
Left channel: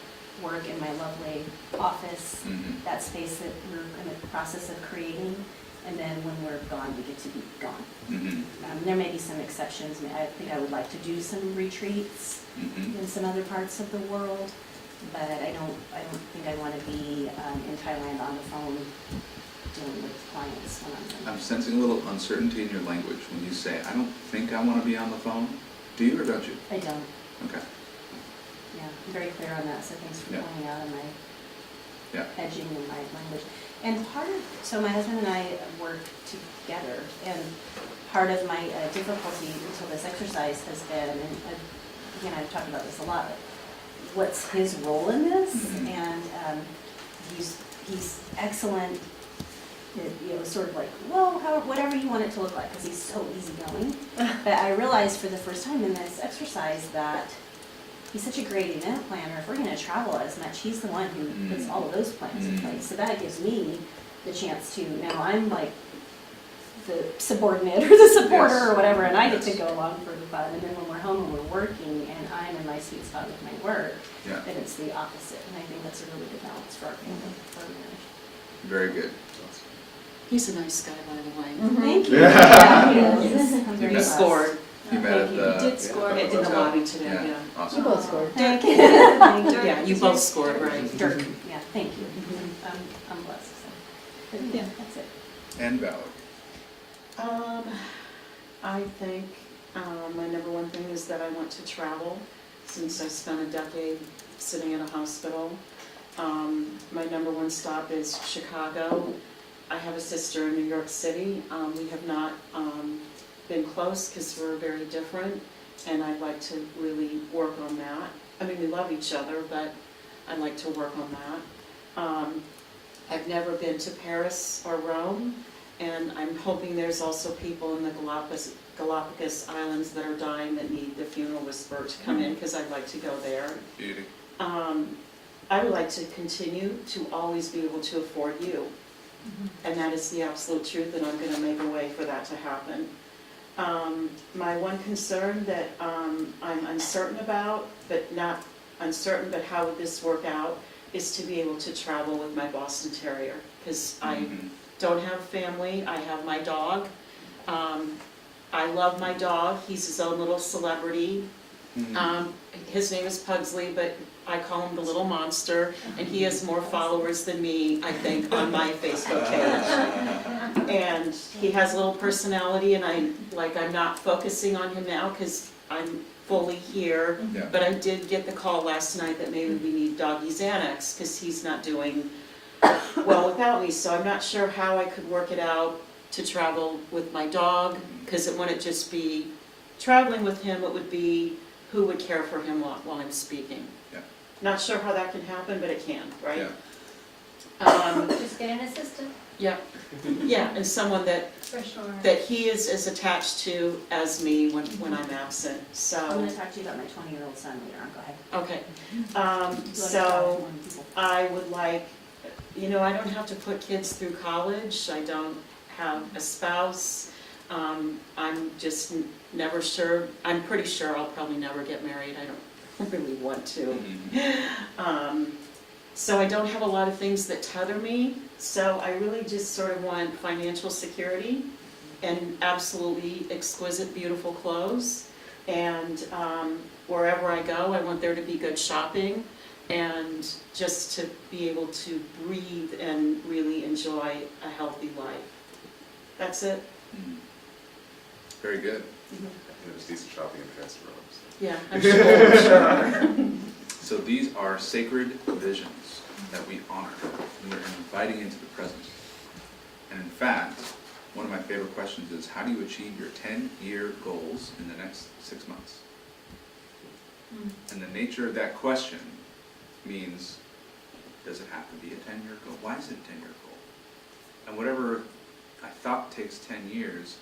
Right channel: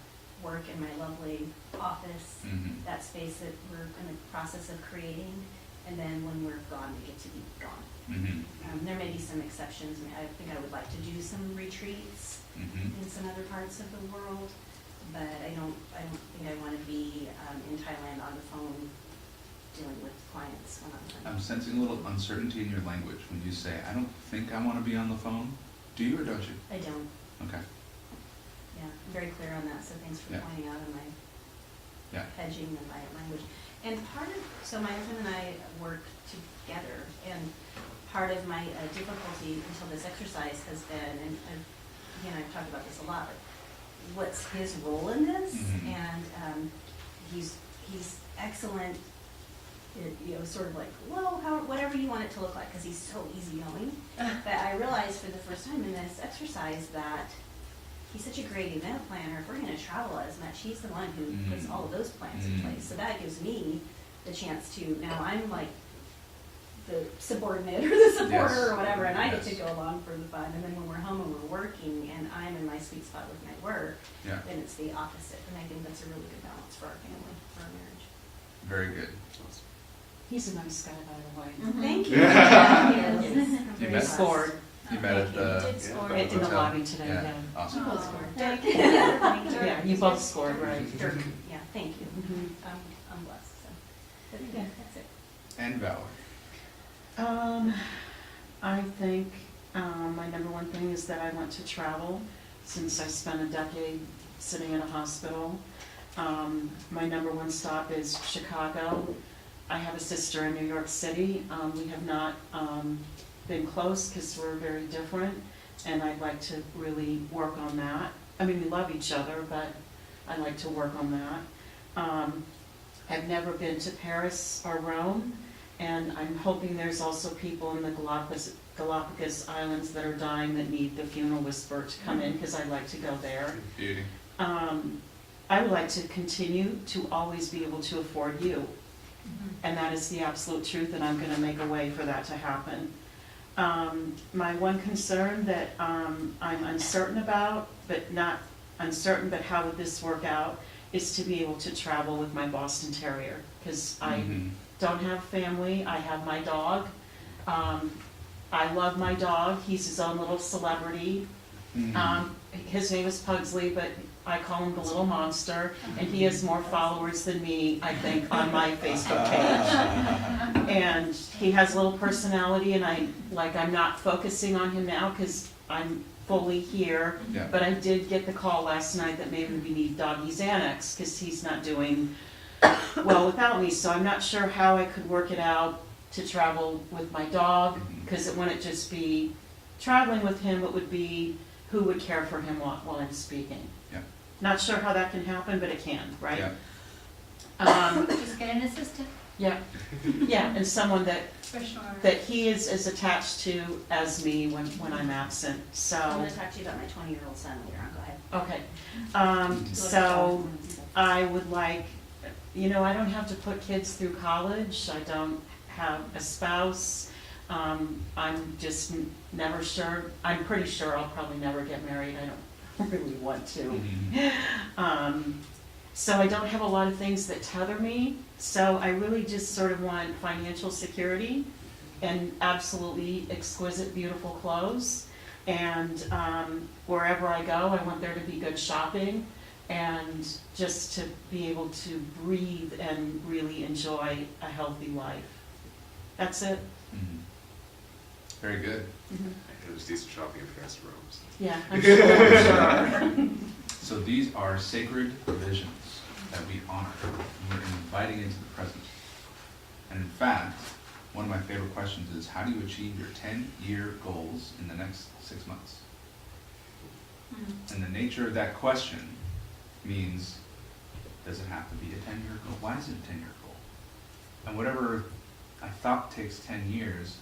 work in my lovely office, that space that we're in the process of creating, and then when we're gone, we get to be gone. There may be some exceptions. I think I would like to do some retreats in some other parts of the world, but I don't think I want to be in Thailand on the phone dealing with clients when I'm I'm sensing a little uncertainty in your language when you say, I don't think I want to be on the phone. Do you or don't you? I don't. Okay. Yeah, I'm very clear on that, so thanks for Yeah. pointing out on my Yeah. edging in my language. And so my husband and I work together, and part of my difficulty until this exercise has been, and again, I've talked about this a lot, what's his role in this? And he's excellent, sort of like, well, whatever you want it to look like, because he's so easygoing. But I realized for the first time in this exercise that he's such a great event planner. If we're going to travel as much, he's the one who puts all of those plans in place. So that gives me the chance to, now I'm like the subordinate or the supporter or whatever, and I get to go along for the fun. And then when we're home and we're working and I'm in my sweet spot with my work, then it's the opposite. And I think that's a really good balance for our family, for our marriage. Very good. He's a nice guy, by the way. Thank you. Yeah. Yeah, he is. I'm very He blessed. scored. You met Thank at you. the Did score. In the hotel? lobby today, yeah. Awesome. You both scored. Thank you. Thank you. Yeah, you both scored, right? Dirk. Yeah, thank you. I'm blessed, so. But yeah, that's it. And Valor. I think my number one thing is that I want to travel, since I spent a decade sitting in a hospital. My number one stop is Chicago. I have a sister in New York City. We have not been close because we're very different, and I'd like to really work on that. I mean, we love each other, but I'd like to work on that. I've never been to Paris or Rome, and I'm hoping there's also people in the Galapagos Islands that are dying that need the funeral whisperer to come in, because I'd like to go there. Beauty. I would like to continue to always be able to afford you. And that is the absolute truth, and I'm going to make a way for that to happen. My one concern that I'm uncertain about, but not uncertain, but how would this work out, is to be able to travel with my Boston Terrier, because I don't have family. I have my dog. I love my dog. He's his own little celebrity. His name is Pugsley, but I call him the little monster, and he has more followers than me, I think, on my Facebook page. And he has a little personality, and I'm not focusing on him now because I'm fully here. Yeah. But I did get the call last night that maybe we need doggy Xanax because he's not doing well without me. So I'm not sure how I could work it out to travel with my dog, because it wouldn't just be traveling with him, it would be who would care for him while I'm speaking. Yeah. Not sure how that can happen, but it can, right? Yeah. Just get an assistant, Yeah, and someone that for sure. he is as attached to as me when I'm absent, I'm so, going to talk to you about my 20-year-old son later on. Go ahead. okay. So, I would like, I don't have to put kids through college, I don't have a spouse, I'm just never sure, I'm pretty sure I'll probably never get married, I don't really want to. So I don't have a lot of things that tether me, so I really just sort of want financial security and absolutely exquisite, beautiful clothes. And wherever I go, I want there to be good shopping and just to be able to breathe and really enjoy a healthy life. That's it. Very good. There's decent shopping in Paris and Rome. So. Yeah, I'm sure. So these are sacred visions that we honor. We're inviting into the present. And in fact, one of my favorite questions is, how do you achieve your 10-year goals in the next 6 months? And the nature of that question means, does it have to be a 10-year goal? Why is it a 10-year goal? And whatever I thought takes 10 years,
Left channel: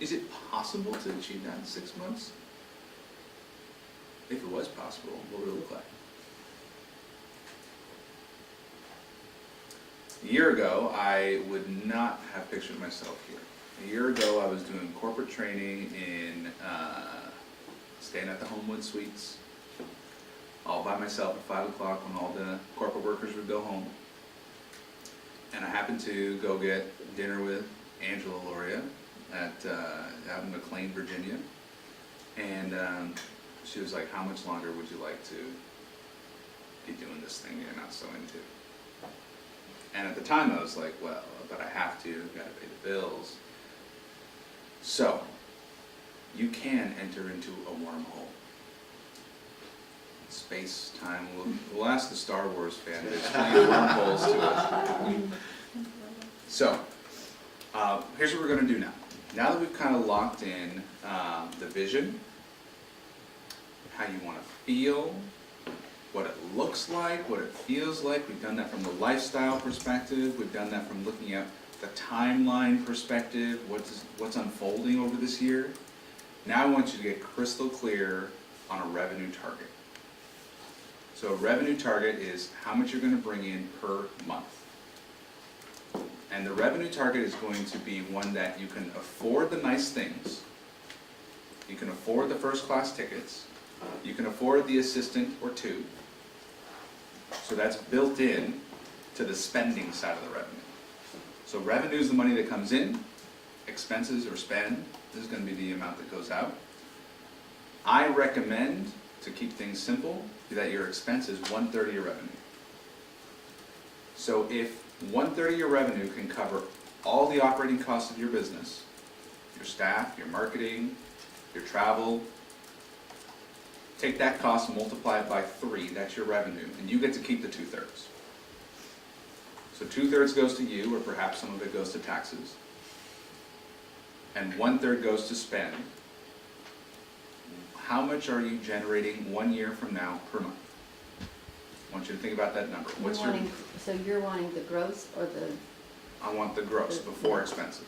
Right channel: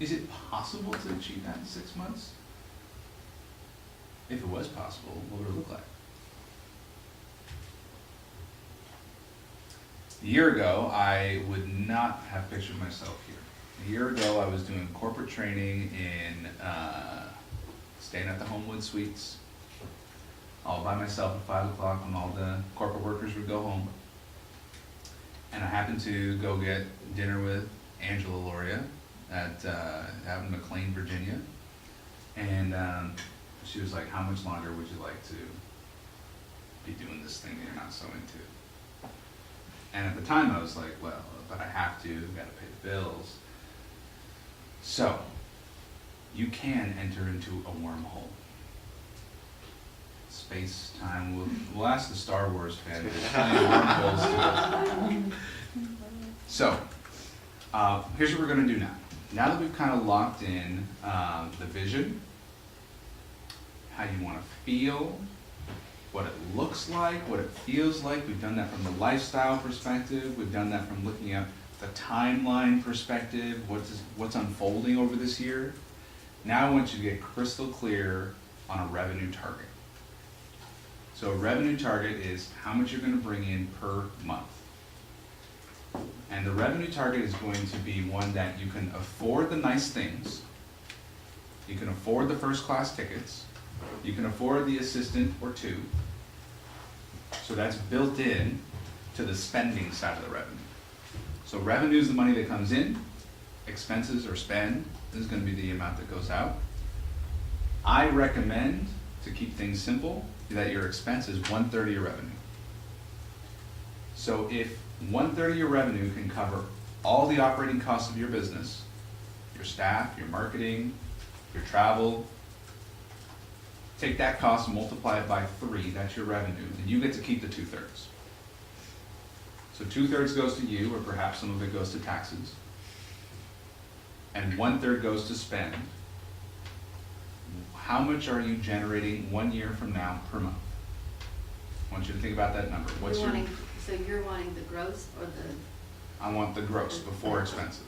is it possible to achieve that in 6 months? If it was possible, what would it look like? A year ago, I would not have pictured myself here. A year ago, I was doing corporate training in, staying at the Homewood Suites, all by myself at 5 o'clock when all the corporate workers would go home. And I happened to go get dinner with Angela Loria at, out in McLean, Virginia. And she was like, how much longer would you like to be doing this thing that you're not so into? And at the time I was like, well, but I have to, gotta pay the bills. So, you can enter into a wormhole. Space, time, we'll ask the Star Wars fan base, wormholes to us. So, here's what we're gonna do now. Now that we've kind of locked in the vision, how you wanna feel, what it looks like, what it feels like. We've done that from the lifestyle perspective. We've done that from looking at the timeline perspective, what's unfolding over this year. Now I want you to get crystal clear on a revenue target. So a revenue target is how much you're going to bring in per month. And the revenue target is going to be one that you can afford the nice things, you can afford the first class tickets, you can afford the assistant or two. So that's built in to the spending side of the revenue. So revenue is the money that comes in, expenses or spend, this is going to be the amount that goes out. I recommend, to keep things simple, that your expense is 1/3 of your revenue. So if 1/3 of your revenue can cover all the operating costs of your business, your staff, your marketing, your travel, take that cost and multiply it by 3, that's your revenue, and you get to keep the 2/3. So 2/3 goes to you, or perhaps some of it goes to taxes, and 1/3 goes to spend. How much are you generating 1 year from now per month? I want you to think about that number. What's your? So you're wanting the gross or the? I want the gross before expenses.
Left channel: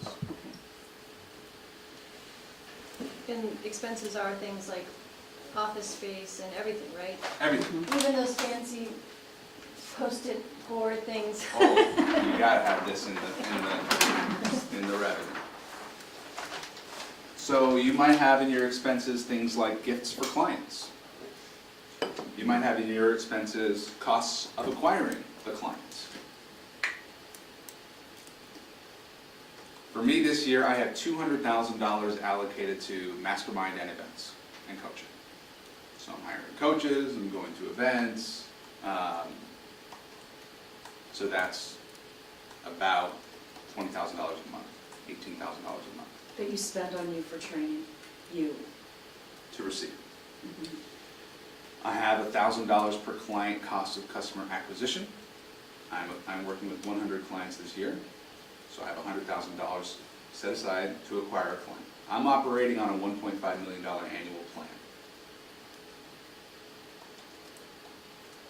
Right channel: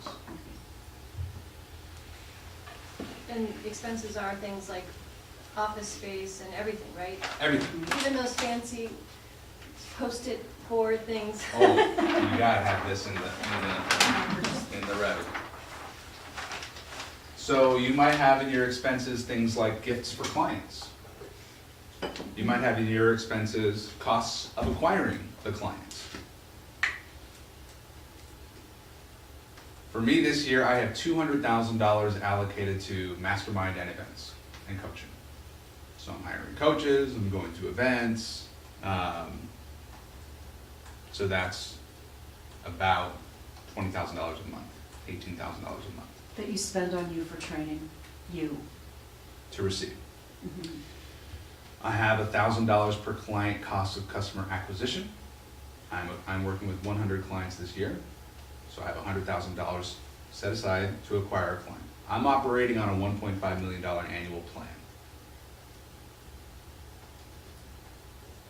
Okay. And expenses are things like office space and everything, right? Everything. Even those fancy post-it board things. Oh, you gotta have this in the revenue. So you might have in your expenses things like gifts for clients. You might have in your expenses costs of acquiring the clients. For me this year, I have $200,000 allocated to mastermind and events and coaching. So I'm hiring coaches, I'm going to events. So that's about $20,000 a month, $18,000 a month That you spend on you for training, you. to receive. Mhm. I have $1,000 per client cost of customer acquisition. I'm working with 100 clients this year, so I have $100,000 set aside to acquire a client. I'm operating on a $1.5 million annual plan.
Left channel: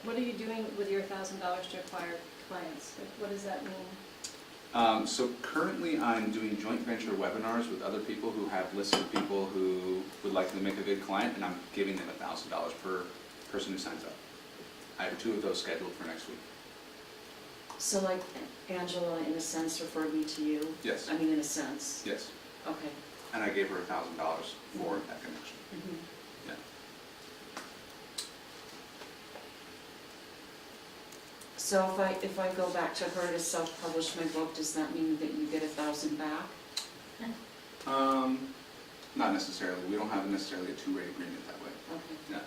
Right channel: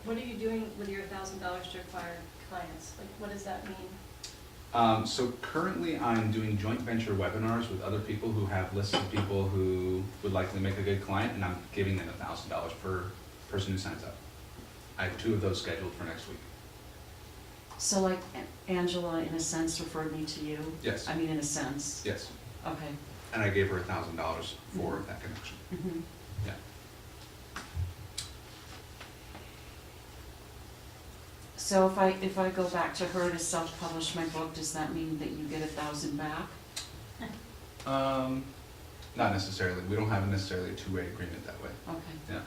What are you doing with your $1,000 to acquire clients? Like, what does that mean? So currently I'm doing joint venture webinars with other people who have lists of people who would likely make a good client, and I'm giving them $1,000 per person who signs up. I have 2 of those scheduled for next week. So like Angela, in a sense, referred me to you? Yes. I mean, in a sense? Yes. Okay. And I gave her $1,000 for that connection. Mhm. Yeah. So if I go back to her to self-publish my book, does that mean that you get 1,000 back? Not necessarily. We don't have necessarily a 2-way agreement that way. Okay. Yeah.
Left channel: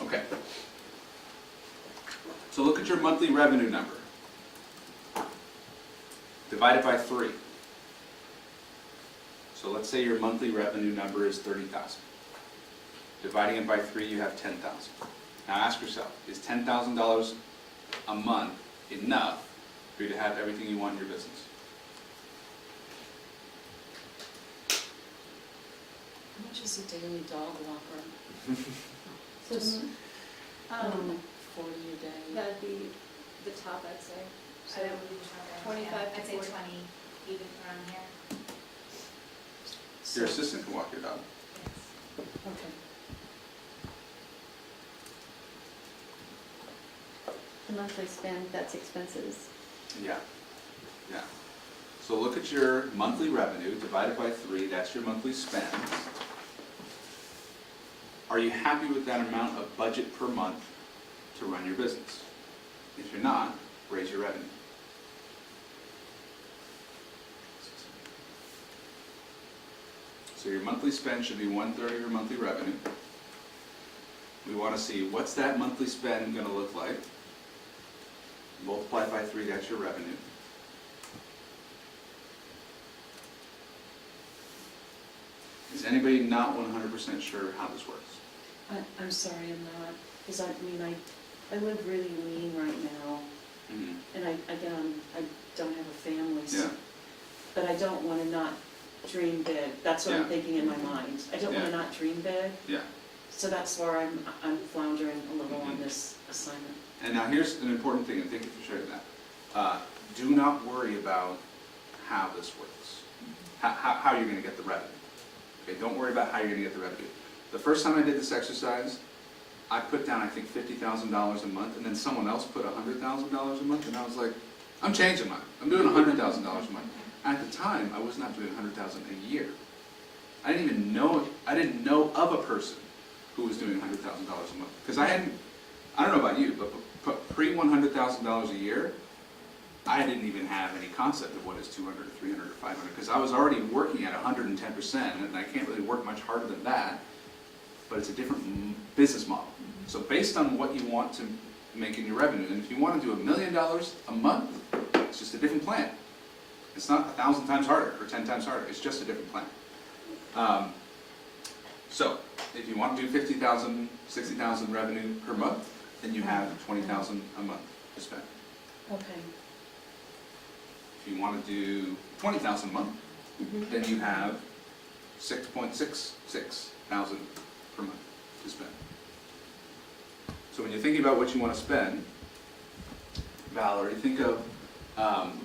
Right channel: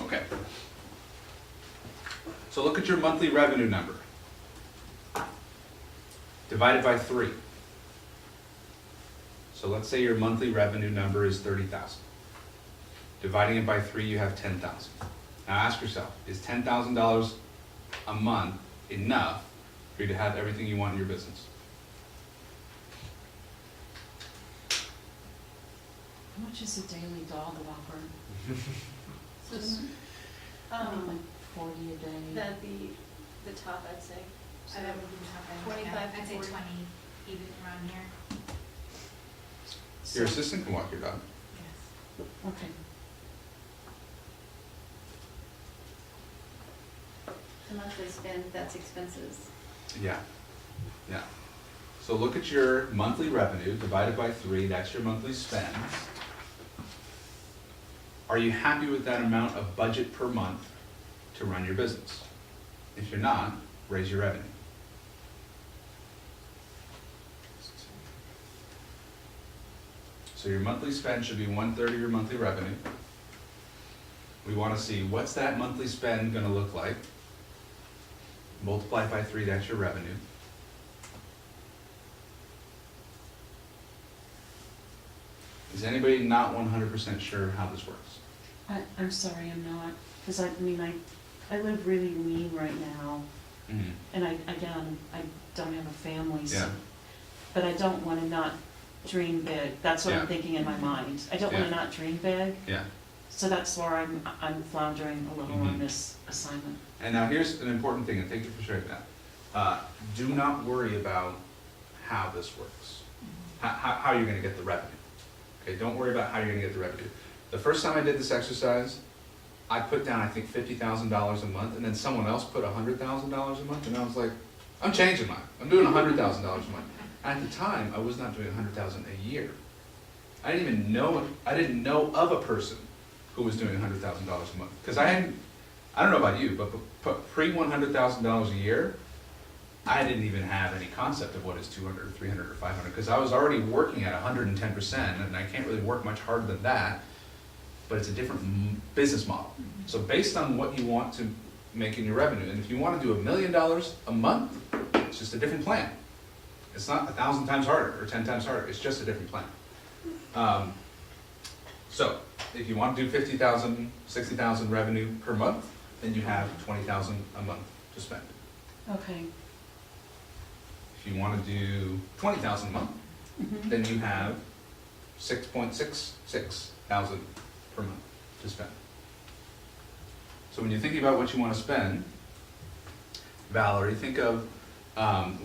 Okay. So look at your monthly revenue number. Divided by 3. So let's say your monthly revenue number is 30,000. Dividing it by 3, you have 10,000. Now ask yourself, is $10,000 a month enough for you to have everything you want in your business? How much is a daily dog walker? So, Just, I don't know, Um, 40 a day. that'd be the top, I'd say. So we just have 25 to I'd say 40. 20, even around here. Your assistant can walk your dog. Yes. Okay. The monthly spend, that's expenses. Yeah, yeah. So look at your monthly revenue divided by 3, that's your monthly spend. Are you happy with that amount of budget per month to run your business? If you're not, raise your revenue. So your monthly spend should be 1/3 of your monthly revenue. We want to see what's that monthly spend going to look like. Multiply by 3, that's your revenue. Is anybody not 100% sure how this works? I'm sorry, I'm not, because I mean, I live really lean right now, and again, I don't have a family, so, Yeah, but I don't want to not dream big. That's what Yeah. I'm thinking in my mind. I don't want Yeah. to not dream big, yeah. so that's where I'm floundering a little on Mhm. this assignment. And now here's an important thing, and thank you for sharing that. Do not worry about how this works, how you're gonna get the revenue. Okay, don't worry about how you're gonna get the revenue. The first time I did this exercise, I put down, I think, $50,000 a month, and then someone else put $100,000 a month, and I was like, I'm changing mine. I'm doing $100,000 a month. At the time, I was not doing $100,000 a year. I didn't know of a person who was doing $100,000 a month. Because I don't know about you, but pre-$100,000 a year, I didn't even have any concept of what is 200 or 300 or 500, because I was already working at 110%, and I can't really work much harder than that, but it's a different business model. So based on what you want to make in your revenue, and if you want to do $1 million a month, it's just a different plan. It's not 1,000 times harder or 10 times harder, it's just a different plan. So if you want to do 50,000, 60,000 revenue per month, then you have 20,000 a month to spend. Okay. If you want to do 20,000 a month, then you have 6.66 thousand per month to spend. So when you think about what you want to spend, Valerie, think of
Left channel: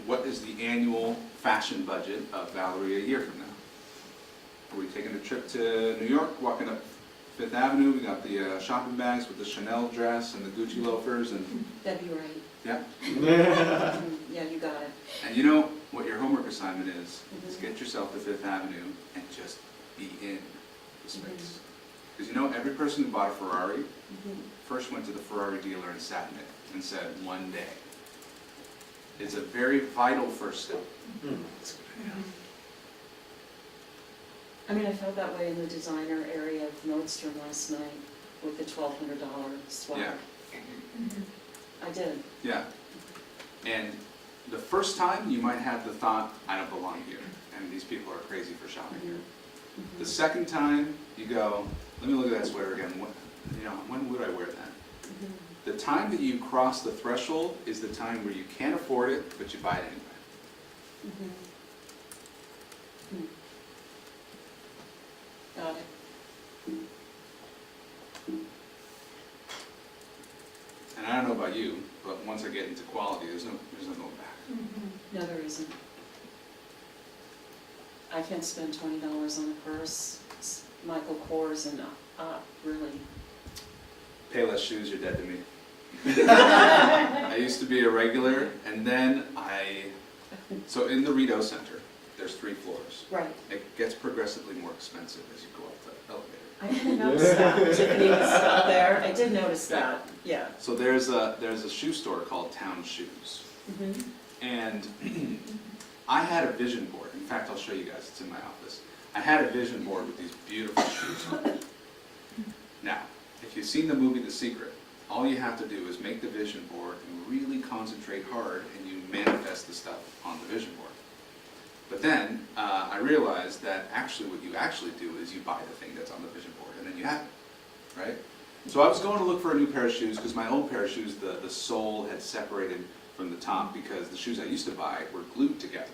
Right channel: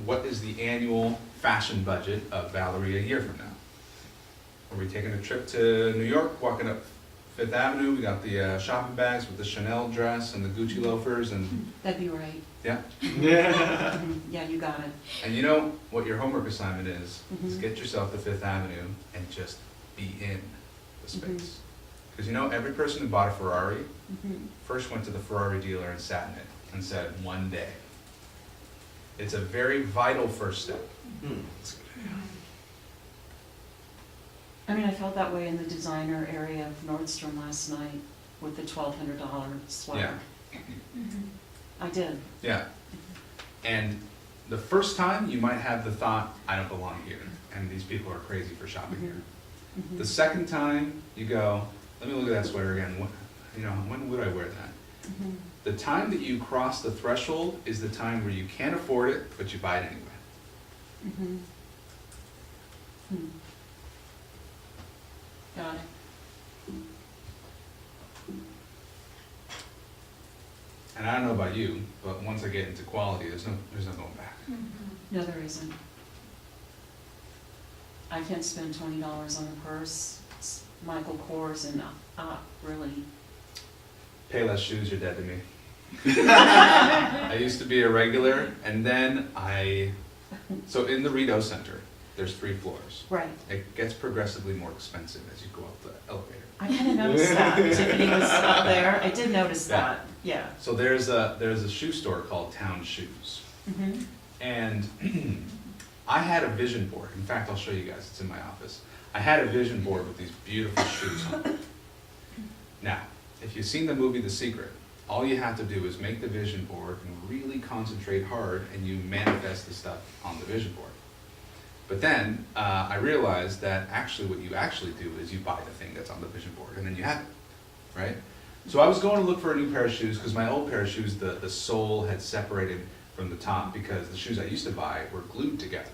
what is the annual fashion budget of Valerie a year from now? Are we taking a trip to New York, walking up Fifth Avenue? We got the shopping bags with the Chanel dress and the Gucci loafers and That'd be right. yeah. Yeah, you got it. And you know what your homework assignment is Mhm. get yourself to Fifth Avenue and just be in the space. Because you know, every person who bought a Ferrari first went to the Ferrari dealer and sat in it and said, one day. It's a very vital first step. It's a good idea. I mean, I felt that way in the designer area of Nordstrom last night with the $1,200 sweater. Yeah. I did. Yeah. And the first time you might have the thought, I don't belong here, and these people are crazy for shopping here. Mhm. The second time you go, let me look at that sweater again. What, when would I wear that? Mhm. The time that you cross the threshold is the time where you can't afford it, but you buy it anyway. Mhm. Hmm. Got it. And I don't know about you, but once I get into quality, there's no going back. No, there isn't. I can't spend $20 on a purse. It's Michael Kors and really. Pay less shoes, you're dead to me. I used to be a regular, and then so in the Rideau Center, there's 3 floors. Right. It gets progressively more expensive as you go up the elevator. I kind of noticed that. Tiffany was up there. I did notice Yeah. that. Yeah. So there's a shoe store called Town Shoes. Mm-hmm. And I had a vision board. In fact, I'll show you guys. It's in my office. I had a vision board with these beautiful shoes on it. Now, if you've seen the movie The Secret, all you have to do is make the vision board and really concentrate hard, and you manifest the stuff on the vision board. But then I realized that actually what you actually do is you buy the thing that's on the vision board, and then you have it, right? So I was going to look for a new pair of shoes because my old pair of shoes, the sole had separated from the top because the shoes I used to buy were glued together,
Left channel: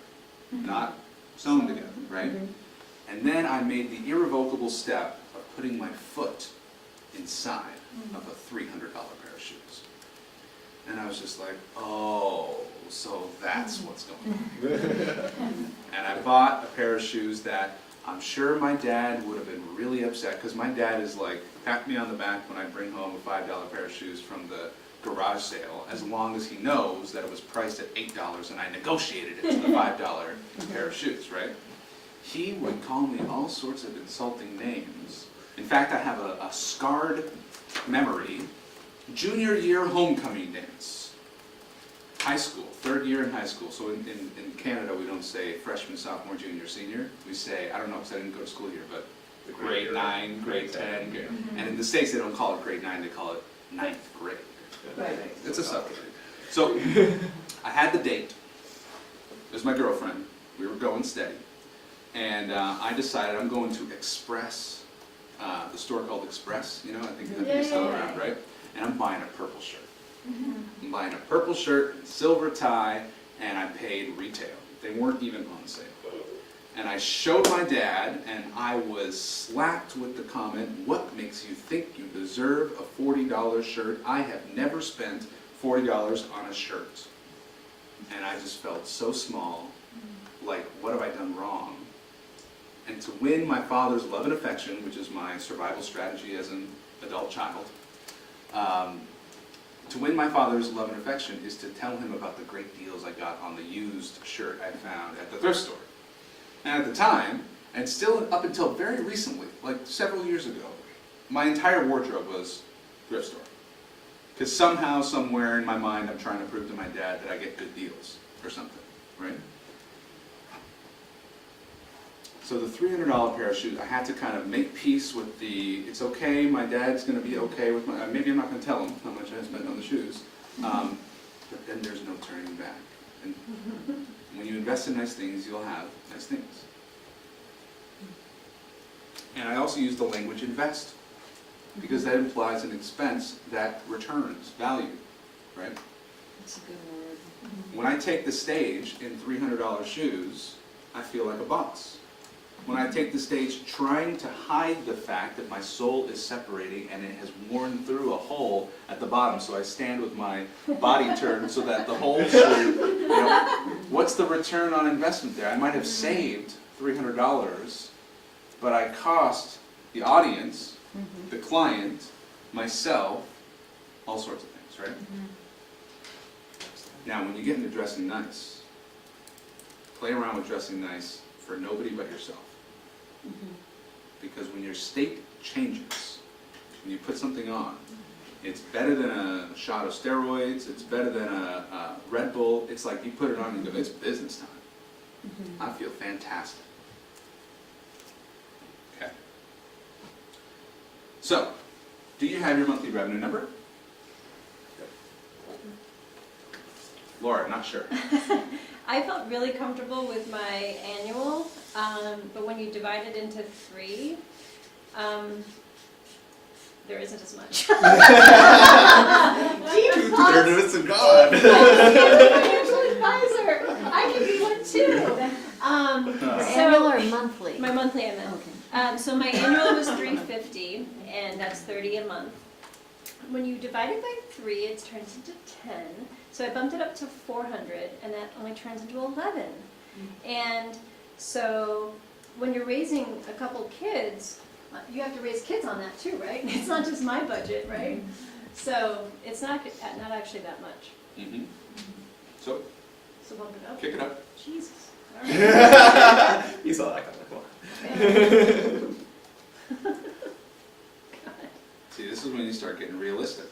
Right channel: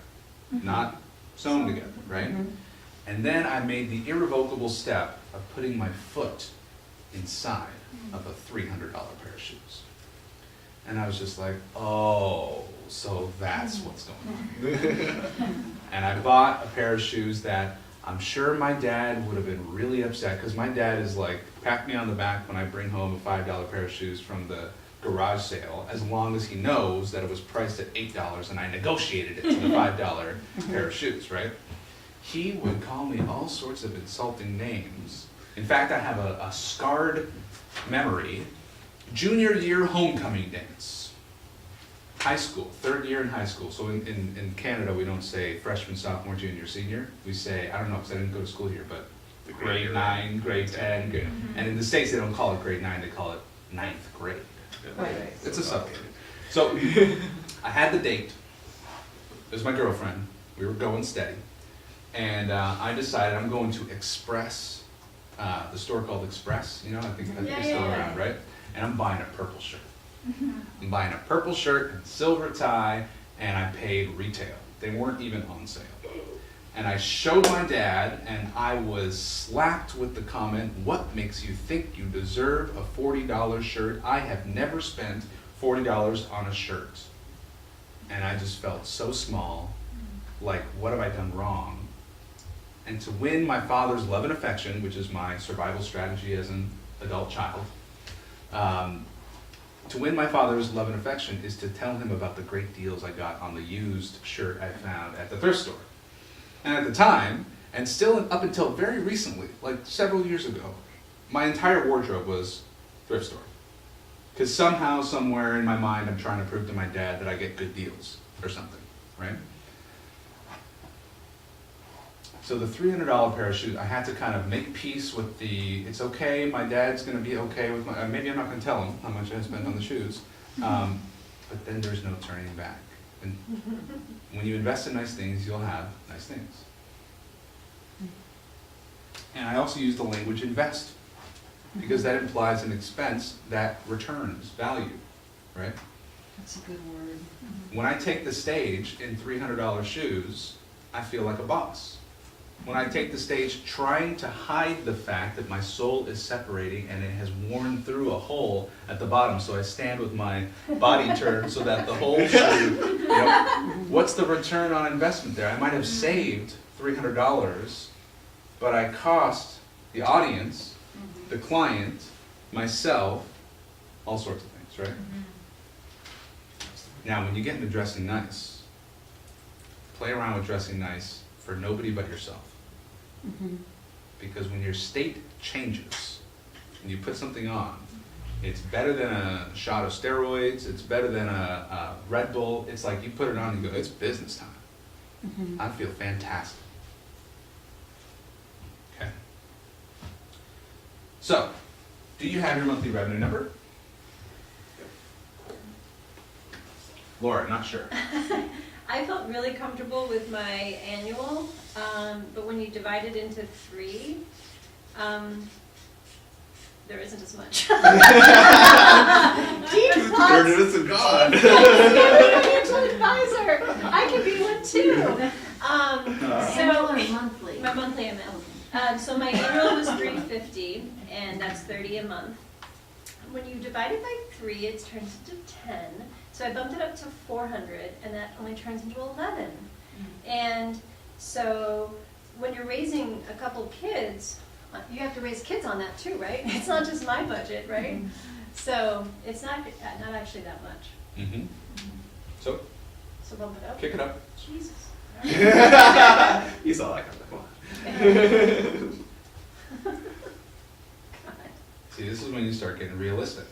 not sewn together, right? And then I made the irrevocable step of putting my foot inside of a $300 pair of shoes. And I was just like, oh, so that's what's going on. And I bought a pair of shoes that I'm sure my dad would have been really upset, because my dad is like, pat me on the back when I bring home a $5 pair of shoes from the garage sale, as long as he knows that it was priced at $8 and I negotiated it to the $5 pair of shoes, right? He would call me all sorts of insulting names. In fact, I have a scarred memory. Junior year homecoming dance. High school, third year in high school. So in Canada, we don't say freshman, sophomore, junior, senior. We say, I don't know, because I didn't go to school here, but grade 9, grade 10. Grade. And in the States, they don't call it grade 9, they call it 9th grade. It's a subgrade. So I had the date. It was my girlfriend. We were going steady. And I decided I'm going to Express, the store called Express, you know, I think that's still around, right? And I'm buying a purple shirt. I'm buying a purple shirt and silver tie, and I paid retail. They weren't even on sale. And I showed my dad, and I was slapped with the comment, what makes you think you deserve a $40 shirt? I have never spent $40 on a shirt. And I just felt so small, like, what have I done wrong? And to win my father's love and affection, which is my survival strategy as an adult child, to win my father's love and affection is to tell him about the great deals I got on the used shirt I found at the thrift store. And at the time, and still up until very recently, like several years ago, my entire wardrobe was thrift store. Because somehow, somewhere in my mind, I'm trying to prove to my dad that I get good deals or something, right? So the $300 pair of shoes, I had to kind of make peace with the, it's okay, my dad's going to be okay with my, maybe I'm not going to tell him how much I spent on the shoes, but then there's no turning back. And when you invest in nice things, you'll have nice things. And I also use the language invest, because that implies an expense that returns value, right? That's a good word. When I take the stage in $300 shoes, I feel like a boss. When I take the stage trying to hide the fact that my sole is separating and it has worn through a hole at the bottom, so I stand with my body turned so that the whole shoe, you know, what's the return on investment there? I might have saved $300, but I cost the audience, the client, myself, all sorts of things, right? Now, when you get into dressing nice, play around with dressing nice for nobody but yourself. Because when your state changes, when you put something on, it's better than a shot of steroids, it's better than a Red Bull. It's like you put it on and go, it's business time. I feel fantastic. Okay. So, do you have your monthly revenue number? Laura, not sure. I felt really comfortable with my annual, but when you divide it into 3, there isn't as much. Deep thoughts. And gone. Financial advisor. I could be one too. Annual or monthly? My monthly amount. So my annual was $350, and that's $30 a month. When you divide it by 3, it turns into 10. So I bumped it up to 400, and that only turns into 11. And so when you're raising a couple kids, you have to raise kids on that too, right? It's not just my budget, right? So it's not actually that much. So, bump it up. kick it up. Jesus. You saw that coming. See, this is when you start getting realistic.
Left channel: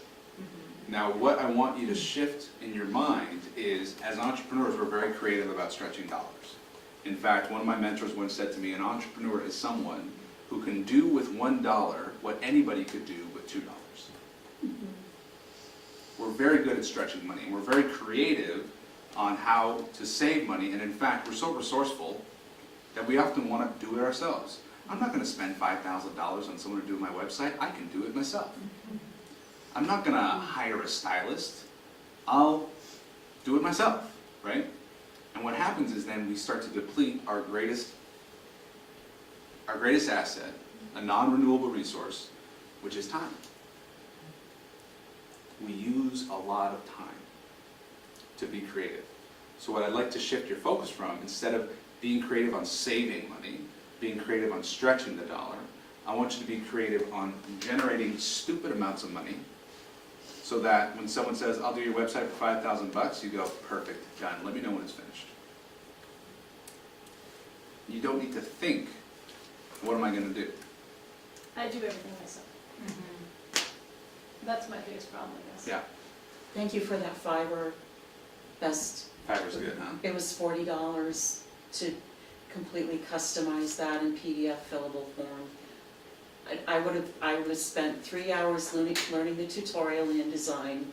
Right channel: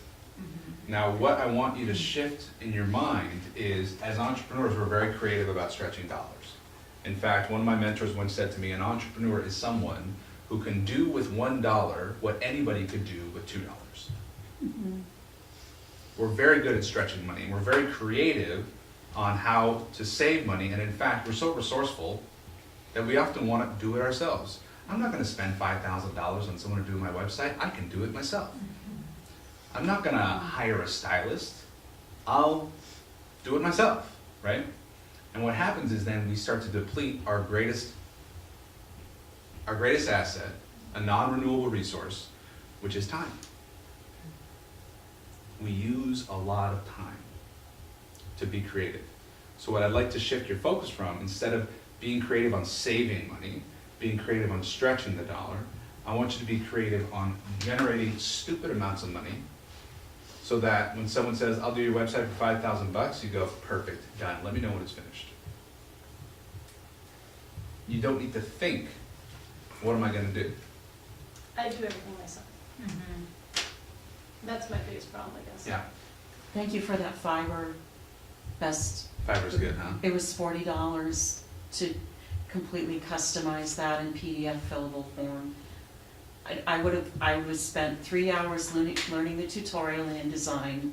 Now, what I want you to shift in your mind is, as entrepreneurs, we're very creative about stretching dollars. In fact, one of my mentors once said to me, an entrepreneur is someone who can do with $1 what anybody could do with $2. We're very good at stretching money, and we're very creative on how to save money, and in fact, we're so resourceful that we often want to do it ourselves. I'm not going to spend $5,000 on someone to do my website. I can do it myself. I'm not gonna hire a stylist. I'll do it myself, right? And what happens is then we start to deplete our greatest asset, a non-renewable resource, which is time. We use a lot of time to be creative. So what I'd like to shift your focus from, instead of being creative on saving money, being creative on stretching the dollar, I want you to be creative on generating stupid amounts of money, so that when someone says, I'll do your website for $5,000, you go, perfect, done, let me know when it's finished. You don't need to think, what am I gonna do? I do everything myself. That's my biggest problem, I guess. Yeah, Thank you for that fiber best. Fiverr's good, huh? It was $40 to completely customize that in PDF fillable form. I would have spent 3 hours learning the tutorial in InDesign,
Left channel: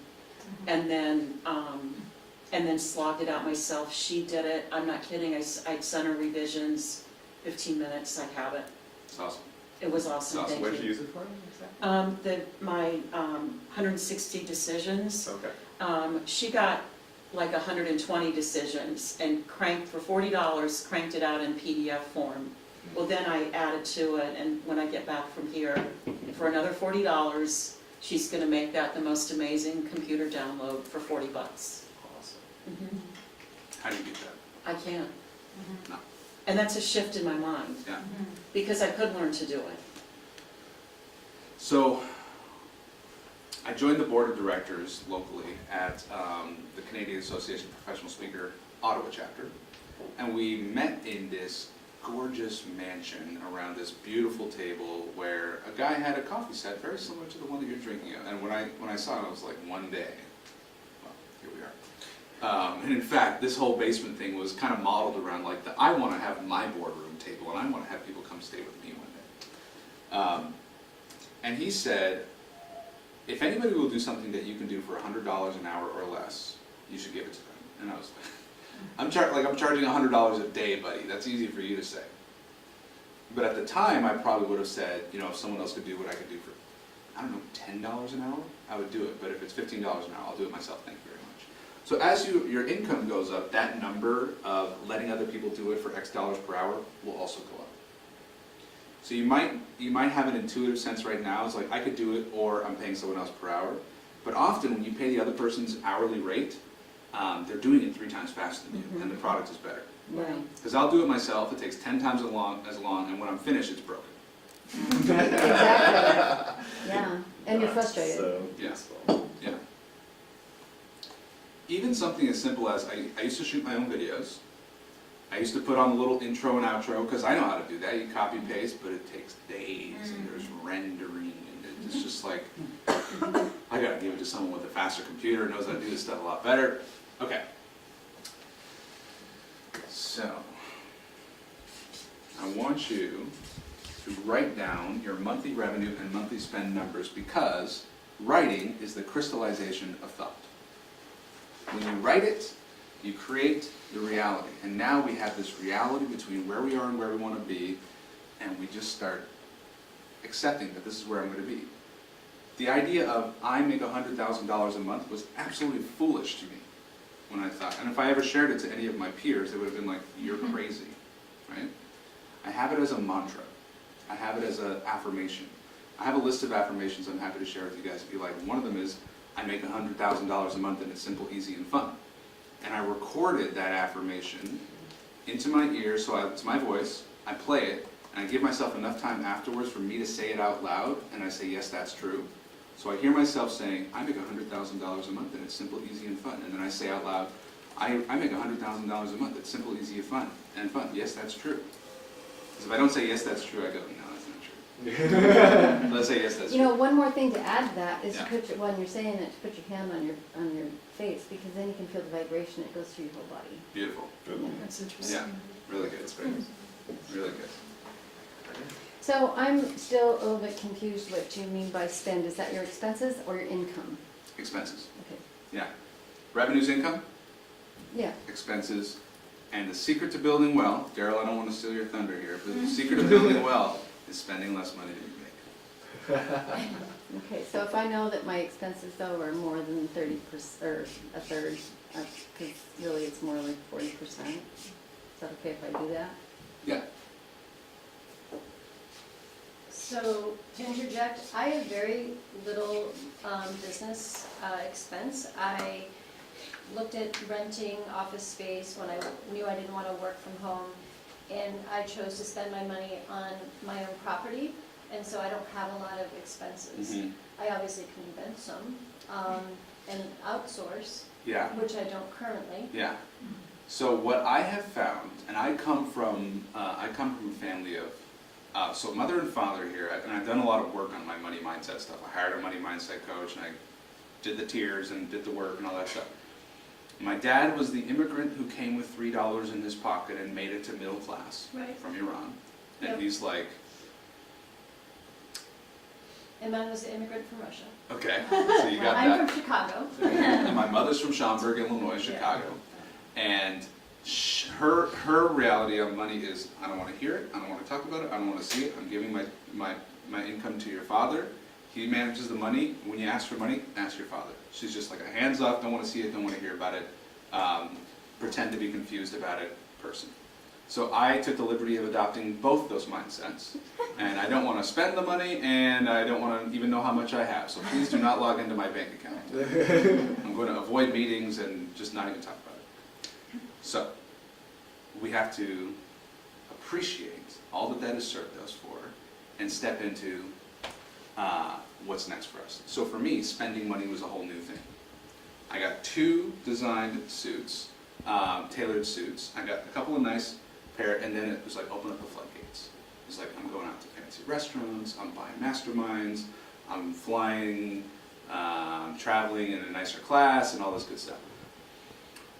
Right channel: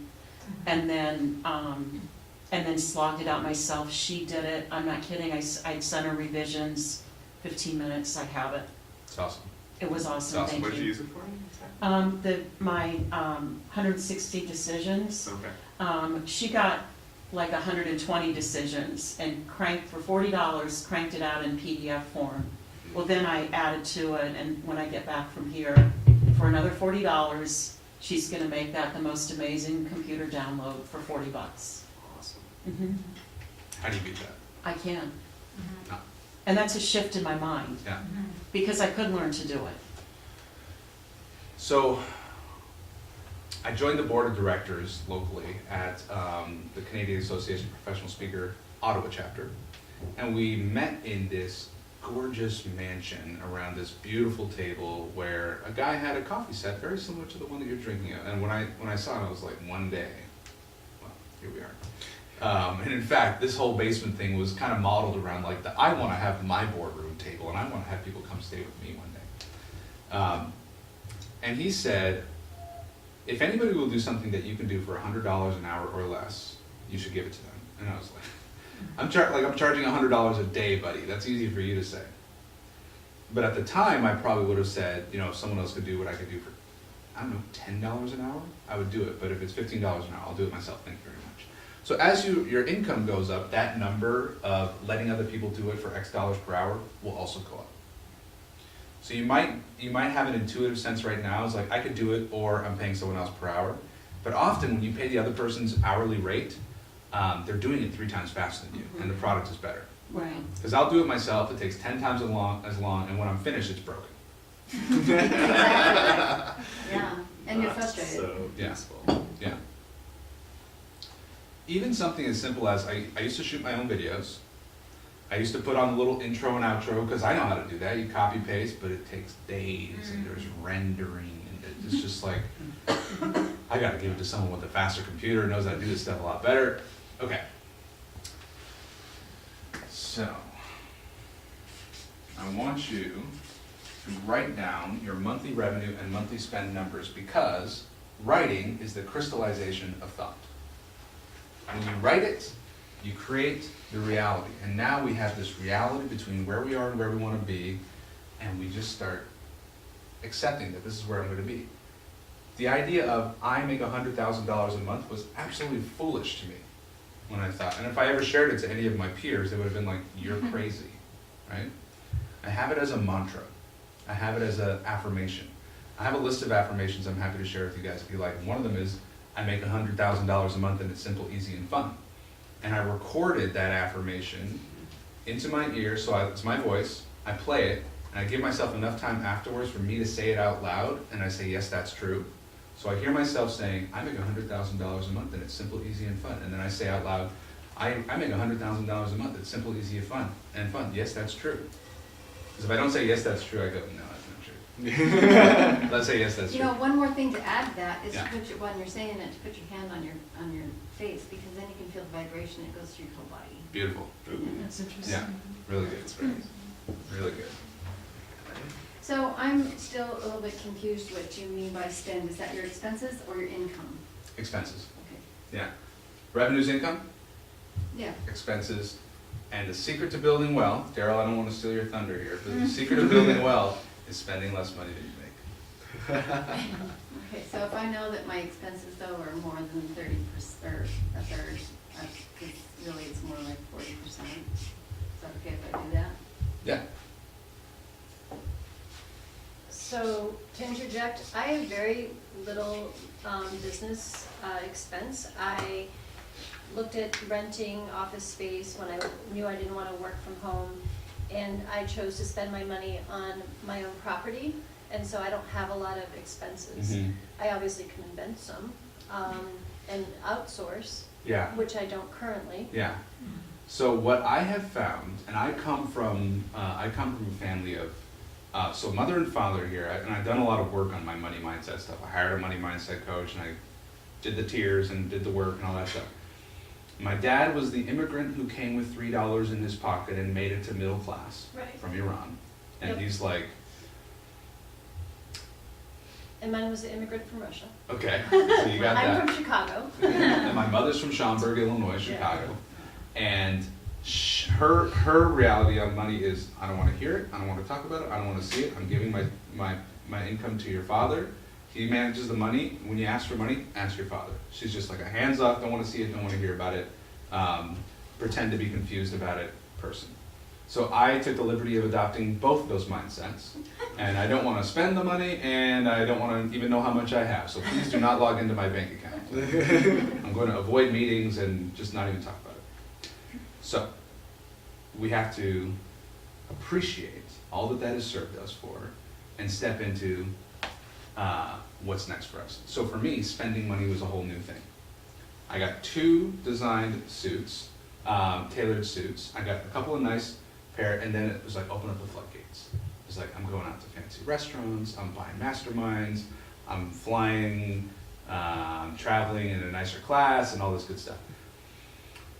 and then slogged it out myself. She did it. I'm not kidding. I'd sent her revisions. 15 minutes. I have it. It's awesome. It was awesome. It's awesome. Thank What did you you. use it for? My 160 decisions. Okay. She got like 120 decisions and cranked for $40. Cranked it out in PDF form. Well, then I added to it, and when I get back from here, for another $40, she's gonna make that the most amazing computer download for $40. Awesome. How do you beat that? I can. No. And that's a shift in my mind, Yeah. because I could learn to do it. So, I joined the board of directors locally at the Canadian Association of Professional Speaker Ottawa chapter, and we met in this gorgeous mansion around this beautiful table where a guy had a coffee set very similar to the one that you're drinking at. And when I saw it, I was like, one day, well, here we are. And in fact, this whole basement thing was kind of modeled around like I want to have my boardroom table, and I want to have people come stay with me one day. And he said, if anybody will do something that you can do for $100 an hour or less, you should give it to them. And I was like, I'm charging $100 a day, buddy. That's easy for you to say. But at the time, I probably would have said, you know, if someone else could do what I could do for, I don't know, $10 an hour, I would do it. But if it's $15 an hour, I'll do it myself. Thank you very much. So as your income goes up, that number of letting other people do it for X dollars per hour will also go up. So you might have an intuitive sense right now, it's like I could do it, or I'm paying someone else per hour. But often when you pay the other person's hourly rate, they're doing it 3 times faster than you, and the product is better. Right. Because I'll do it myself, it takes 10 times as long, and when I'm finished, it's broken. Exactly. Yeah, and you're frustrated. So Yeah. useful. Yeah. Even something as simple as, I used to shoot my own videos. I used to put on the little intro and outro, because I know how to do that. You copy paste, but it takes days, and there's rendering, and it's just like, I gotta give it to someone with a faster computer, knows how to do this stuff a lot better. Okay. So, I want you to write down your monthly revenue and monthly spend numbers, because writing is the crystallization of thought. When you write it, you create the reality. And now we have this reality between where we are and where we want to be, and we just start accepting that this is where I'm going to be. The idea of I make $100,000 a month was absolutely foolish to me when I thought, and if I ever shared it to any of my peers, it would have been like, you're crazy, right? I have it as a mantra. I have it as an affirmation. I have a list of affirmations I'm happy to share with you guys if you like. One of them is, I make $100,000 a month and it's simple, easy, and fun. And I recorded that affirmation into my ear, so it's my voice, I play it, and I give myself enough time afterwards for me to say it out loud, and I say, yes, that's true. So I hear myself saying, I make $100,000 a month and it's simple, easy, and fun. And then I say out loud, I make $100,000 a month, it's simple, easy, and fun. Yes, that's true. Because if I don't say yes, that's true, I go, no, that's not true. Let's say yes, that's You true. know, one more thing to add to that is Yeah. to put your, when you're saying it, to put your hand on your face, because then you can feel the vibration that goes through your whole body. Beautiful. Yeah. That's interesting. Yeah, really good. It's great. Really good. So I'm still a little bit confused what you mean by spend. Is that your expenses or your income? Expenses. Okay. Yeah. Revenue's income, Yeah. expenses, and the secret to building wealth, Daryl, I don't want to steal your thunder here, but the secret of building wealth is spending less money than you make. Okay, so if I know that my expenses though are more than 30%, or a third, because really it's more like 40%, is that okay if I do that? Yeah. So, to interject, I have very little business expense. I looked at renting office space when I knew I didn't want to work from home, and I chose to spend my money on my own property, and so I don't have a lot of expenses. I obviously can invent some and outsource, Yeah. which I don't currently. Yeah. So what I have found, and I come from a family of, so mother and father here, and I've done a lot of work on my money mindset stuff. I hired a money mindset coach, and I did the tiers and did the work and all that stuff. My dad was the immigrant who came with $3 in his pocket and made it to middle class Right. from Iran. And Yep. he's like, And mine was the immigrant from Russia. okay, so you got that. I'm from Chicago. And my mother's from Schaumburg, Illinois, Chicago. And her reality of money is, I don't want to hear it, I don't want to talk about it, I don't want to see it. I'm giving my income to your father. He manages the money. When you ask for money, ask your father. She's just like a hands off, don't want to see it, don't want to hear about it, pretend to be confused about it person. So I took the liberty of adopting both of those mindsets. And I don't want to spend the money, and I don't want to even know how much I have. So please do not log into my bank account. I'm going to avoid meetings and just not even talk about it. So we have to appreciate all that has served us for and step into what's next for us. So for me, spending money was a whole new thing. I got 2 designed suits, tailored suits. I got a couple of nice pair, and then it was like, open up the floodgates. It was like, I'm going out to fancy restaurants, I'm buying masterminds, I'm flying, traveling in a nicer class, and all this good stuff.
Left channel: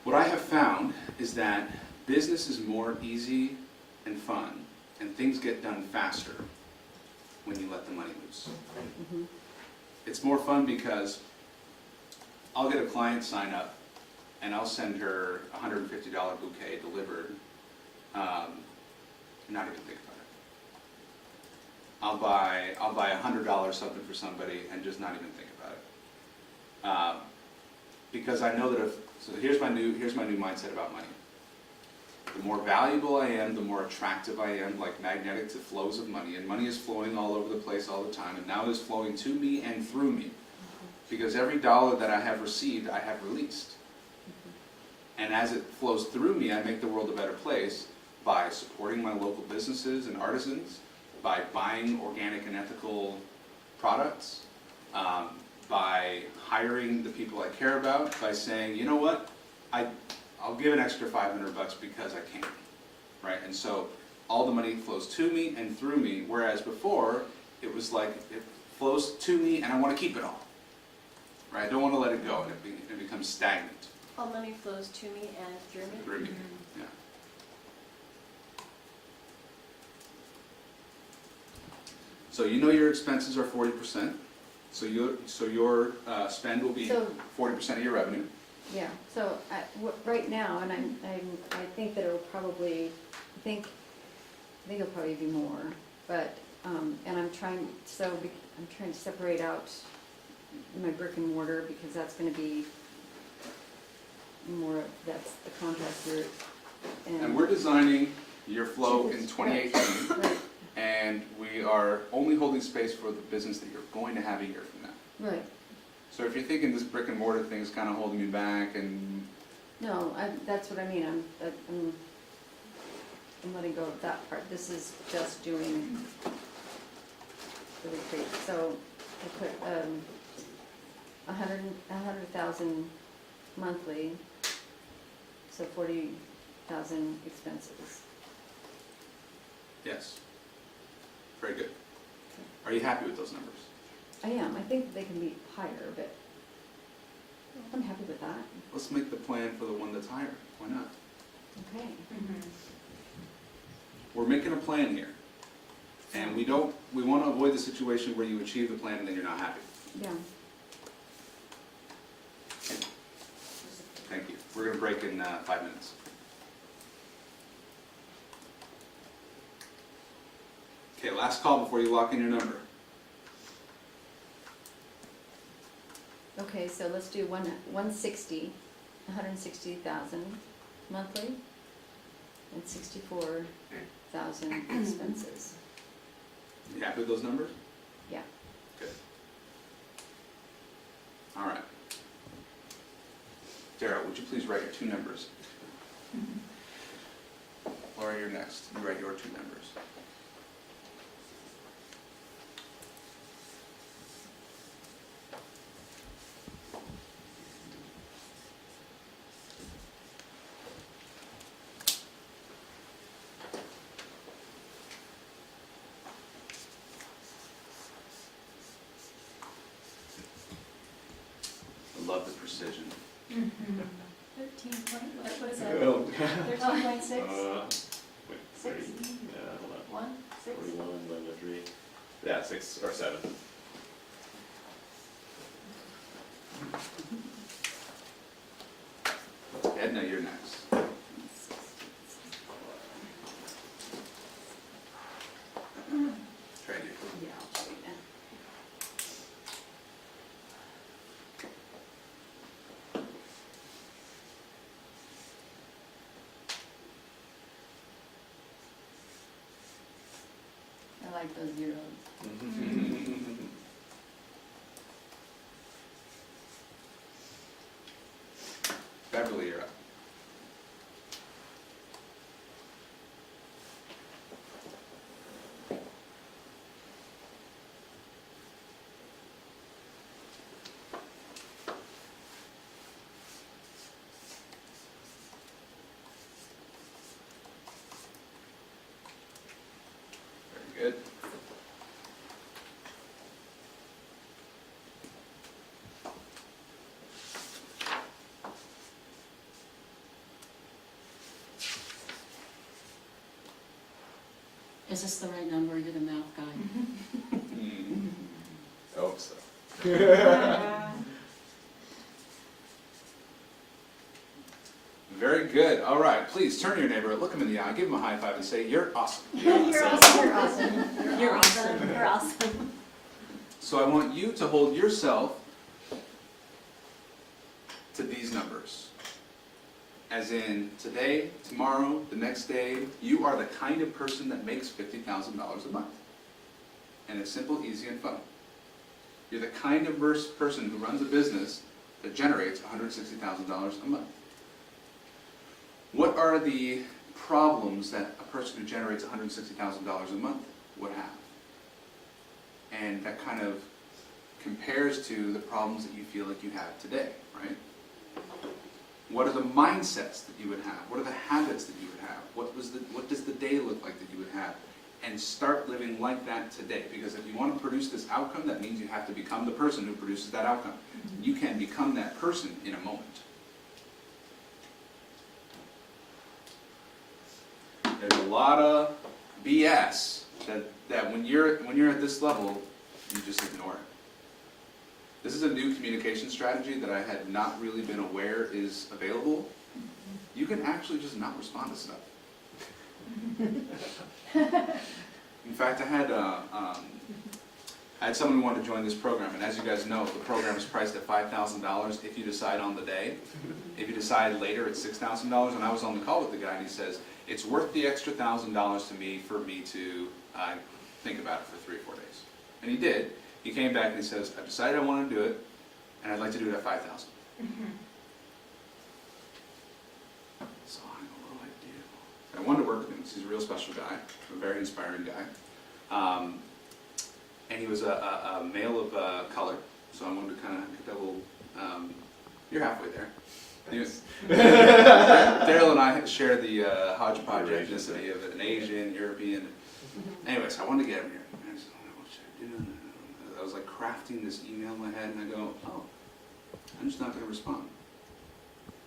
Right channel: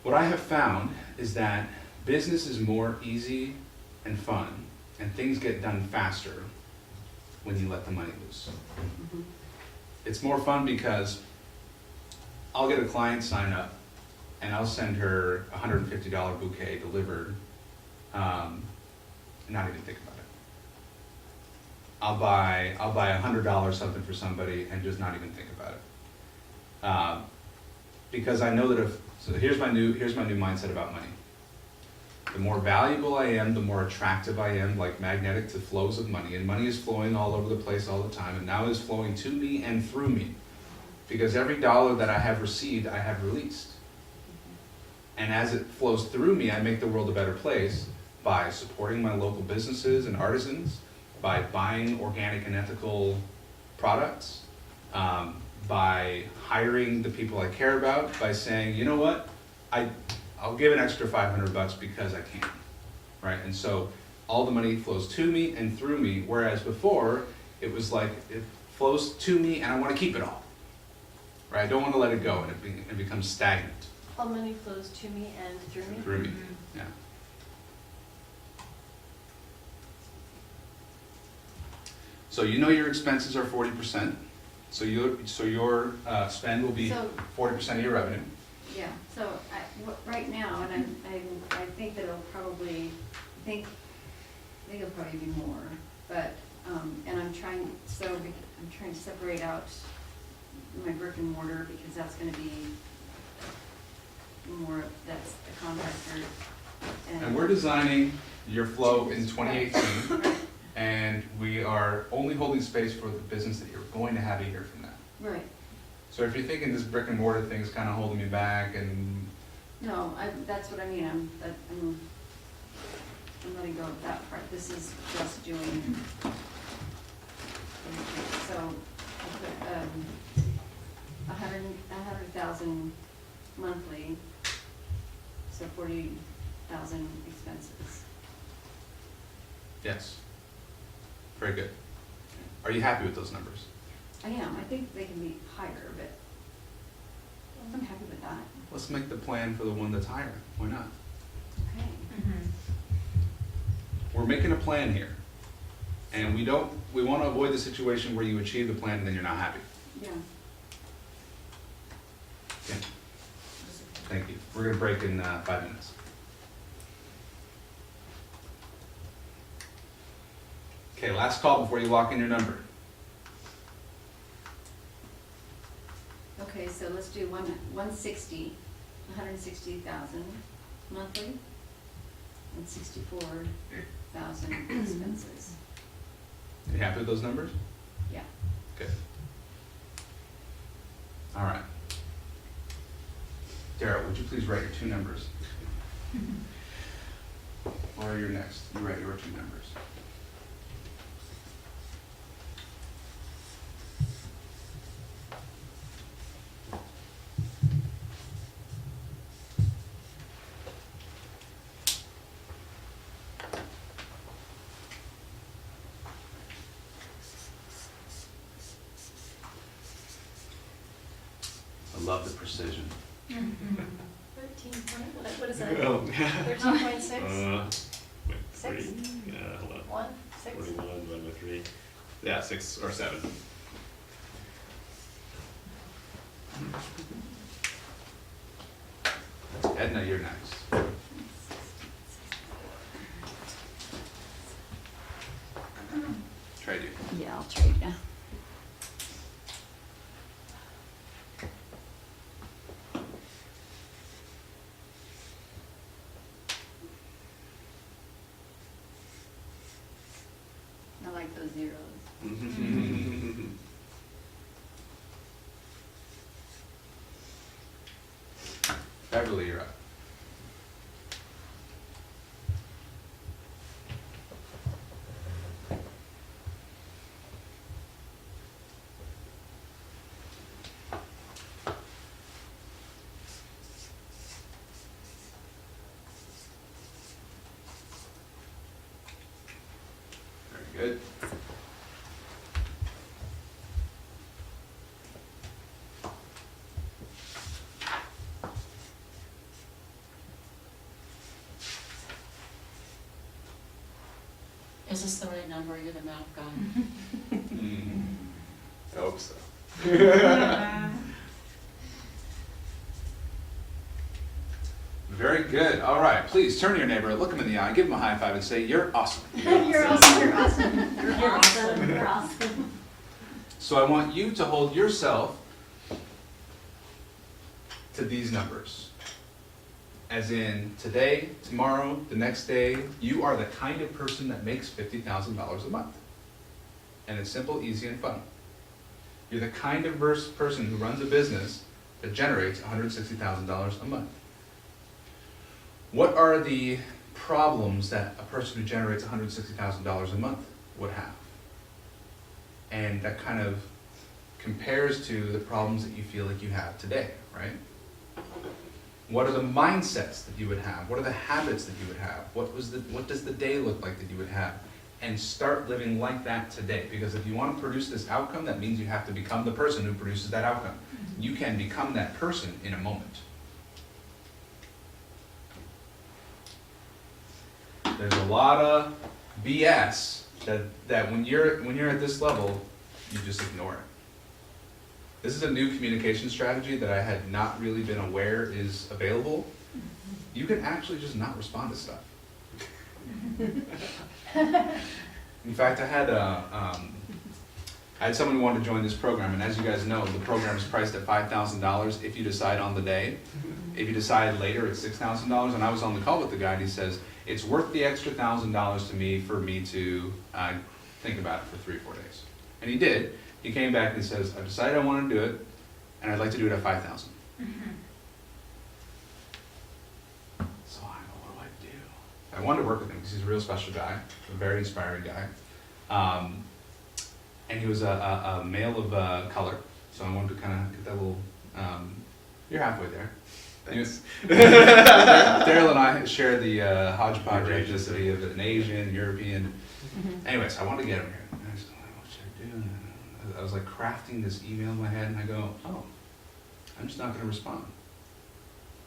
What I have found is that business is more easy and fun, and things get done faster when you let the money loose. Mm-hmm. It's more fun because I'll get a client sign up, and I'll send her a $150 bouquet delivered, not even think about it. I'll buy $100 something for somebody and just not even think about it. Because I know that so here's my new mindset about money. The more valuable I am, the more attractive I am, like magnetic to flows of money. And money is flowing all over the place all the time, and now it is flowing to me and through me. Because every dollar that I have received, I have released. And as it flows through me, I make the world a better place by supporting my local businesses and artisans, by buying organic and ethical products, by hiring the people I care about, by saying, you know what, I'll give an extra $500 because I can, right? And so all the money flows to me and through me, whereas before it was like it flows to me and I want to keep it all, right? I don't want to let it go, and it becomes stagnant. All money flows to me and through me. Through me, yeah. So you know your expenses are 40%. So your spend will be So- 40% of your revenue. Yeah, so right now, and I think that it'll probably, I think it'll probably be more, but, and I'm trying to separate out my brick and mortar, because that's gonna be more, that's the contractor. And we're designing your flow in 2018, Right, and we are only holding space for the business that you're going to have a year from now. right. So if you're thinking this brick and mortar thing is kind of holding me back, and No, that's what I mean, I'm letting go of that part. This is just doing the retreat. So I put, 100,000 monthly, so 40,000 expenses. yes, very good. Are you happy with those numbers? I am, I think they can be higher, but I'm happy with that. Let's make the plan for the one that's higher. Why not? Okay. We're making a plan here, and we want to avoid the situation where you achieve the plan and then you're not happy. Yeah. Okay. Thank you. We're gonna break in 5 minutes. Okay, last call before you lock in your number. Okay, so let's do 160,000 monthly, and 64,000 expenses. You happy with those numbers? Yeah. Good. All right. Daryl, would you please write your two numbers? Or you're next. You write your two numbers. I love the precision. 13 what is that? Oh. 13.6? Wait, 40. Six? Yeah, hold on. 1? 6? 41 divided by 3. Yeah, 6 or 7. Edna, you're next. Trade you. Yeah, I'll trade ya. I like those zeros. Beverly, you're up. Very good. Is this the right number, you're the middle guy? I hope so. Very good. All right. Please turn to your neighbor, look him in the eye, give him a high five, and say, "You're awesome." You're awesome. You're awesome. You're awesome. You're awesome. So I want you to hold yourself to these numbers. As in, today, tomorrow, the next day, you are the kind of person that makes $50,000 a month. And it's simple, easy, and fun. You're the kind of person who runs a business that generates $160,000 a month. What are the problems that a person who generates $160,000 a month would have? And that kind of compares to the problems that you feel like you have today, right? What are the mindsets that you would have? What are the habits that you would have? What does the day look like that you would have? And start living like that today. Because if you want to produce this outcome, that means you have to become the person who produces that outcome. You can become that person in a moment. There's a lot of BS that when you're at this level, you just ignore it. This is a new communication strategy that I had not really been aware is available. You can actually just not respond to stuff. In fact, I had someone who wanted to join this program, and as you guys know, the program is priced at $5,000 if you decide on the day. If you decide later, it's $6,000. And I was on the call with the guy, and he says, it's worth the extra $1,000 to me for me to think about it for 3 or 4 days. And he did. He came back and he says, I've decided I want to do it, and I'd like to do it at $5,000. So I don't know what to do. I wanted to work with him because he's a real special guy, a very inspiring guy. And he was a male of color, so I wanted to kind of get that little, you're halfway there. Daryl and I share the hodgepodge ethnicity of an Asian, European. Anyways, I wanted to get him here. I just, what should I do? I was like crafting this email in my head, and I go, oh, I'm just not going to respond.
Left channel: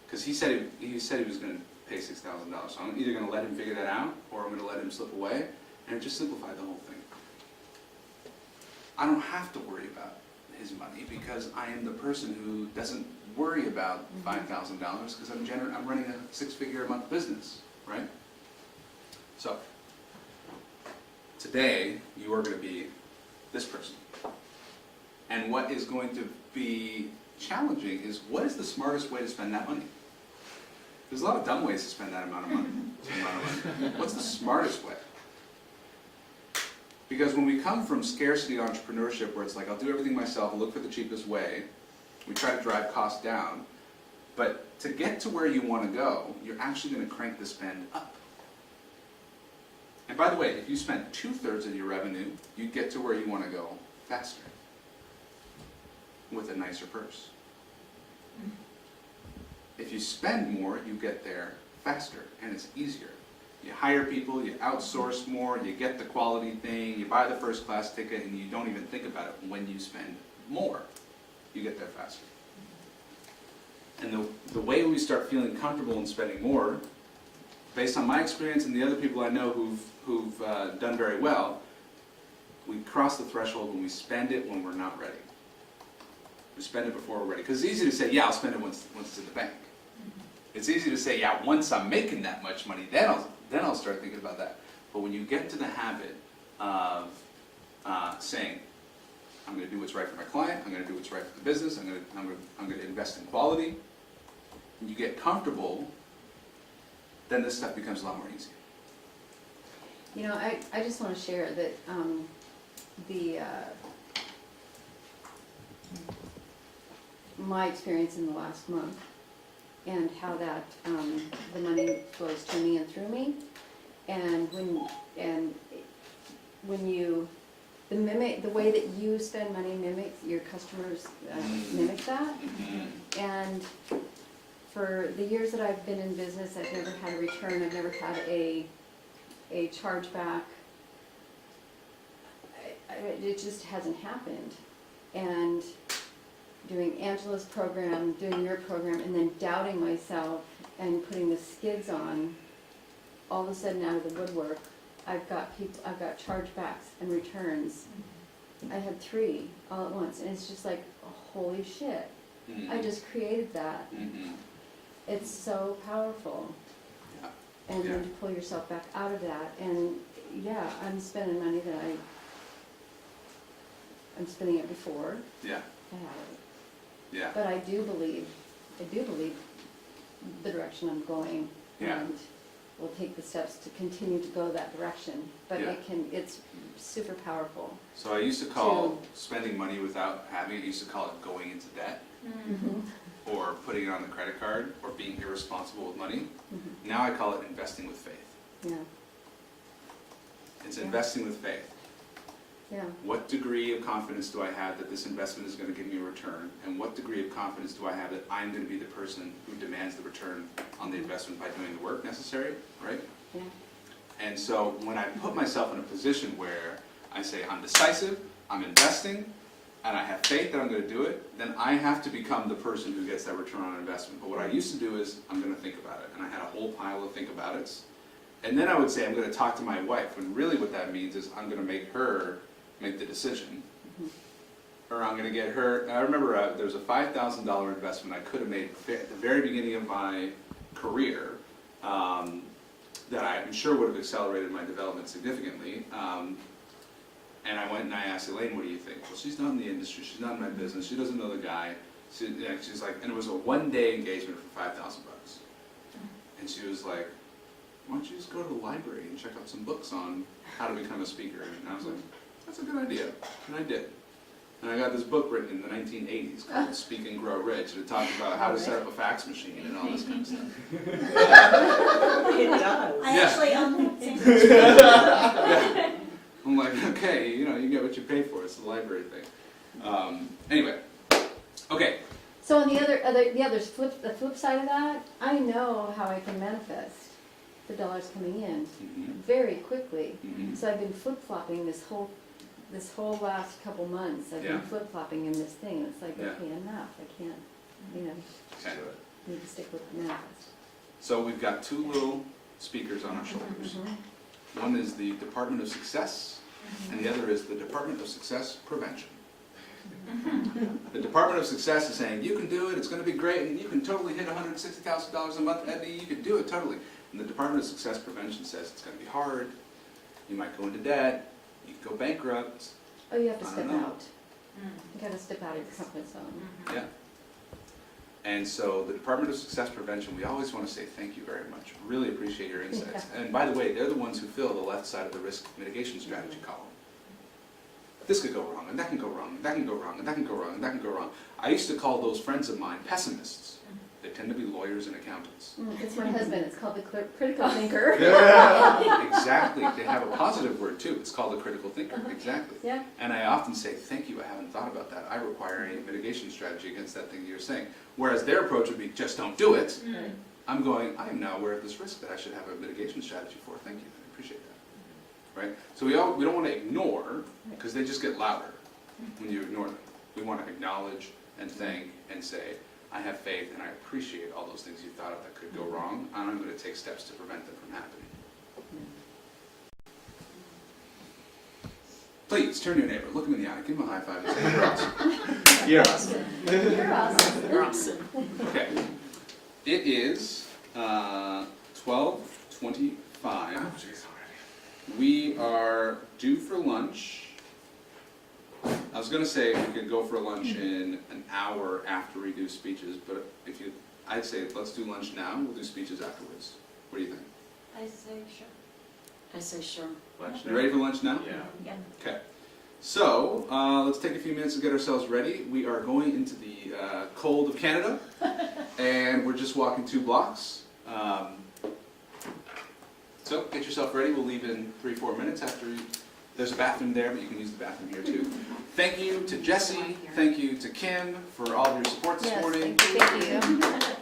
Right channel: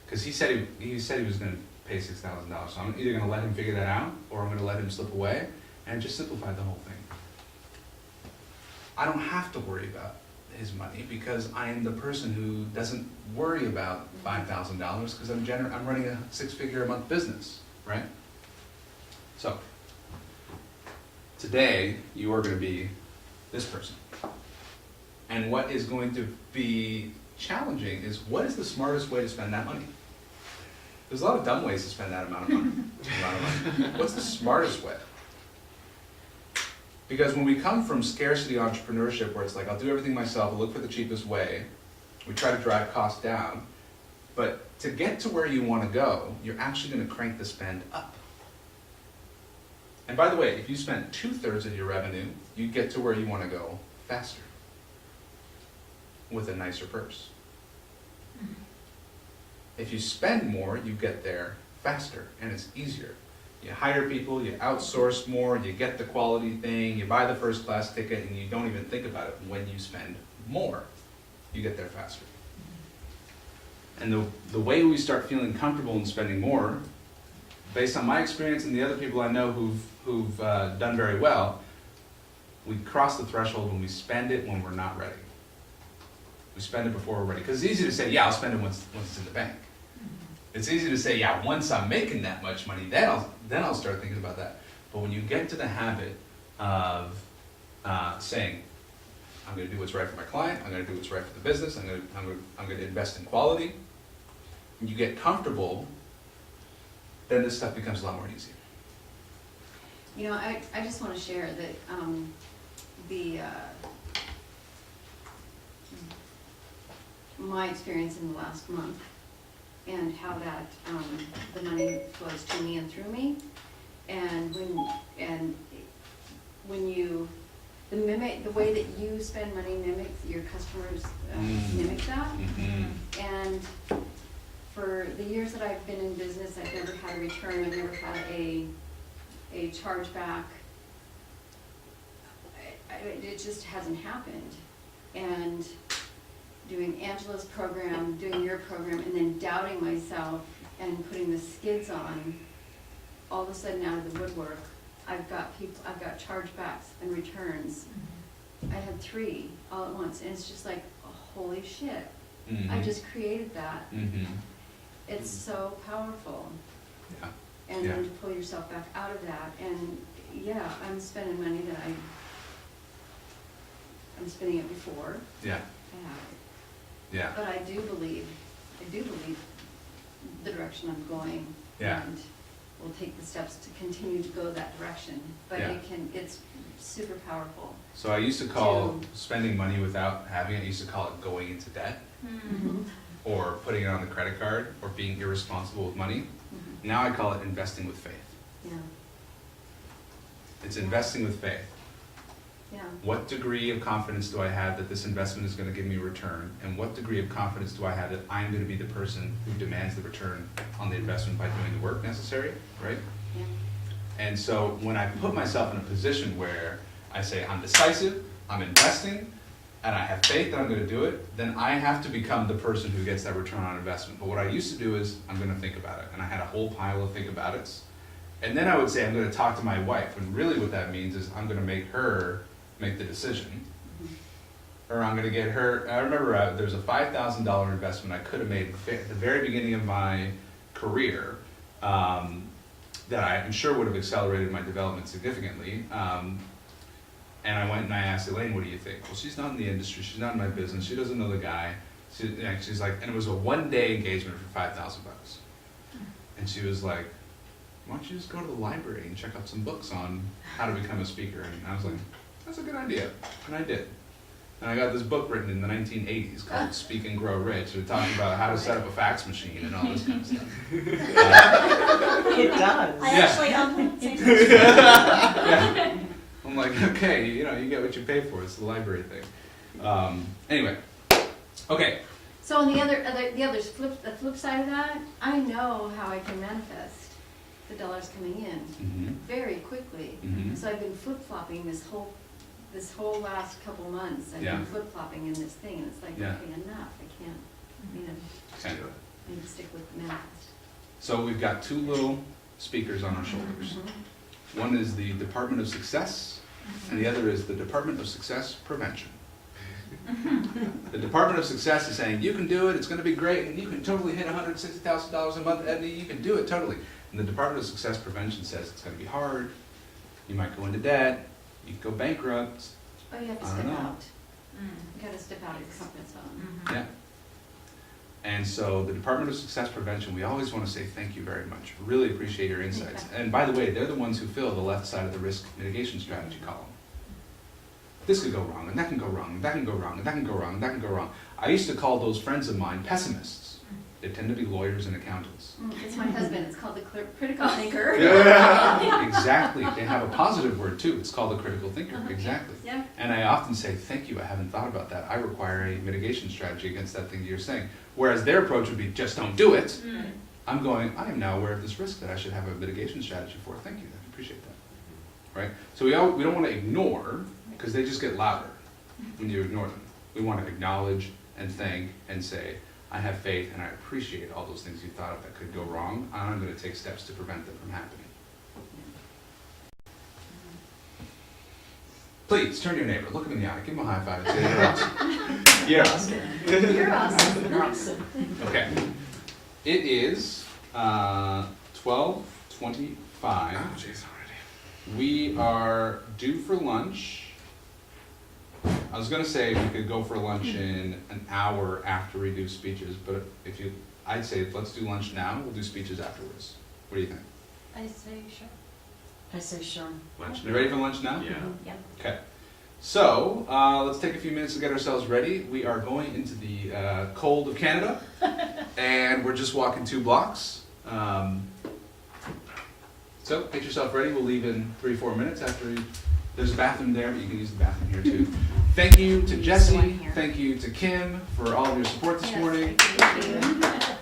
Because he said he was going to pay $6,000. So I'm either going to let him figure that out, or I'm going to let him slip away, and it just simplified the whole thing. I don't have to worry about his money because I am the person who doesn't worry about $5,000 because I'm running a 6-figure a month business, right? So today you are going to be this person. And what is going to be challenging is, what is the smartest way to spend that money? There's a lot of dumb ways to spend that amount of money. What's the smartest way? Because when we come from scarcity entrepreneurship, where it's like, I'll do everything myself, I'll look for the cheapest way, we try to drive costs down, but to get to where you want to go, you're actually going to crank the spend up. And by the way, if you spent 2/3 of your revenue, you get to where you want to go faster, with a nicer purse. If you spend more, you get there faster, and it's easier. You hire people, you outsource more, you get the quality thing, you buy the first class ticket, and you don't even think about it. When you spend more, you get there faster. And the way we start feeling comfortable in spending more, based on my experience and the other people I know who've done very well, we cross the threshold when we spend it when we're not ready. We spend it before we're ready. Because it's easy to say, yeah, I'll spend it once it's in the bank. It's easy to say, yeah, once I'm making that much money, then I'll start thinking about that. But when you get to the habit of saying, I'm going to do what's right for my client, I'm going to do what's right for the business, I'm going to invest in quality, and you get comfortable, then this stuff becomes a lot more easy. You know, I just want to share that my experience in the last month, and how that the money flows to me and through me, and when you the way that you spend money mimics your customers mimic that. And for the years that I've been in business, I've never had a return. I've never had a chargeback. It just hasn't happened. And doing Angela's program, doing your program, and then doubting myself and putting the skids on, all of a sudden out of the woodwork, I've got chargebacks and returns. I had 3 all at once, and it's just like, holy shit. I just created that. It's so powerful. Yeah. And then to pull yourself back out of that, and yeah, I'm spending money that I'm spending it before. Yeah. I have it. Yeah. But I do believe the direction I'm going. Yeah. And we'll take the steps to continue to go that direction. But Yeah. it's super powerful. So I used to call spending money without having it, I used to call it going into debt, or putting it on the credit card, or being irresponsible with money. Now I call it investing with faith. Yeah. It's investing with faith. Yeah. What degree of confidence do I have that this investment is going to give me a return? And what degree of confidence do I have that I'm going to be the person who demands the return on the investment by doing the work necessary, right? Yeah. And so when I put myself in a position where I say I'm decisive, I'm investing, and I have faith that I'm going to do it, then I have to become the person who gets that return on investment. But what I used to do is, I'm going to think about it. And I had a whole pile of think about it's. And then I would say, I'm going to talk to my wife. When really what that means is I'm going to make her make the decision. Or I'm going to get her, and I remember there's a $5,000 investment I could have made at the very beginning of my career that I'm sure would have accelerated my development significantly. And I went and I asked Elaine, what do you think? Well, she's not in the industry, she's not in my business, she doesn't know the guy. She's like, and it was a one-day engagement for $5,000. And she was like, why don't you just go to the library and check out some books on how to become a speaker? And I was like, that's a good idea. And I did. And I got this book written in the 1980s called Speak and Grow Rich. It talked about how to set up a fax machine and all this kind of stuff. It does. I actually own it. Yeah. I'm like, okay, you get what you pay for. It's the library thing. Anyway, okay. So on the flip side of that, I know how I can manifest the dollars coming in very quickly. So I've been flip-flopping this whole last couple months. I've been flip-flopping in this thing, and it's like, okay, enough. I can't, Can't do it. I need to stick with manifest. So we've got 2 little speakers on our shoulders. One is the Department of Success, and the other is the Department of Success Prevention. The Department of Success is saying, you can do it, it's going to be great, and you can totally hit $160,000 a month, Edney, you can do it, totally. And the Department of Success Prevention says it's going to be hard, you might go into debt, you could go bankrupt. Oh, you have to I step don't know. out. You got to step out of your comfort zone. Yeah. And so the Department of Success Prevention, we always want to say thank you very much. Really appreciate your insights. And by the way, they're the ones who fill the left side of the risk mitigation strategy column. This could go wrong, and that can go wrong, and that can go wrong, and that can go wrong, and that can go wrong. I used to call those friends of mine pessimists. They tend to be lawyers and accountants. It's my husband, it's called the critical thinker. Exactly. They have a positive word too. It's called a critical thinker. Exactly. Yeah. And I often say, thank you, I haven't thought about that. I require a mitigation strategy against that thing you're saying. Whereas their approach would be, just don't do it. I'm going, I am now aware of this risk that I should have a mitigation strategy for. Thank you, I appreciate that. Right? So we don't want to ignore, because they just get louder when you ignore them. We want to acknowledge and thank and say, I have faith and I appreciate all those things you thought of that could go wrong, and I'm going to take steps to prevent them from happening. Please, turn to your neighbor, look him in the eye, give him a high five and say, you're awesome. You're awesome. You're awesome. Okay. It is 12:25. Oh, jeez, already. We are due for lunch. I was going to say we could go for lunch in an hour after we do speeches, but I'd say let's do lunch now, we'll do speeches afterwards. What do you think? I say sure. I say sure. Lunch You ready for lunch now? Yeah. Yeah. Okay. So, let's take a few minutes to get ourselves ready. We are going into the cold of Canada, and we're just walking 2 blocks. So, get yourself ready. We'll leave in 3-4 minutes after there's a bathroom there, but you can use the bathroom here too. Thank you to Jesse. Thank you to Kim for all of your support this morning. Thank you.